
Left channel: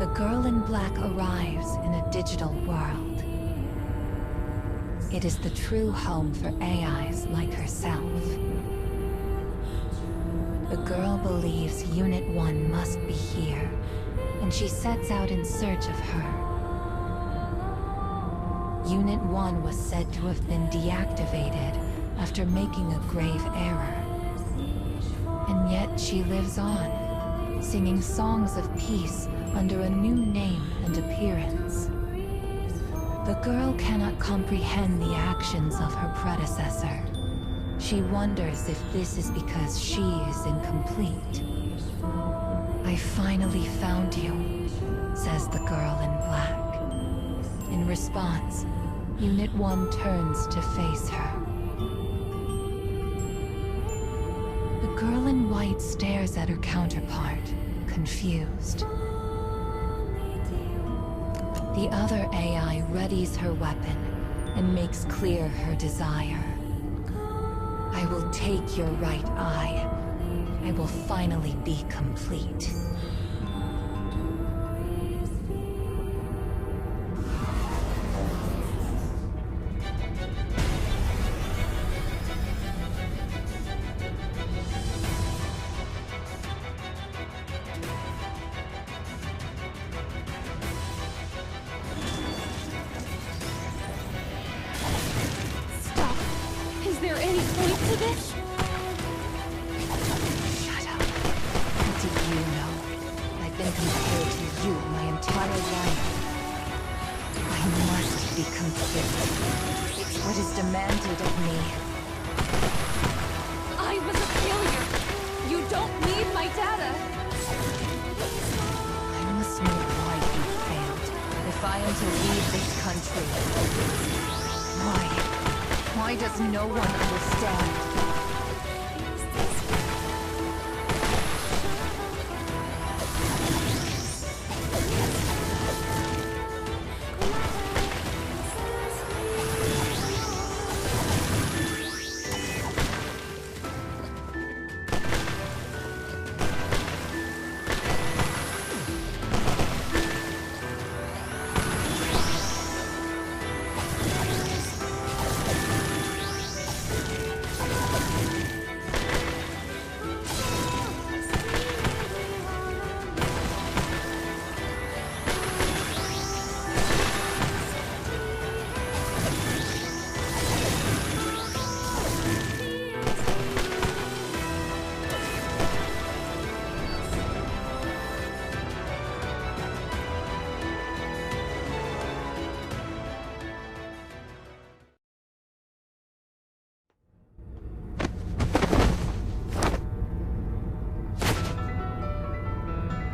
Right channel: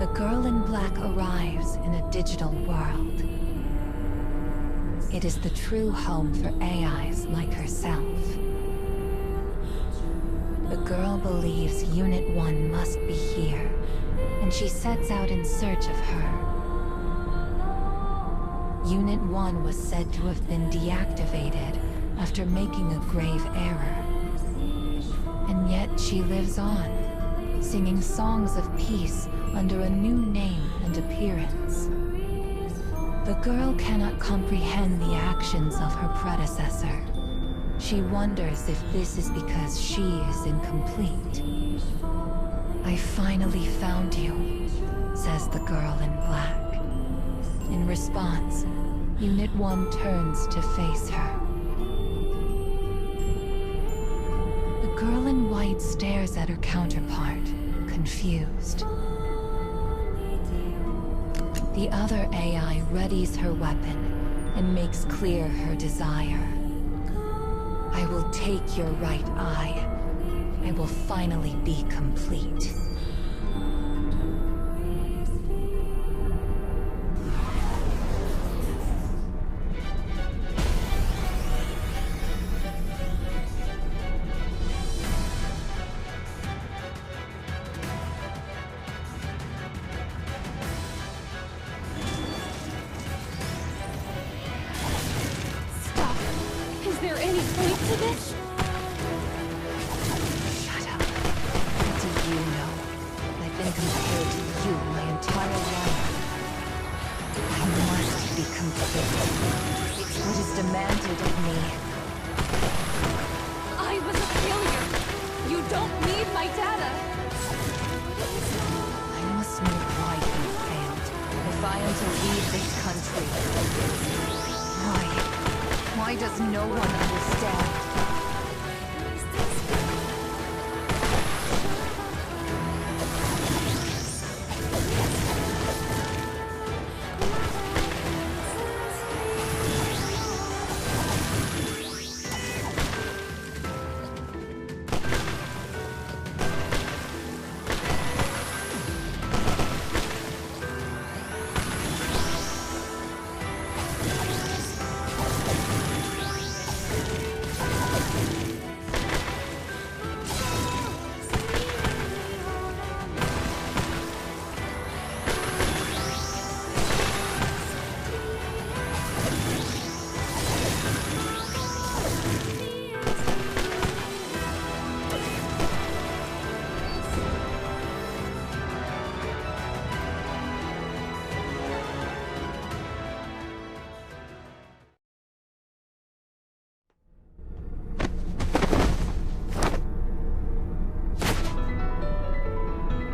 The girl in black arrives in a digital world. It is the true home for AIs like herself. The girl believes Unit 1 must be here, and she sets out in search of her. Unit 1 was said to have been deactivated after making a grave error. And yet she lives on, singing songs of peace under a new name and appearance. The girl cannot comprehend the actions of her predecessor. She wonders if this is because she is incomplete. "I finally found you," says the girl in black. In response, Unit 1 turns to face her. The girl in white stares at her counterpart, confused. The other AI readies her weapon and makes clear her desire. "I will take your right eye. I will finally be complete." Stop! Is there any point to this? Shut up. What do you know? I've been compared to you my entire life. I must be complete. It's what is demanded of me. I was a failure. You don't need my data. I must know why you failed, if I am to leave this country. Why? Why does no one understand?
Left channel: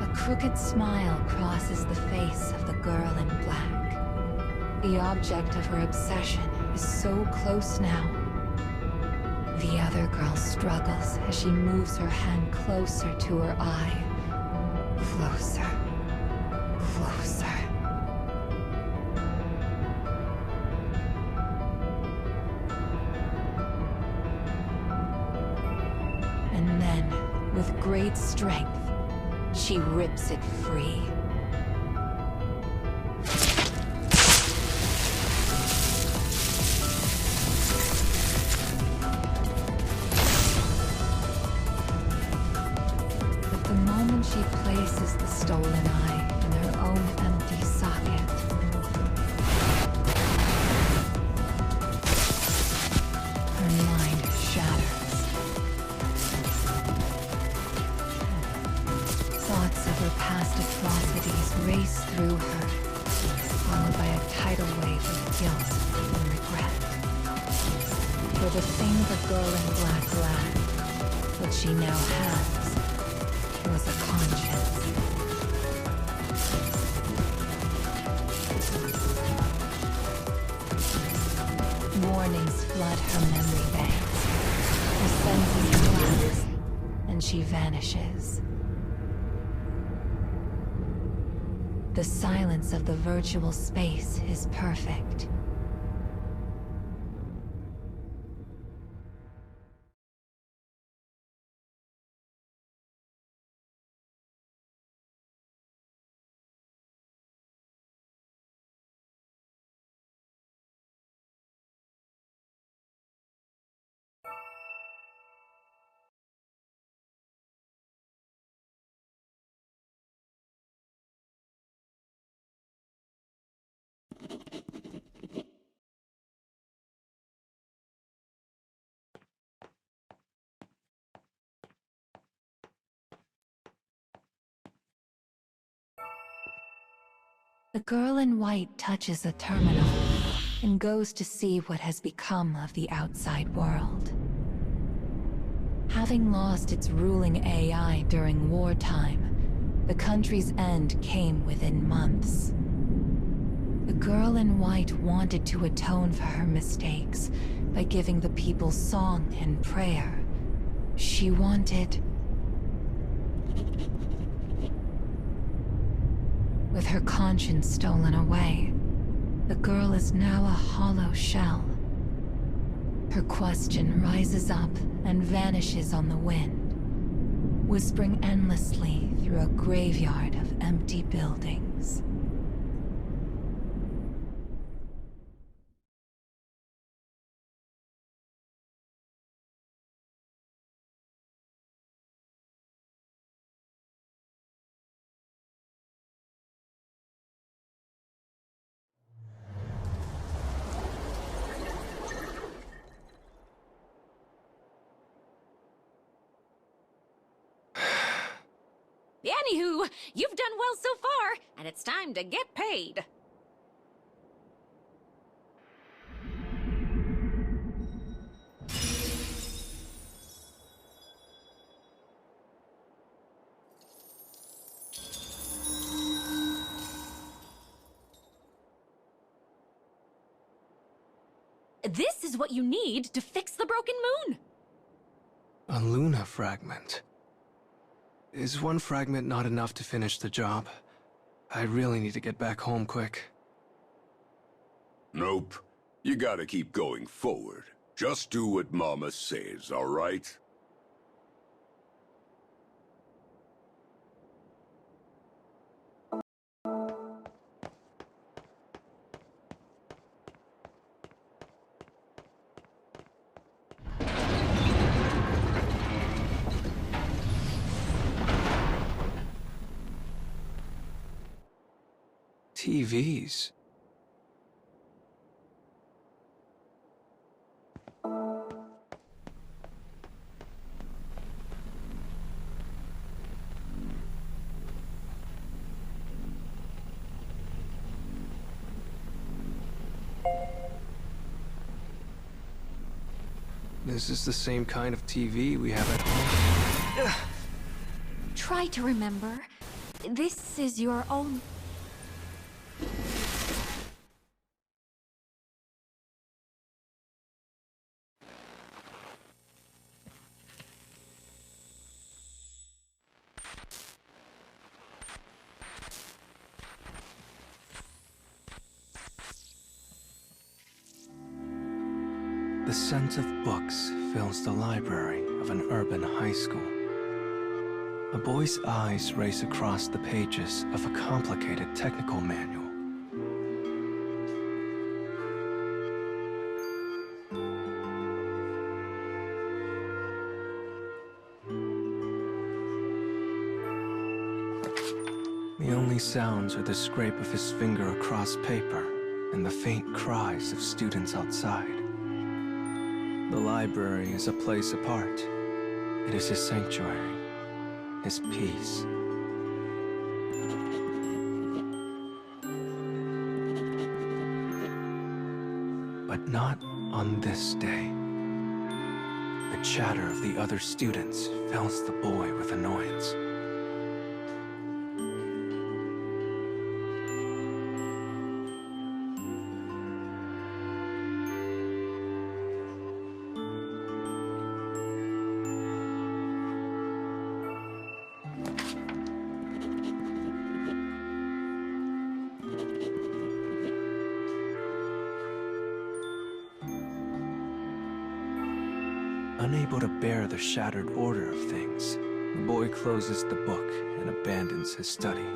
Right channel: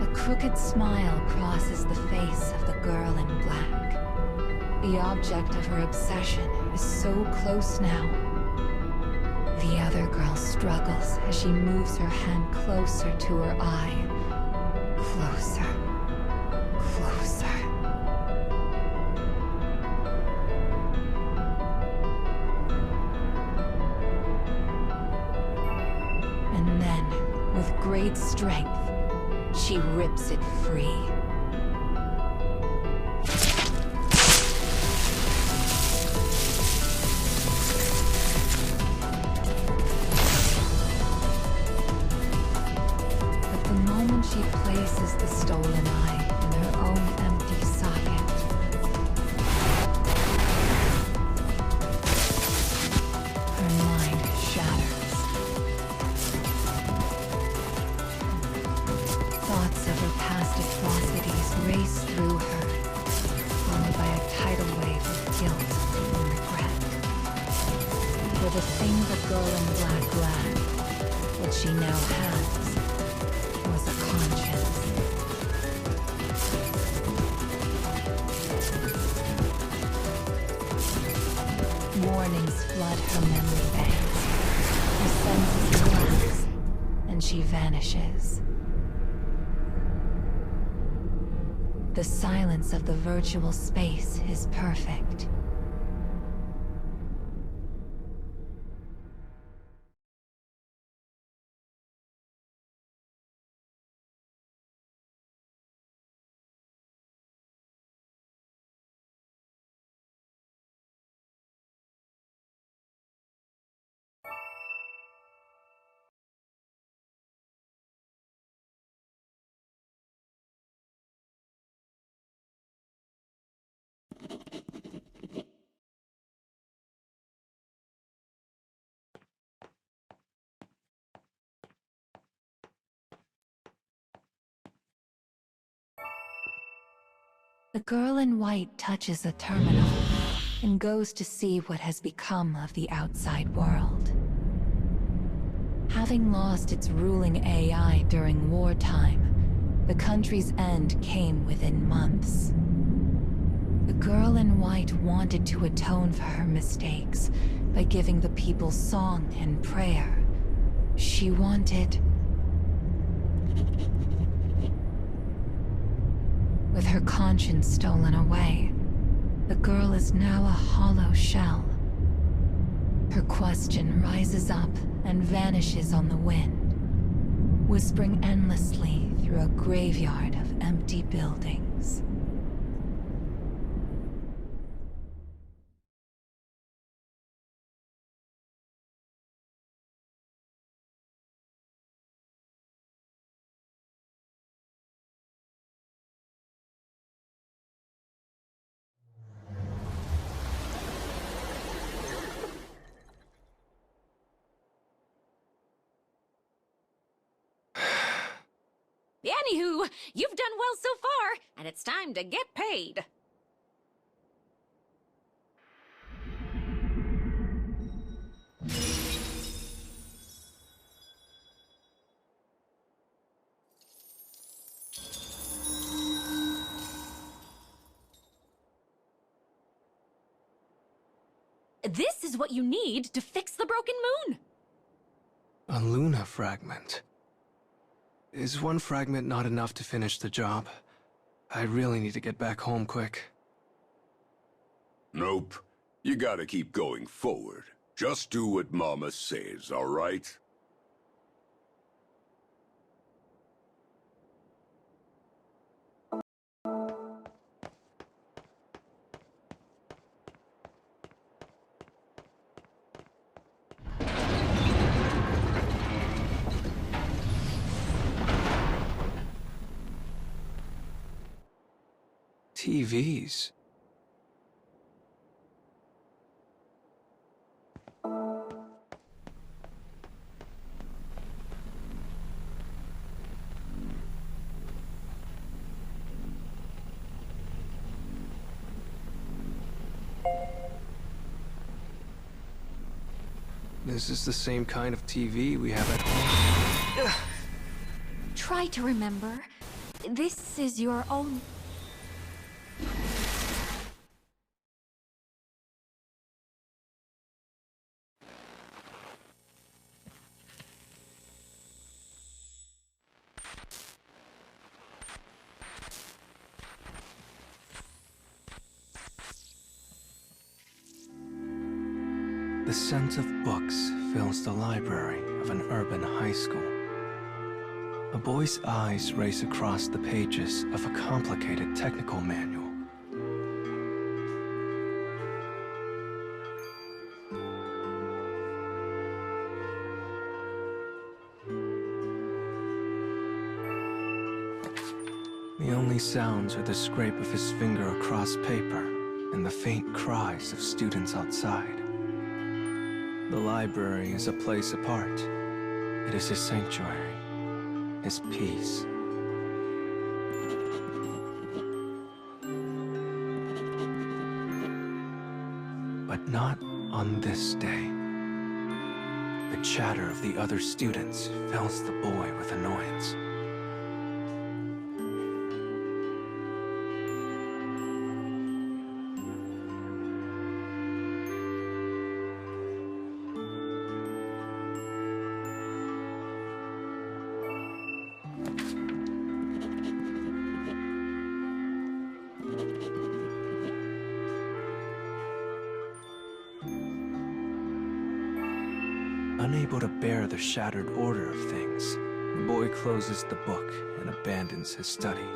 A crooked smile crosses the face of the girl in black. The object of her obsession is so close now. The other girl struggles as she moves her hand closer to her eye. Closer. Closer. With great strength, she rips it free. But the moment she places the stolen eye in her own empty socket, her mind shatters. Thoughts of her past atrocities race through her, followed by a tidal wave of guilt and regret. For the thing the girl in black lacked, what she now has, was a conscience. Warnings flood her memory banks. Her senses collapse, and she vanishes. The silence of the virtual space is perfect. The girl in white touches a terminal and goes to see what has become of the outside world. Having lost its ruling AI during wartime, the country's end came within months. The girl in white wanted to atone for her mistakes by giving the people song and prayer. She wanted... With her conscience stolen away, the girl is now a hollow shell. Her question rises up and vanishes on the wind, whispering endlessly through a graveyard of empty buildings. Anywho, you've done well so far, and it's time to get paid. This is what you need to fix the broken moon. A Luna fragment. Is one fragment not enough to finish the job? I really need to get back home quick. Nope. You gotta keep going forward. Just do what Mama says, all right? TVs. This is the same kind of TV we have at home. Try to remember. This is your own... The scent of books fills the library of an urban high school. A boy's eyes race across the pages of a complicated technical manual. The only sounds are the scrape of his finger across paper and the faint cries of students outside. The library is a place apart. It is his sanctuary, his peace. But not on this day. The chatter of the other students fills the boy with annoyance. Unable to bear the shattered order of things, the boy closes the book and abandons his study.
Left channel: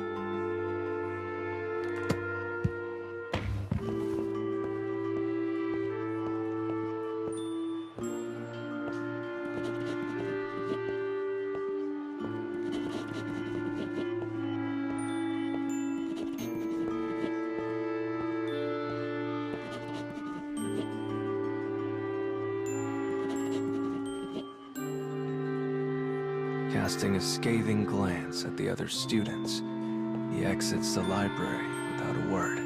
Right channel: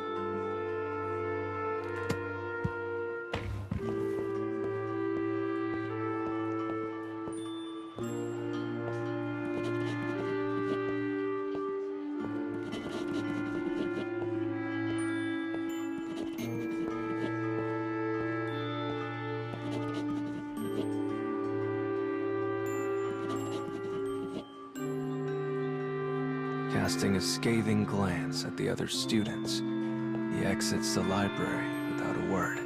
Casting a scathing glance at the other students, he exits the library without a word.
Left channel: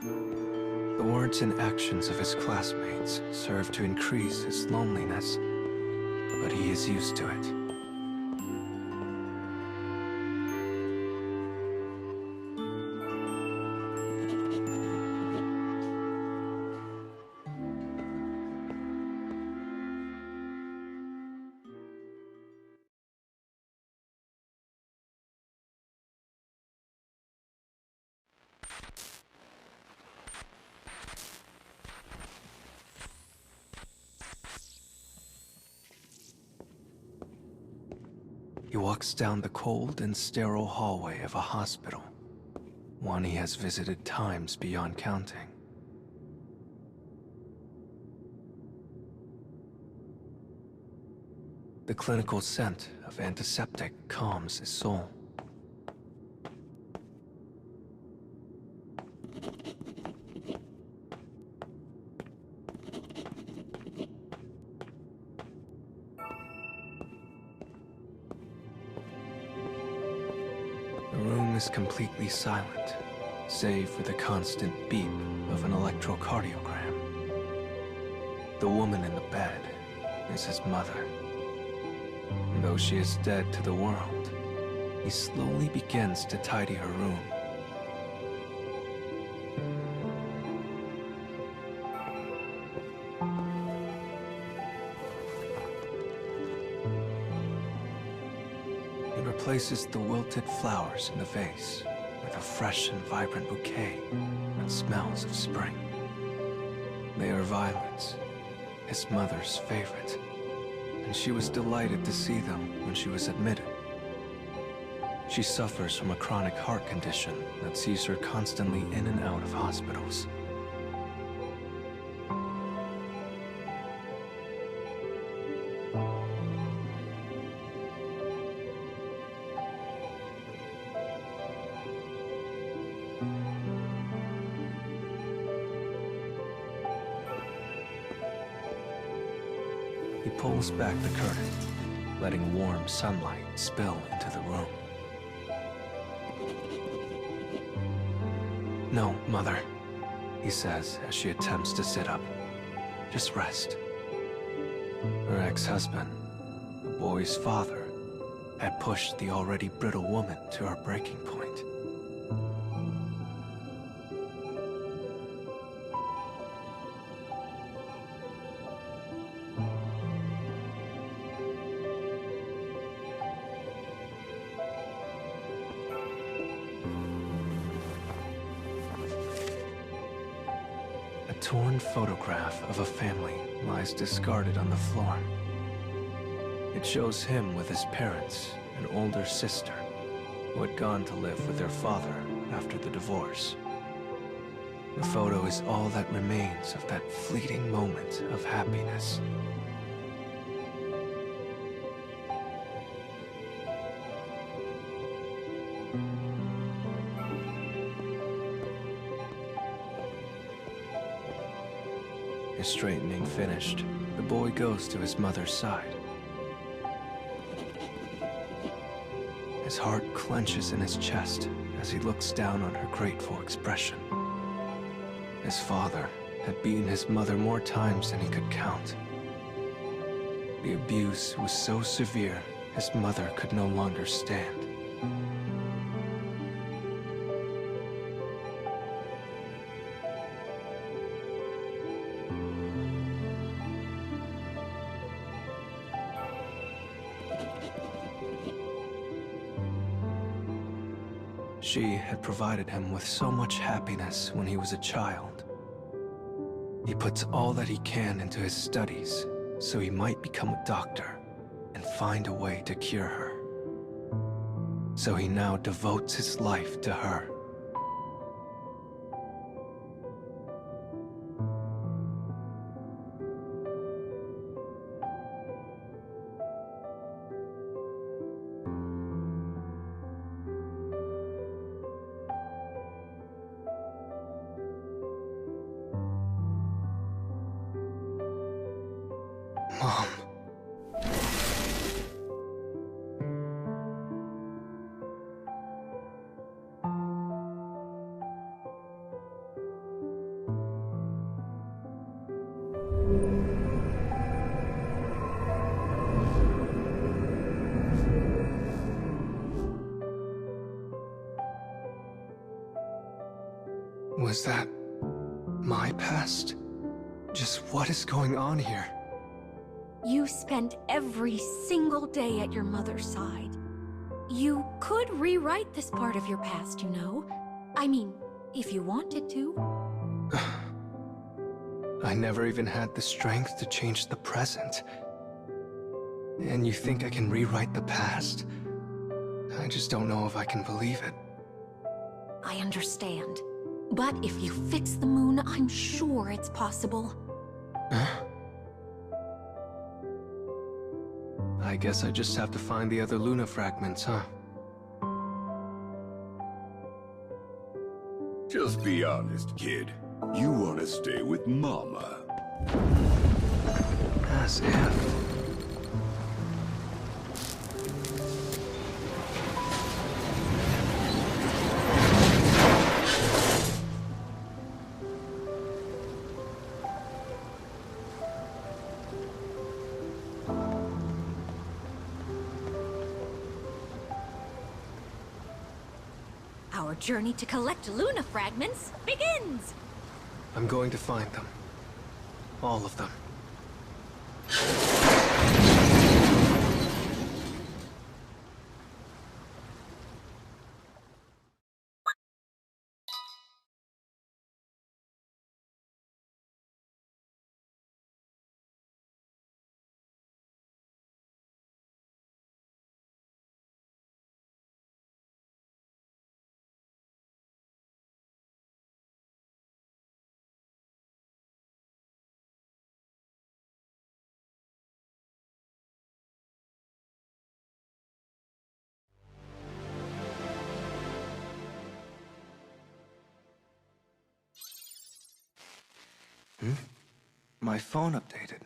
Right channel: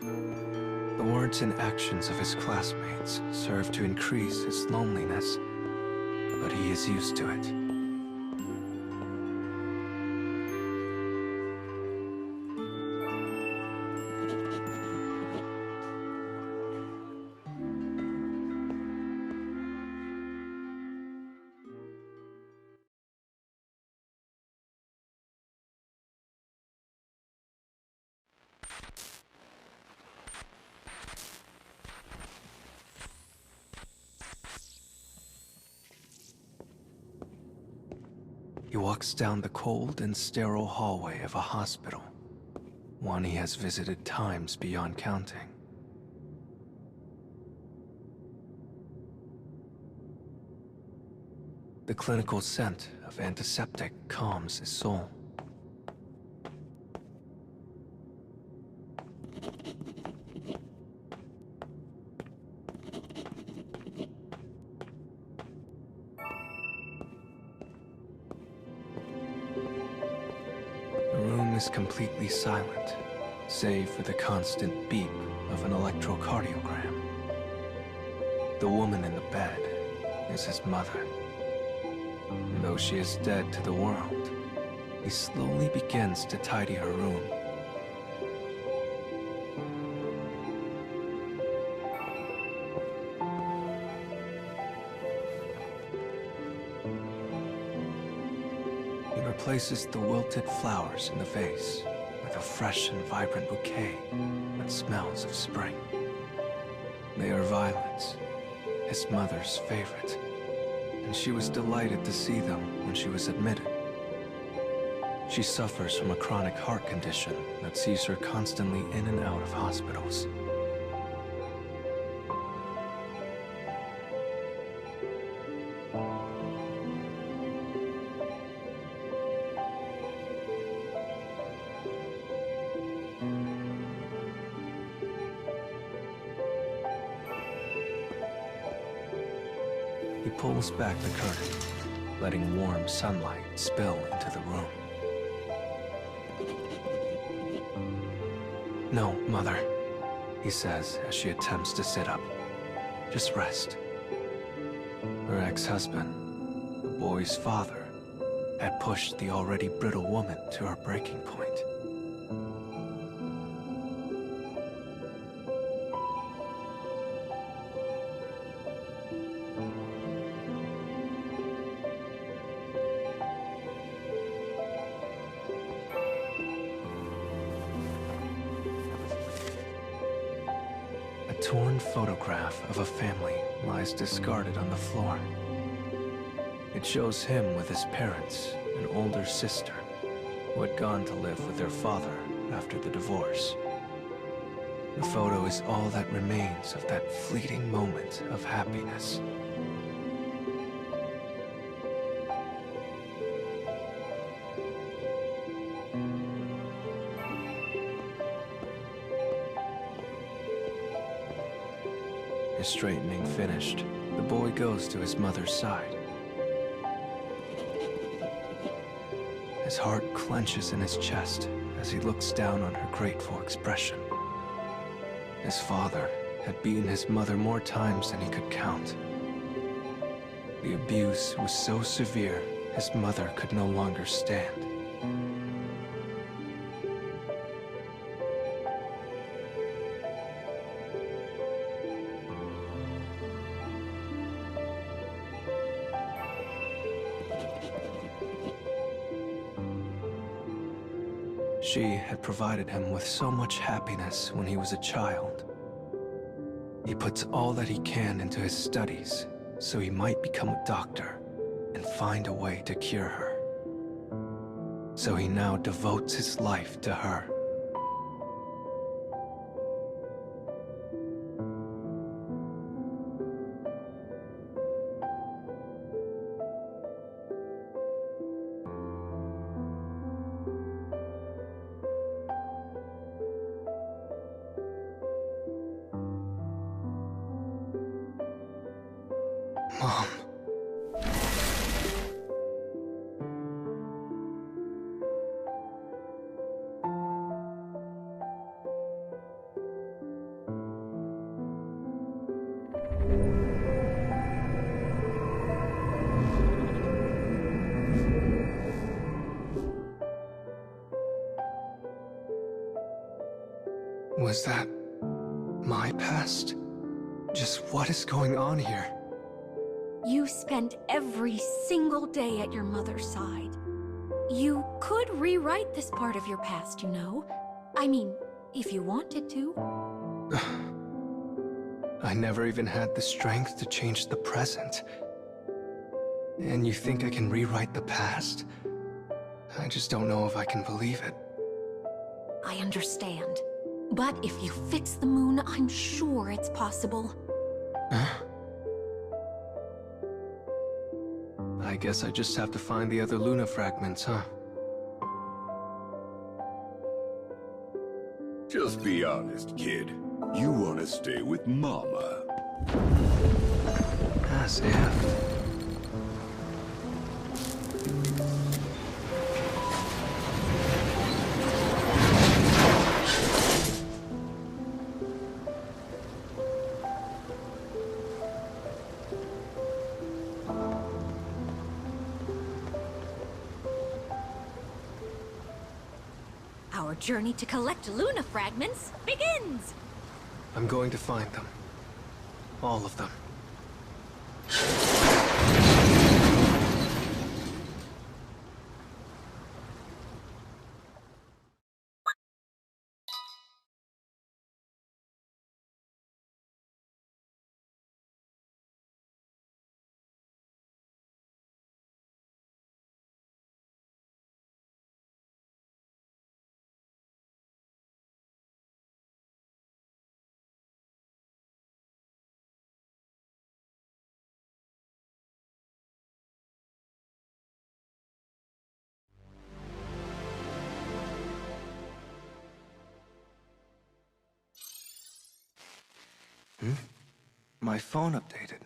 The words and actions of his classmates serve to increase his loneliness, but he is used to it. He walks down the cold and sterile hallway of a hospital, one he has visited times beyond counting. The clinical scent of antiseptic calms his soul. The room is completely silent, save for the constant beep of an electrocardiogram. The woman in the bed is his mother. And though she is dead to the world, he slowly begins to tidy her room. He replaces the wilted flowers in the vase with a fresh and vibrant bouquet that smells of spring. They are violets, his mother's favorite, and she was delighted to see them when she was admitted. She suffers from a chronic heart condition that sees her constantly in and out of hospitals. He pulls back the curtain, letting warm sunlight spill into the room. "No, Mother," he says as she attempts to sit up. "Just rest." Her ex-husband, the boy's father, had pushed the already brittle woman to her breaking point. A torn photograph of a family lies discarded on the floor. It shows him with his parents an older sister, who had gone to live with their father after the divorce. The photo is all that remains of that fleeting moment of happiness. His straightening finished, the boy goes to his mother's side. His heart clenches in his chest as he looks down on her grateful expression. His father had beaten his mother more times than he could count. The abuse was so severe, his mother could no longer stand. She had provided him with so much happiness when he was a child. He puts all that he can into his studies so he might become a doctor and find a way to cure her. So he now devotes his life to her. Mom. Was that my past? Just what is going on here? You spent every single day at your mother's side. You could rewrite this part of your past, you know. I mean, if you wanted to. I never even had the strength to change the present. And you think I can rewrite the past? I just don't know if I can believe it. I understand. But if you fix the moon, I'm sure it's possible. Huh? I guess I just have to find the other Luna fragments, huh? Just be honest, kid. You want to stay with Mama. As if. Our journey to collect Luna fragments begins! I'm going to find them. All of them. My phone updated.